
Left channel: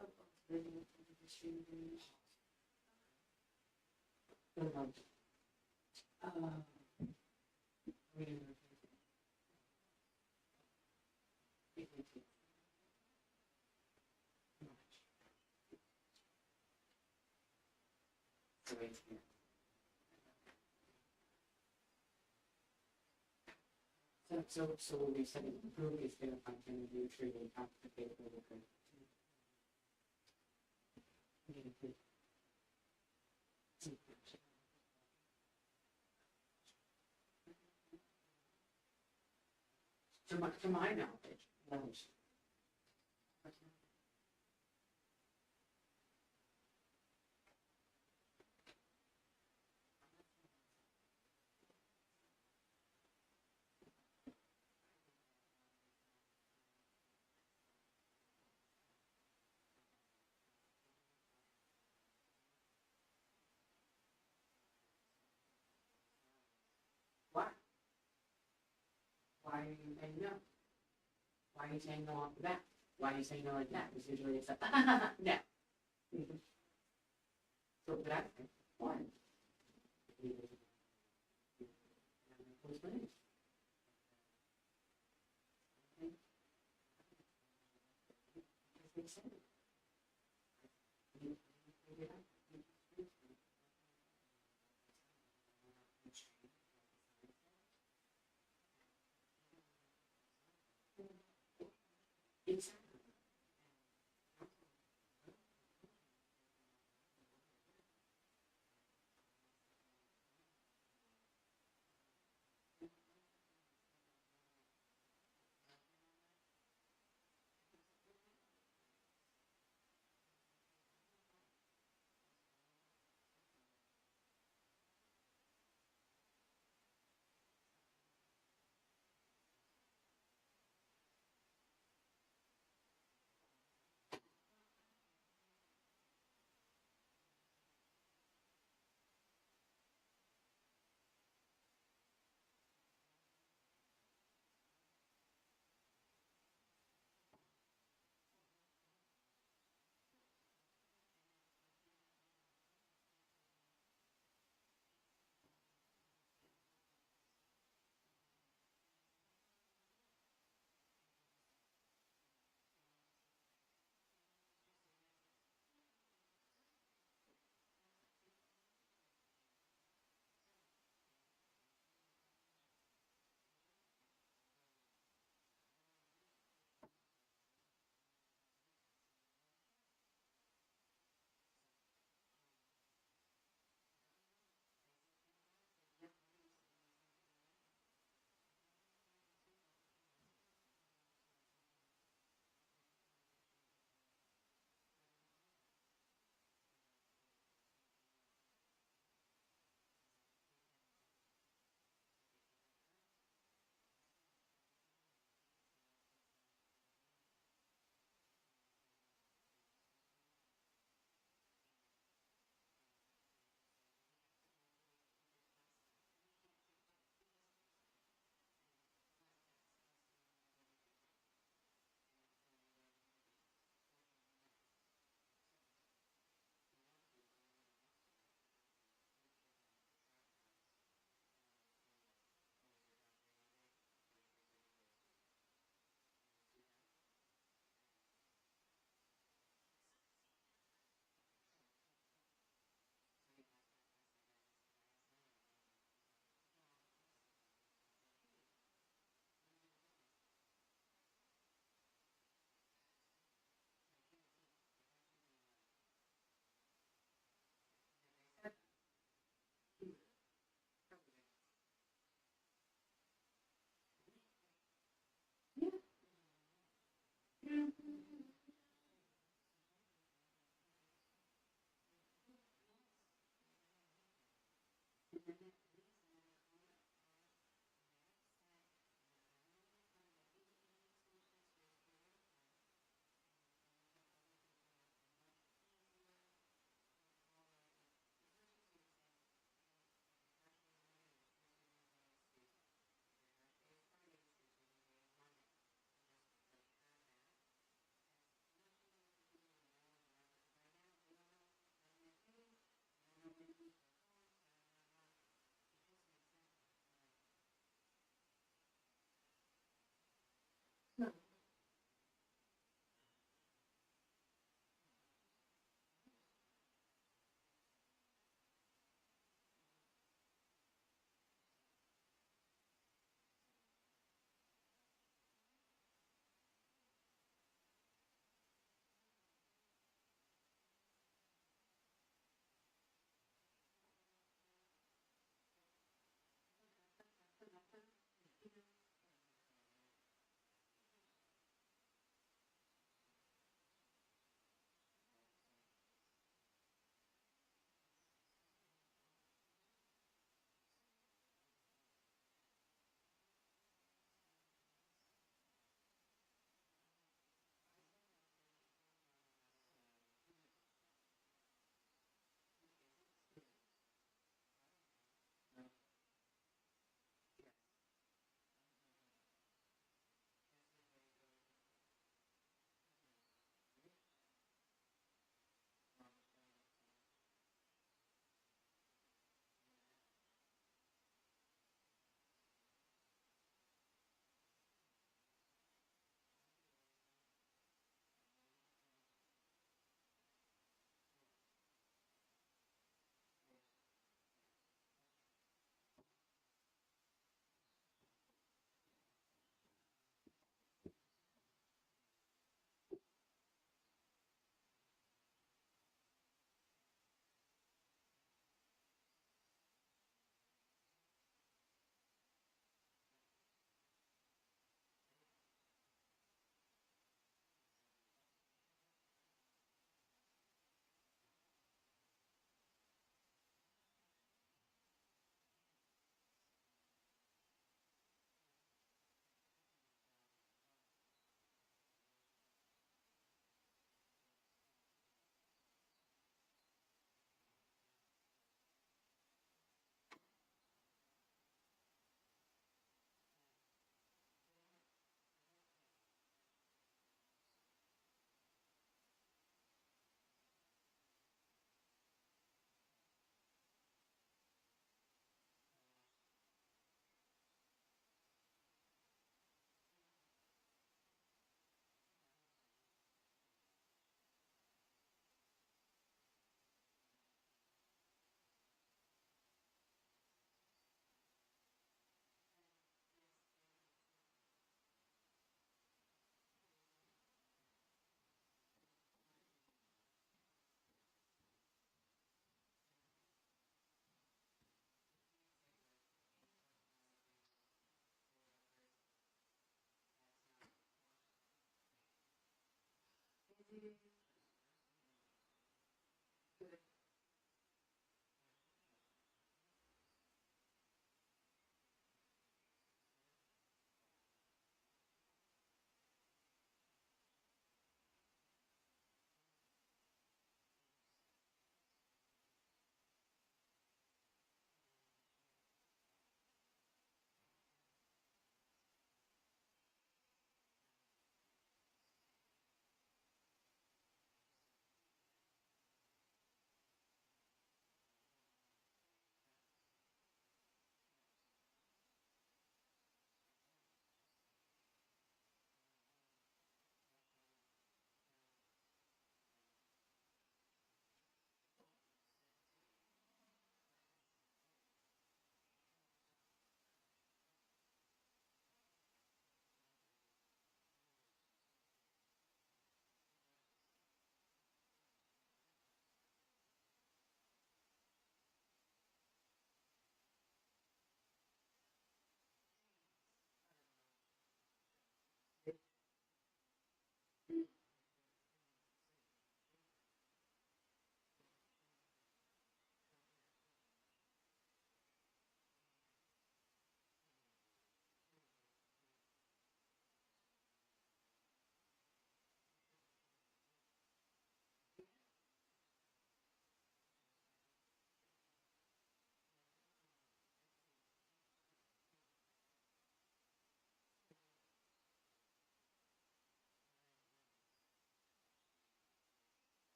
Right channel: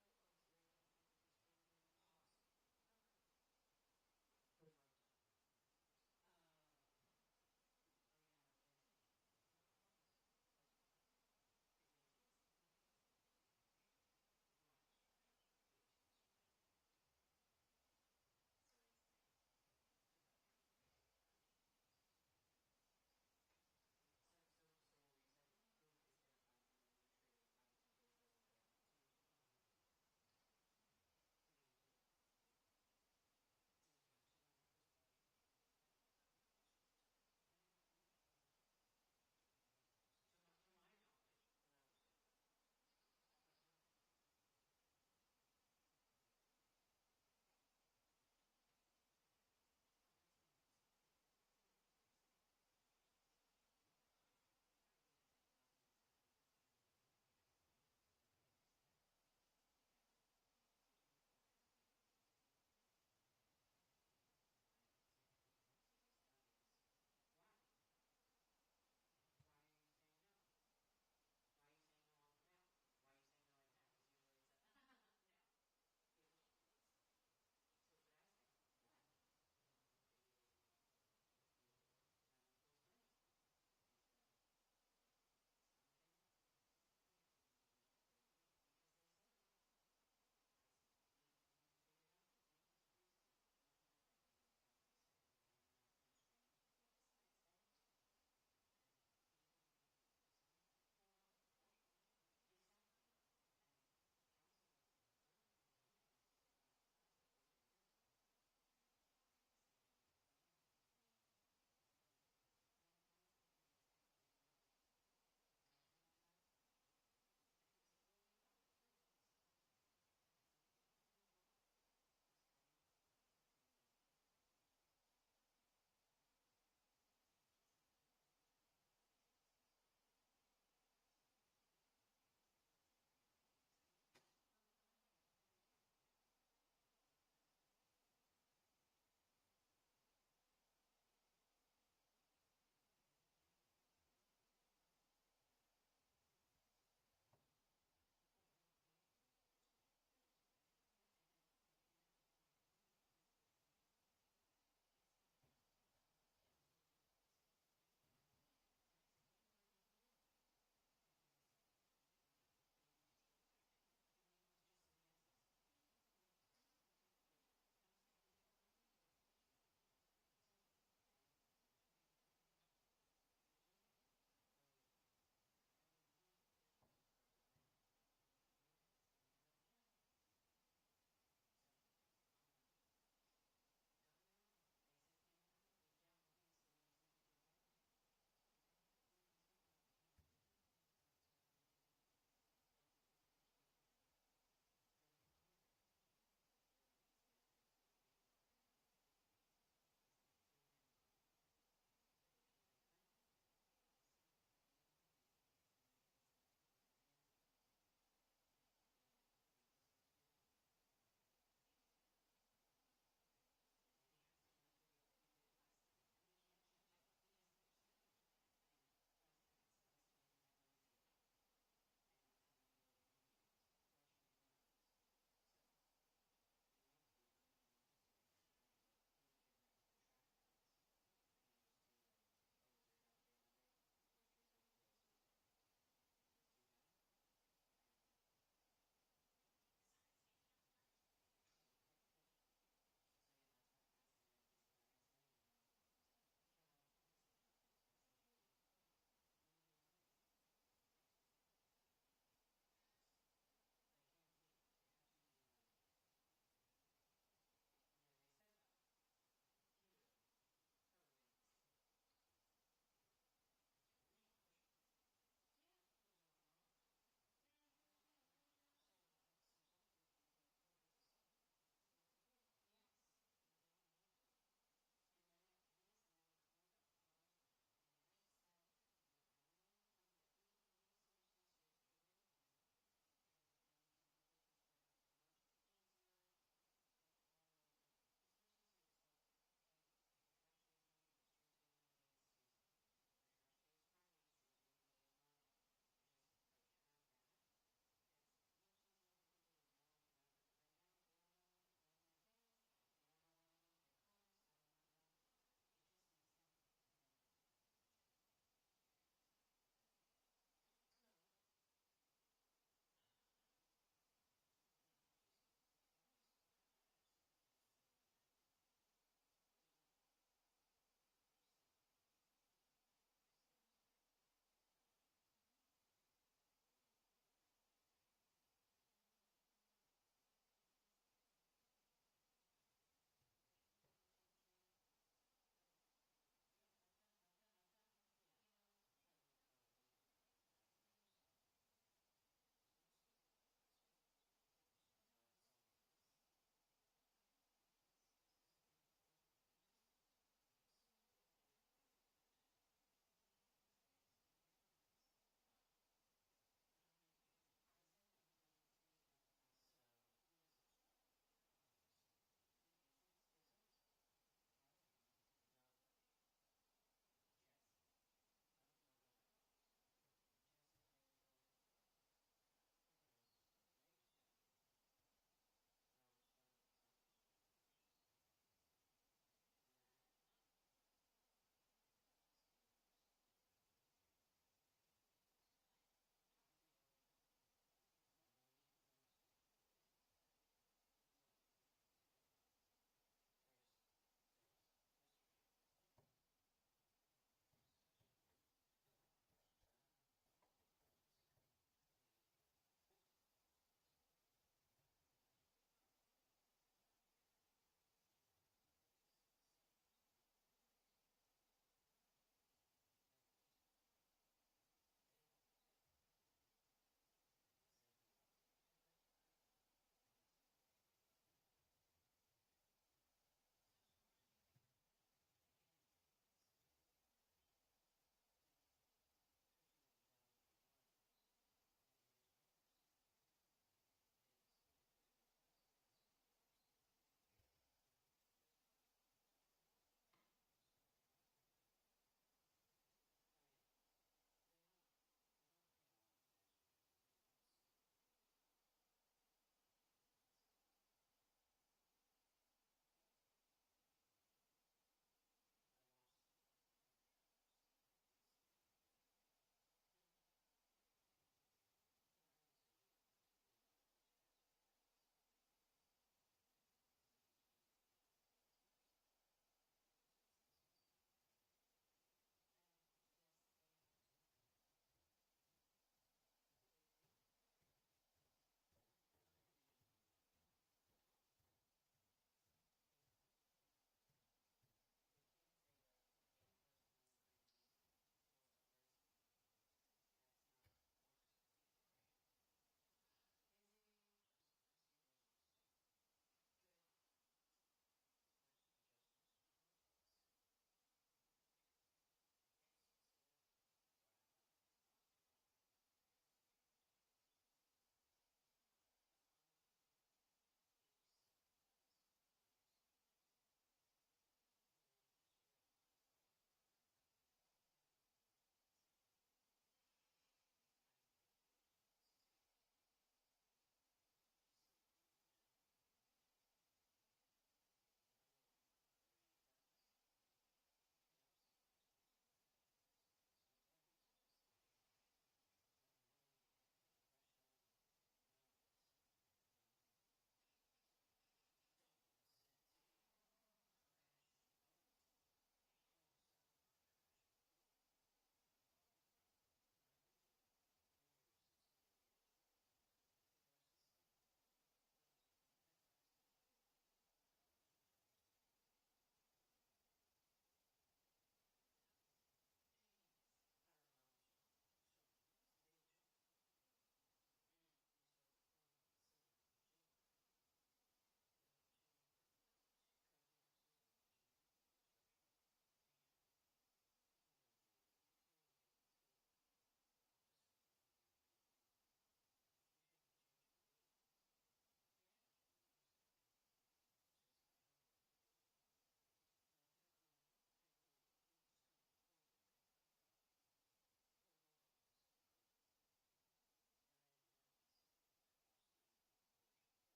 Oh, living up on the street. So when we said improve, it's gonna function and do treating top the paper. To my knowledge. Why? Why are you saying no? Why are you saying no off the bat? Why are you saying no like that? Because usually it's like, no. So that's one.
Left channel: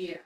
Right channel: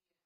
Yeah.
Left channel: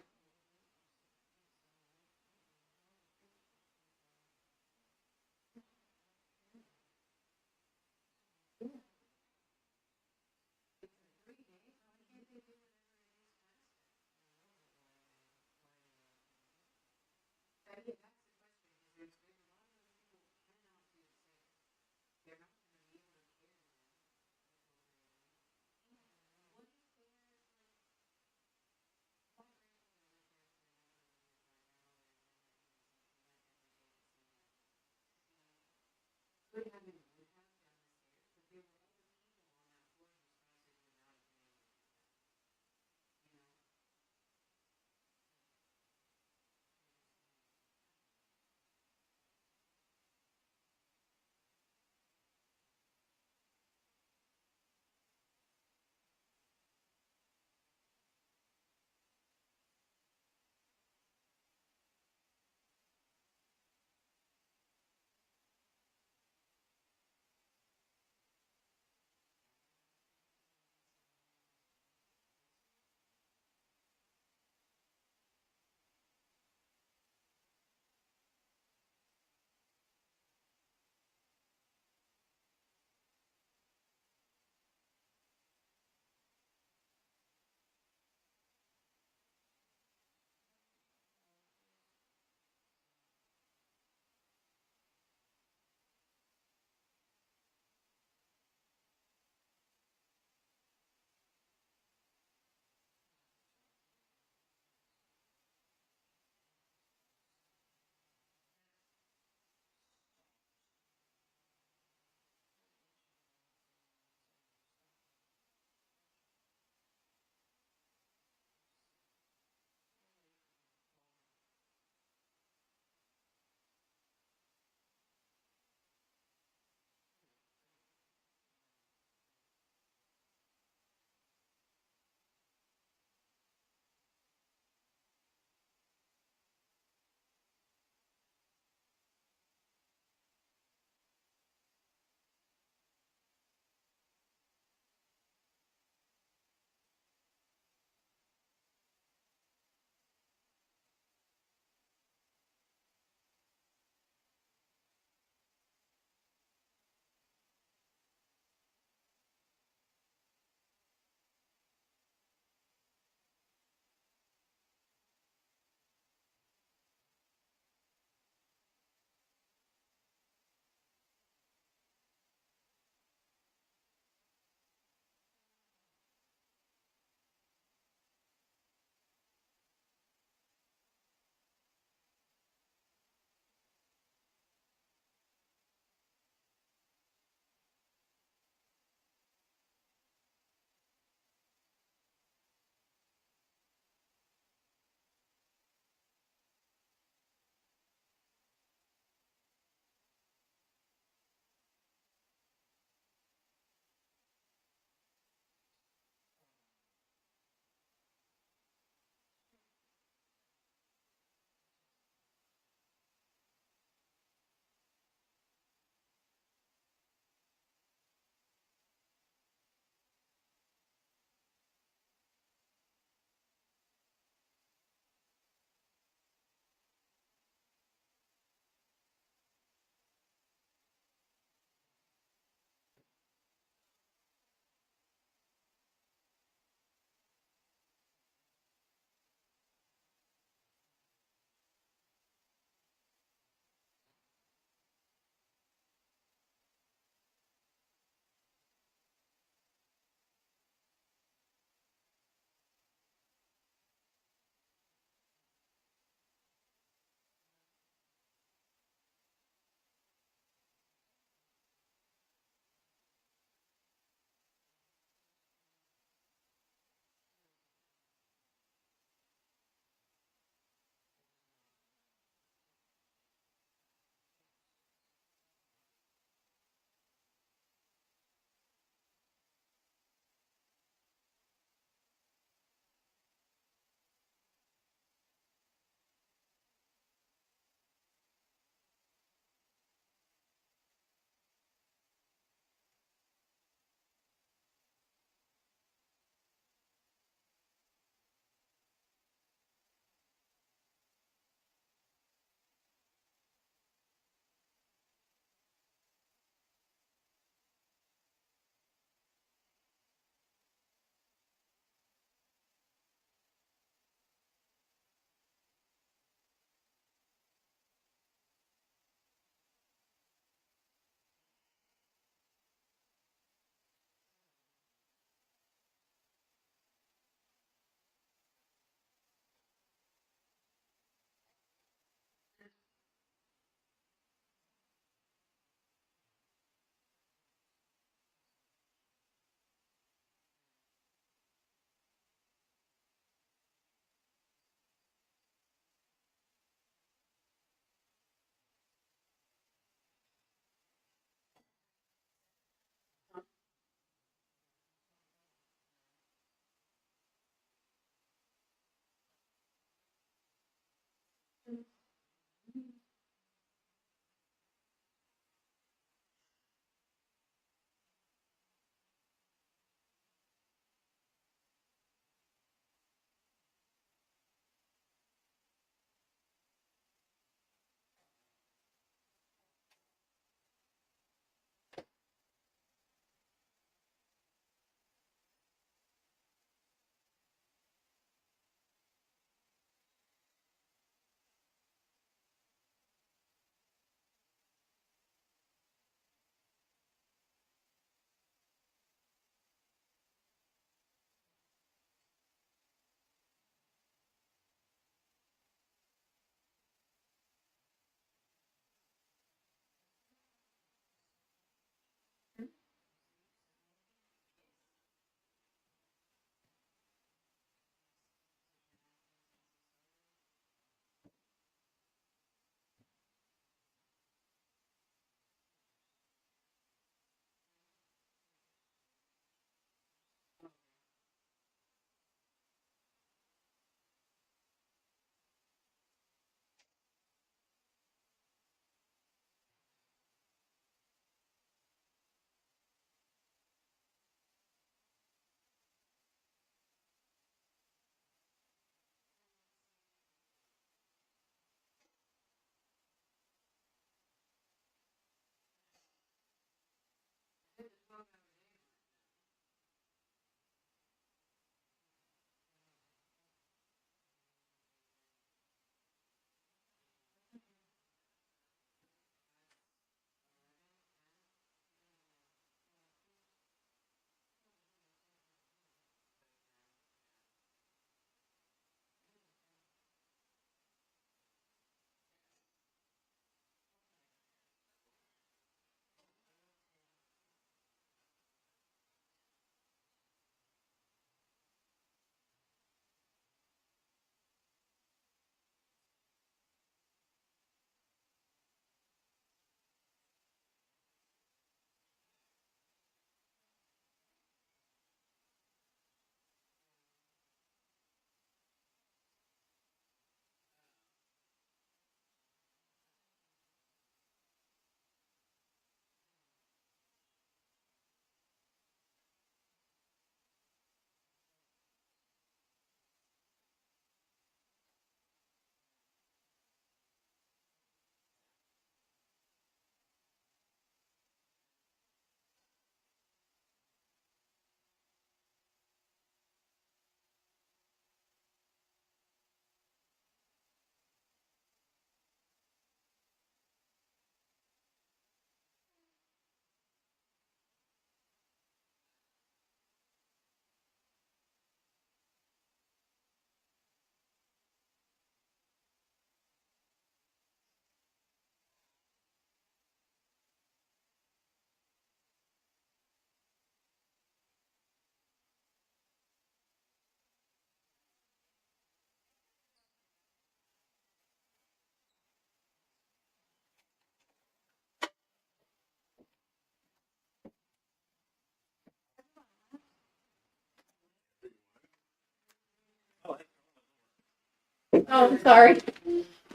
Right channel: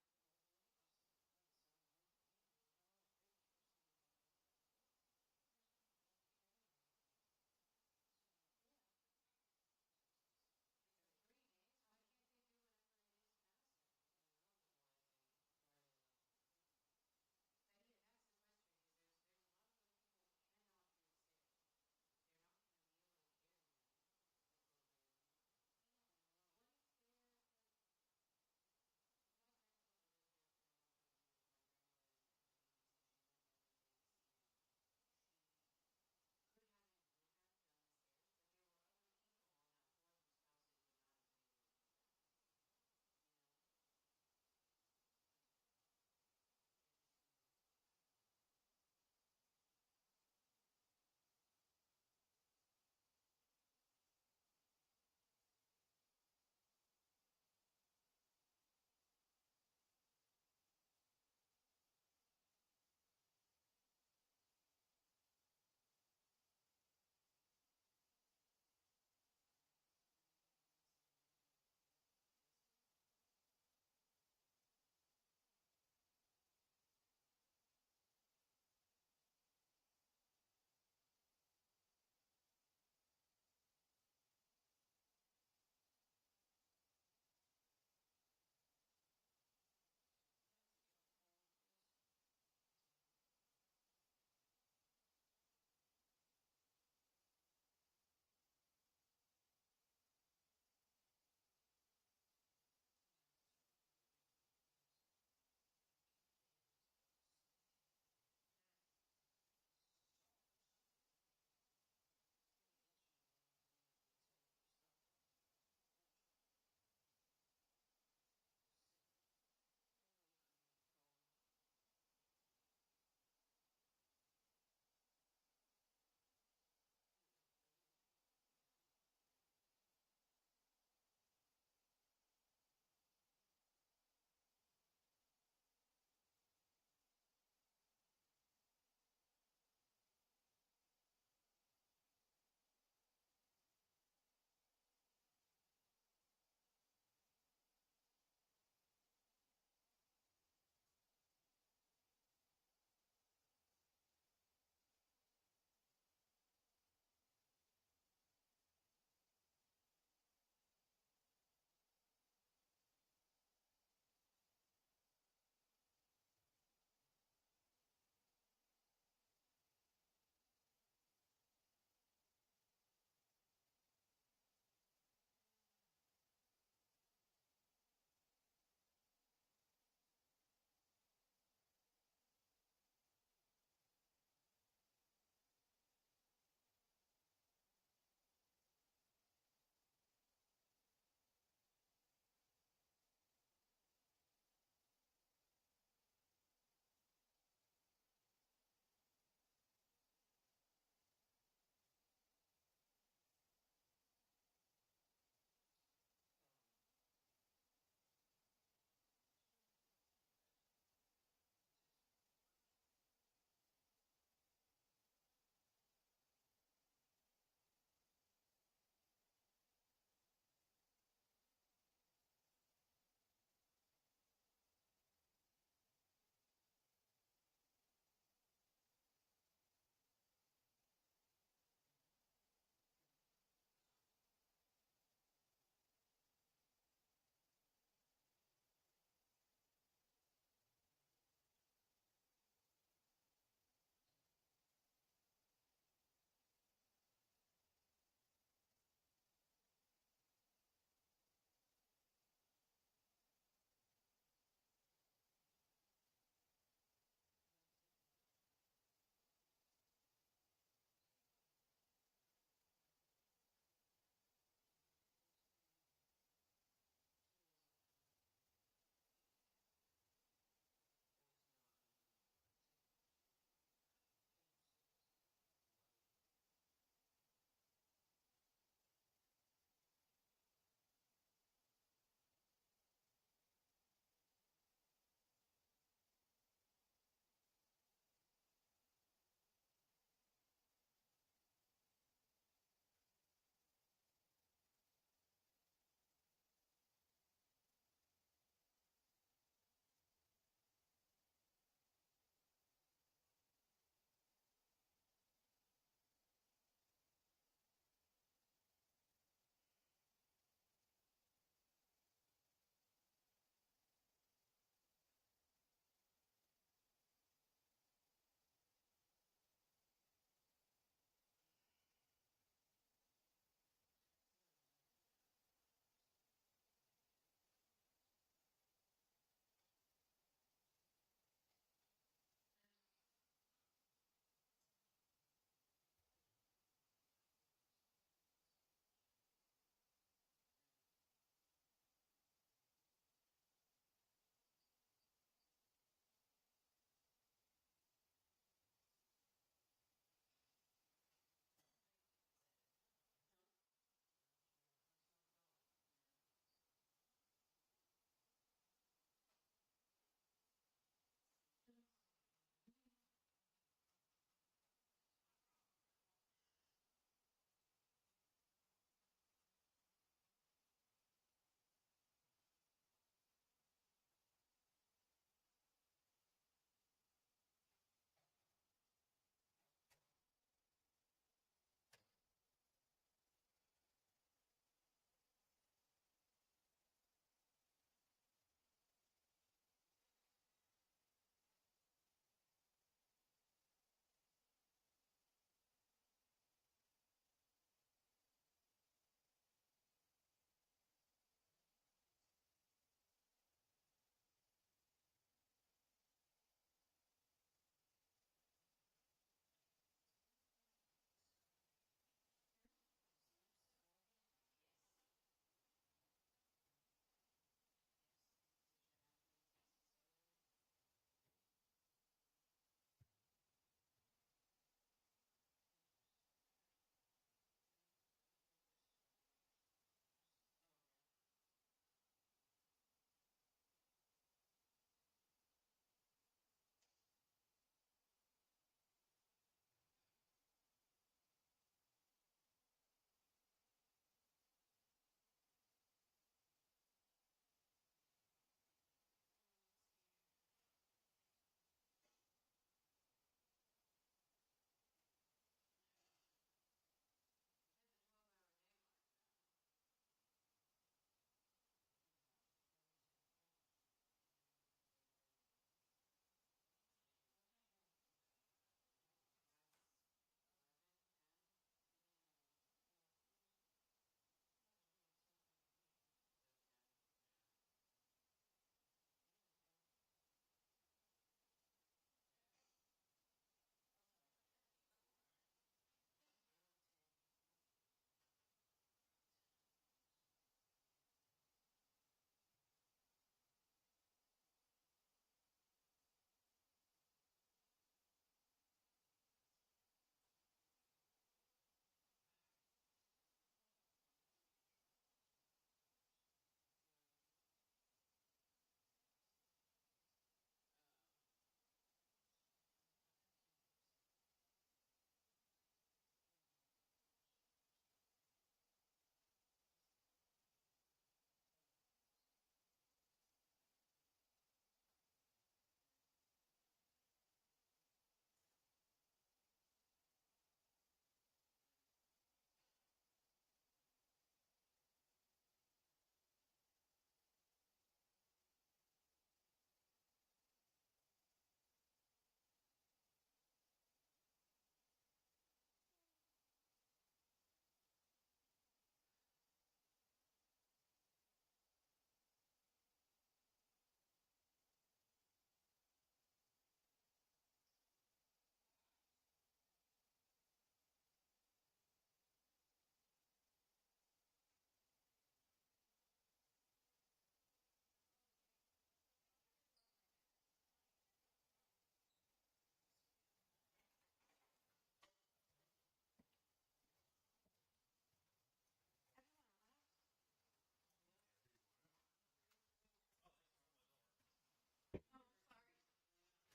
Oh, I'm sorry.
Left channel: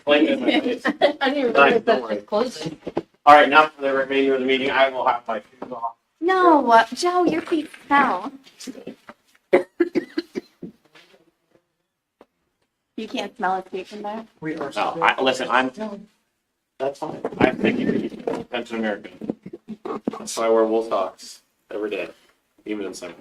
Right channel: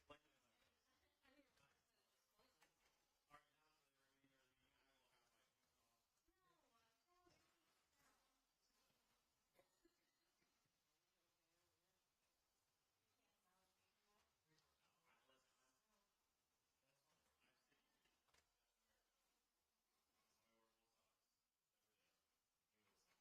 Blame it on my face. I didn't Nice, realize don't worry. that's closing. All right, now for the remainder of the meeting, I will have my shoes off. No, Joe, your feet smell. You can't smell a feet from there? We are. No, listen, that's fine. I think you can Pension American. That's why I wear wool socks every day, even in summer.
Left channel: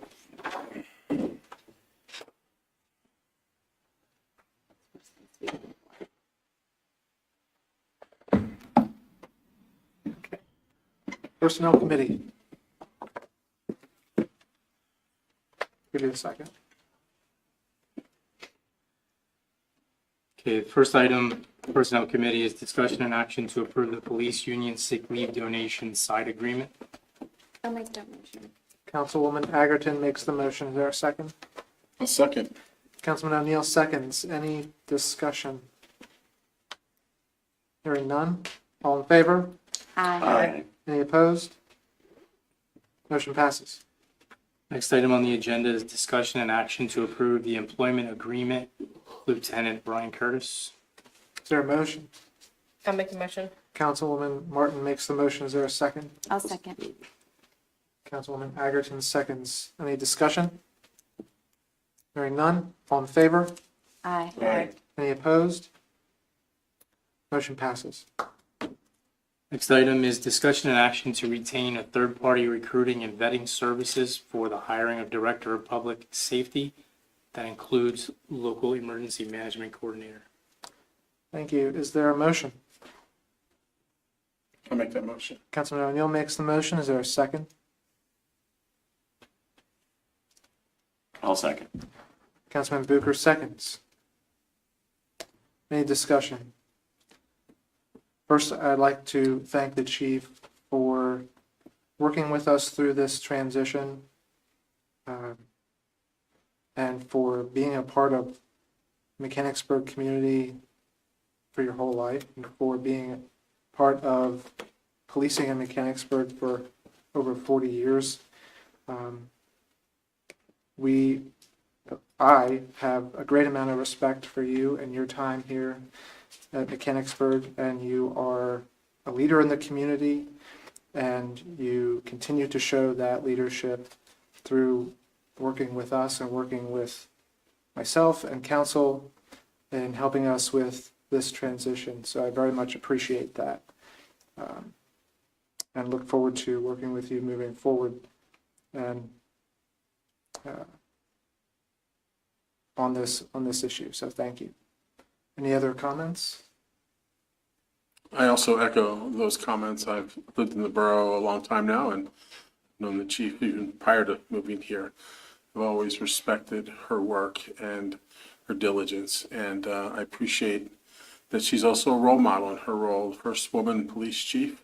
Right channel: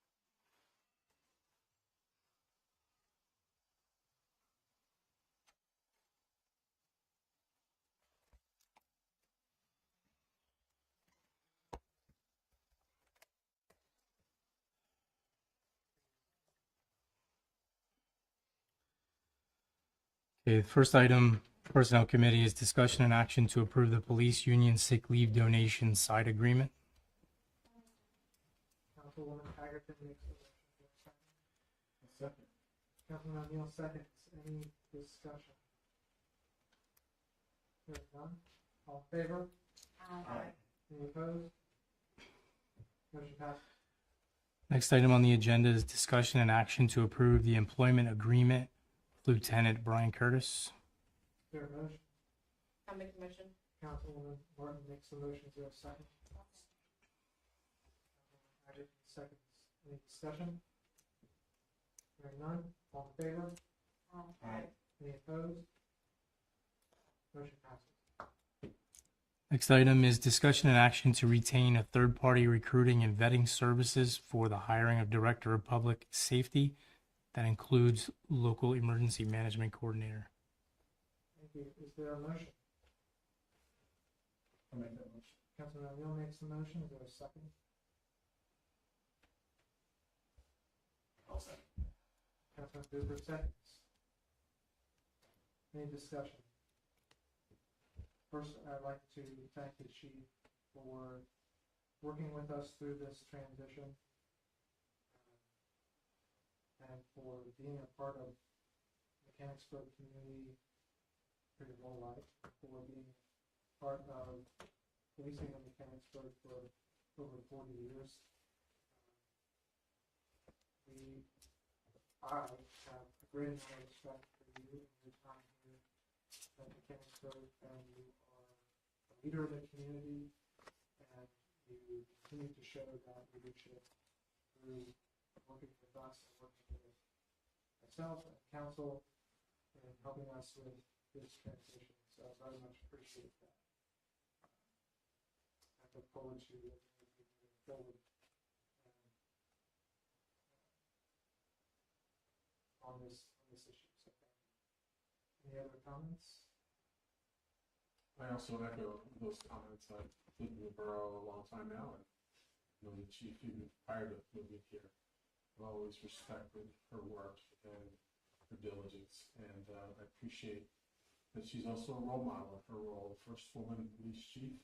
Personnel Committee. Give you a second. Okay, the first item, Personnel Committee, is discussion and action to approve the police union sick leave donation side agreement. I'll make that motion. Councilwoman Agerton makes the motion. Is there a second? A second. Councilman O'Neill seconds. Any discussion? Hearing none. All in favor? Aye. Any opposed? Motion passes. Next item on the agenda is discussion and action to approve the employment agreement, Lieutenant Brian Curtis. Is there a motion? I'll make the motion. Councilwoman Martin makes the motion. Is there a second? I'll second. Councilwoman Agerton seconds. Any discussion? Hearing none. All in favor? Aye. Aye. Any opposed? Motion passes. Next item is discussion and action to retain a third-party recruiting and vetting services for the hiring of Director of Public Safety. That includes local emergency management coordinator. Thank you. Is there a motion? I'll make that motion. Councilman O'Neill makes the motion. Is there a second? I'll second. Councilman Bucher seconds. Any discussion? First, I'd like to thank the chief for working with us through this transition and for being a part of Mechanicsburg community for your whole life and for being part of policing in Mechanicsburg for over 40 years. I have a great amount of respect for you and your time here at Mechanicsburg, and you are a leader in the community, and you continue to show that leadership through working with us and working with myself and council and helping us with this transition. So I very much appreciate that and look forward to working with you moving forward and on this issue. So thank you. Any other comments? I also echo those comments. I've lived in the borough a long time now and known the chief even prior to moving here. I've always respected her work and her diligence, and I appreciate that she's also a role model in her role, first woman police chief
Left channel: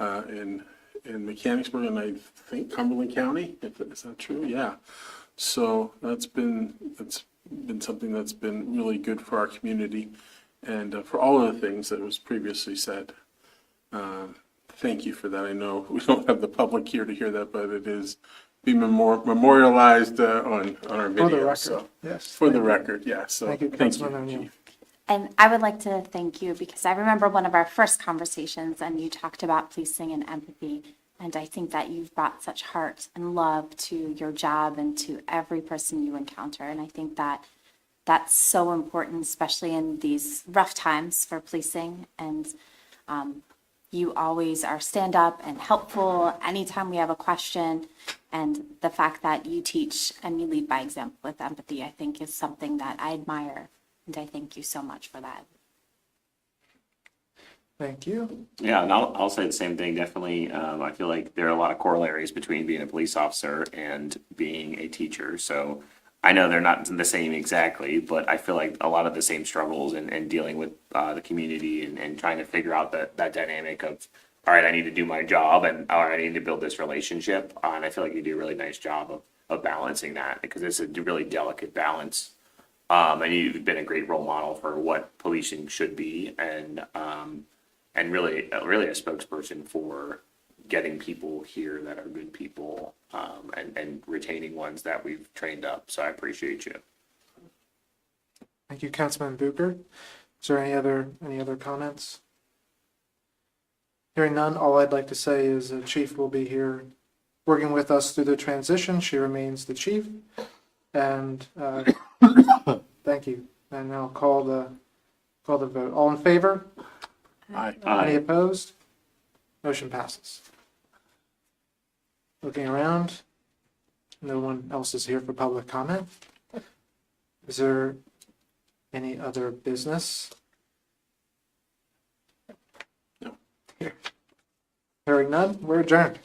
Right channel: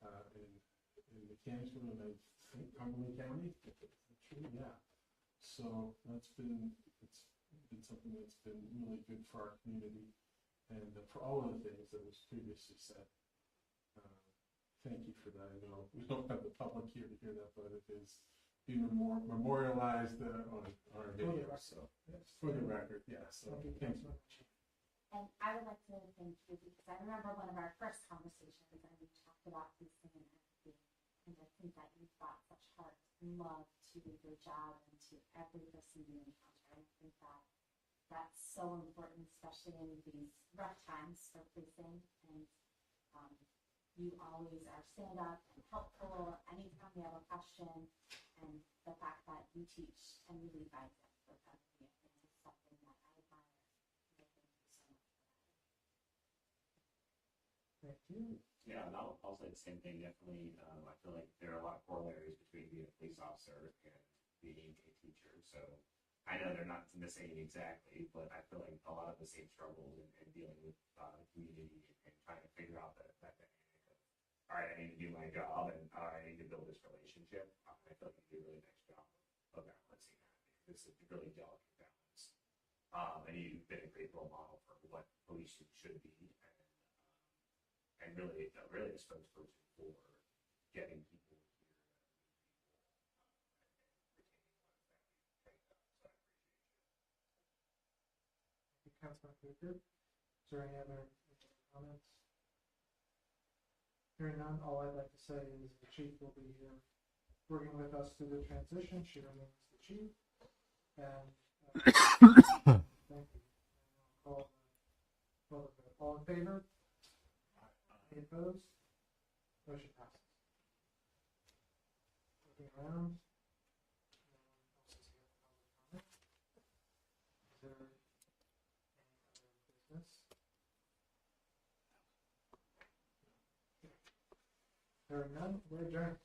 in Mechanicsburg, and I think Cumberland County. Is that true? Yeah. So that's been something that's been really good for our community and for all of the things that was previously said. Thank you for that. I know we don't have the public here to hear that, but it is being memorialized on our video. For the record, so, yes. For the record, yeah. So Thank you, Councilman O'Neill. Chief. And I would like to thank you because I remember one of our first conversations and you talked about policing and empathy. And I think that you've brought such heart and love to your job and to every person you encounter. And I think that that's so important, especially in these rough times for policing. And you always are stand up and helpful anytime we have a question. And the fact that you teach and you lead by example with empathy, I think is something that I admire. And I thank you so much for that. Thank you. Yeah, and I'll say the same thing. Definitely, I feel like there are a lot of corollaries between being a police officer and being a teacher. So I know they're not the same exactly, but I feel like a lot of the same struggles and dealing with the community and trying to figure out that dynamic of, all right, I need to do my job and all right, I need to build this relationship. And I feel like you do a really nice job of balancing that because it's a really delicate balance. And you've been a great role model for what policing should be and really a spokesperson for getting people here that are good people and retaining ones that we've trained up. So I appreciate you. Thank you, Councilman Bucher. Is there any other comments? Hearing none, all I'd like to say is the chief will be here working with us through the transition. She remains the chief. And thank you. And now call the vote. All in favor? Aye. Any opposed? Motion passes. Looking around, no one else is here for public comment. Is there any other business? No. Hearing none, we're adjourned.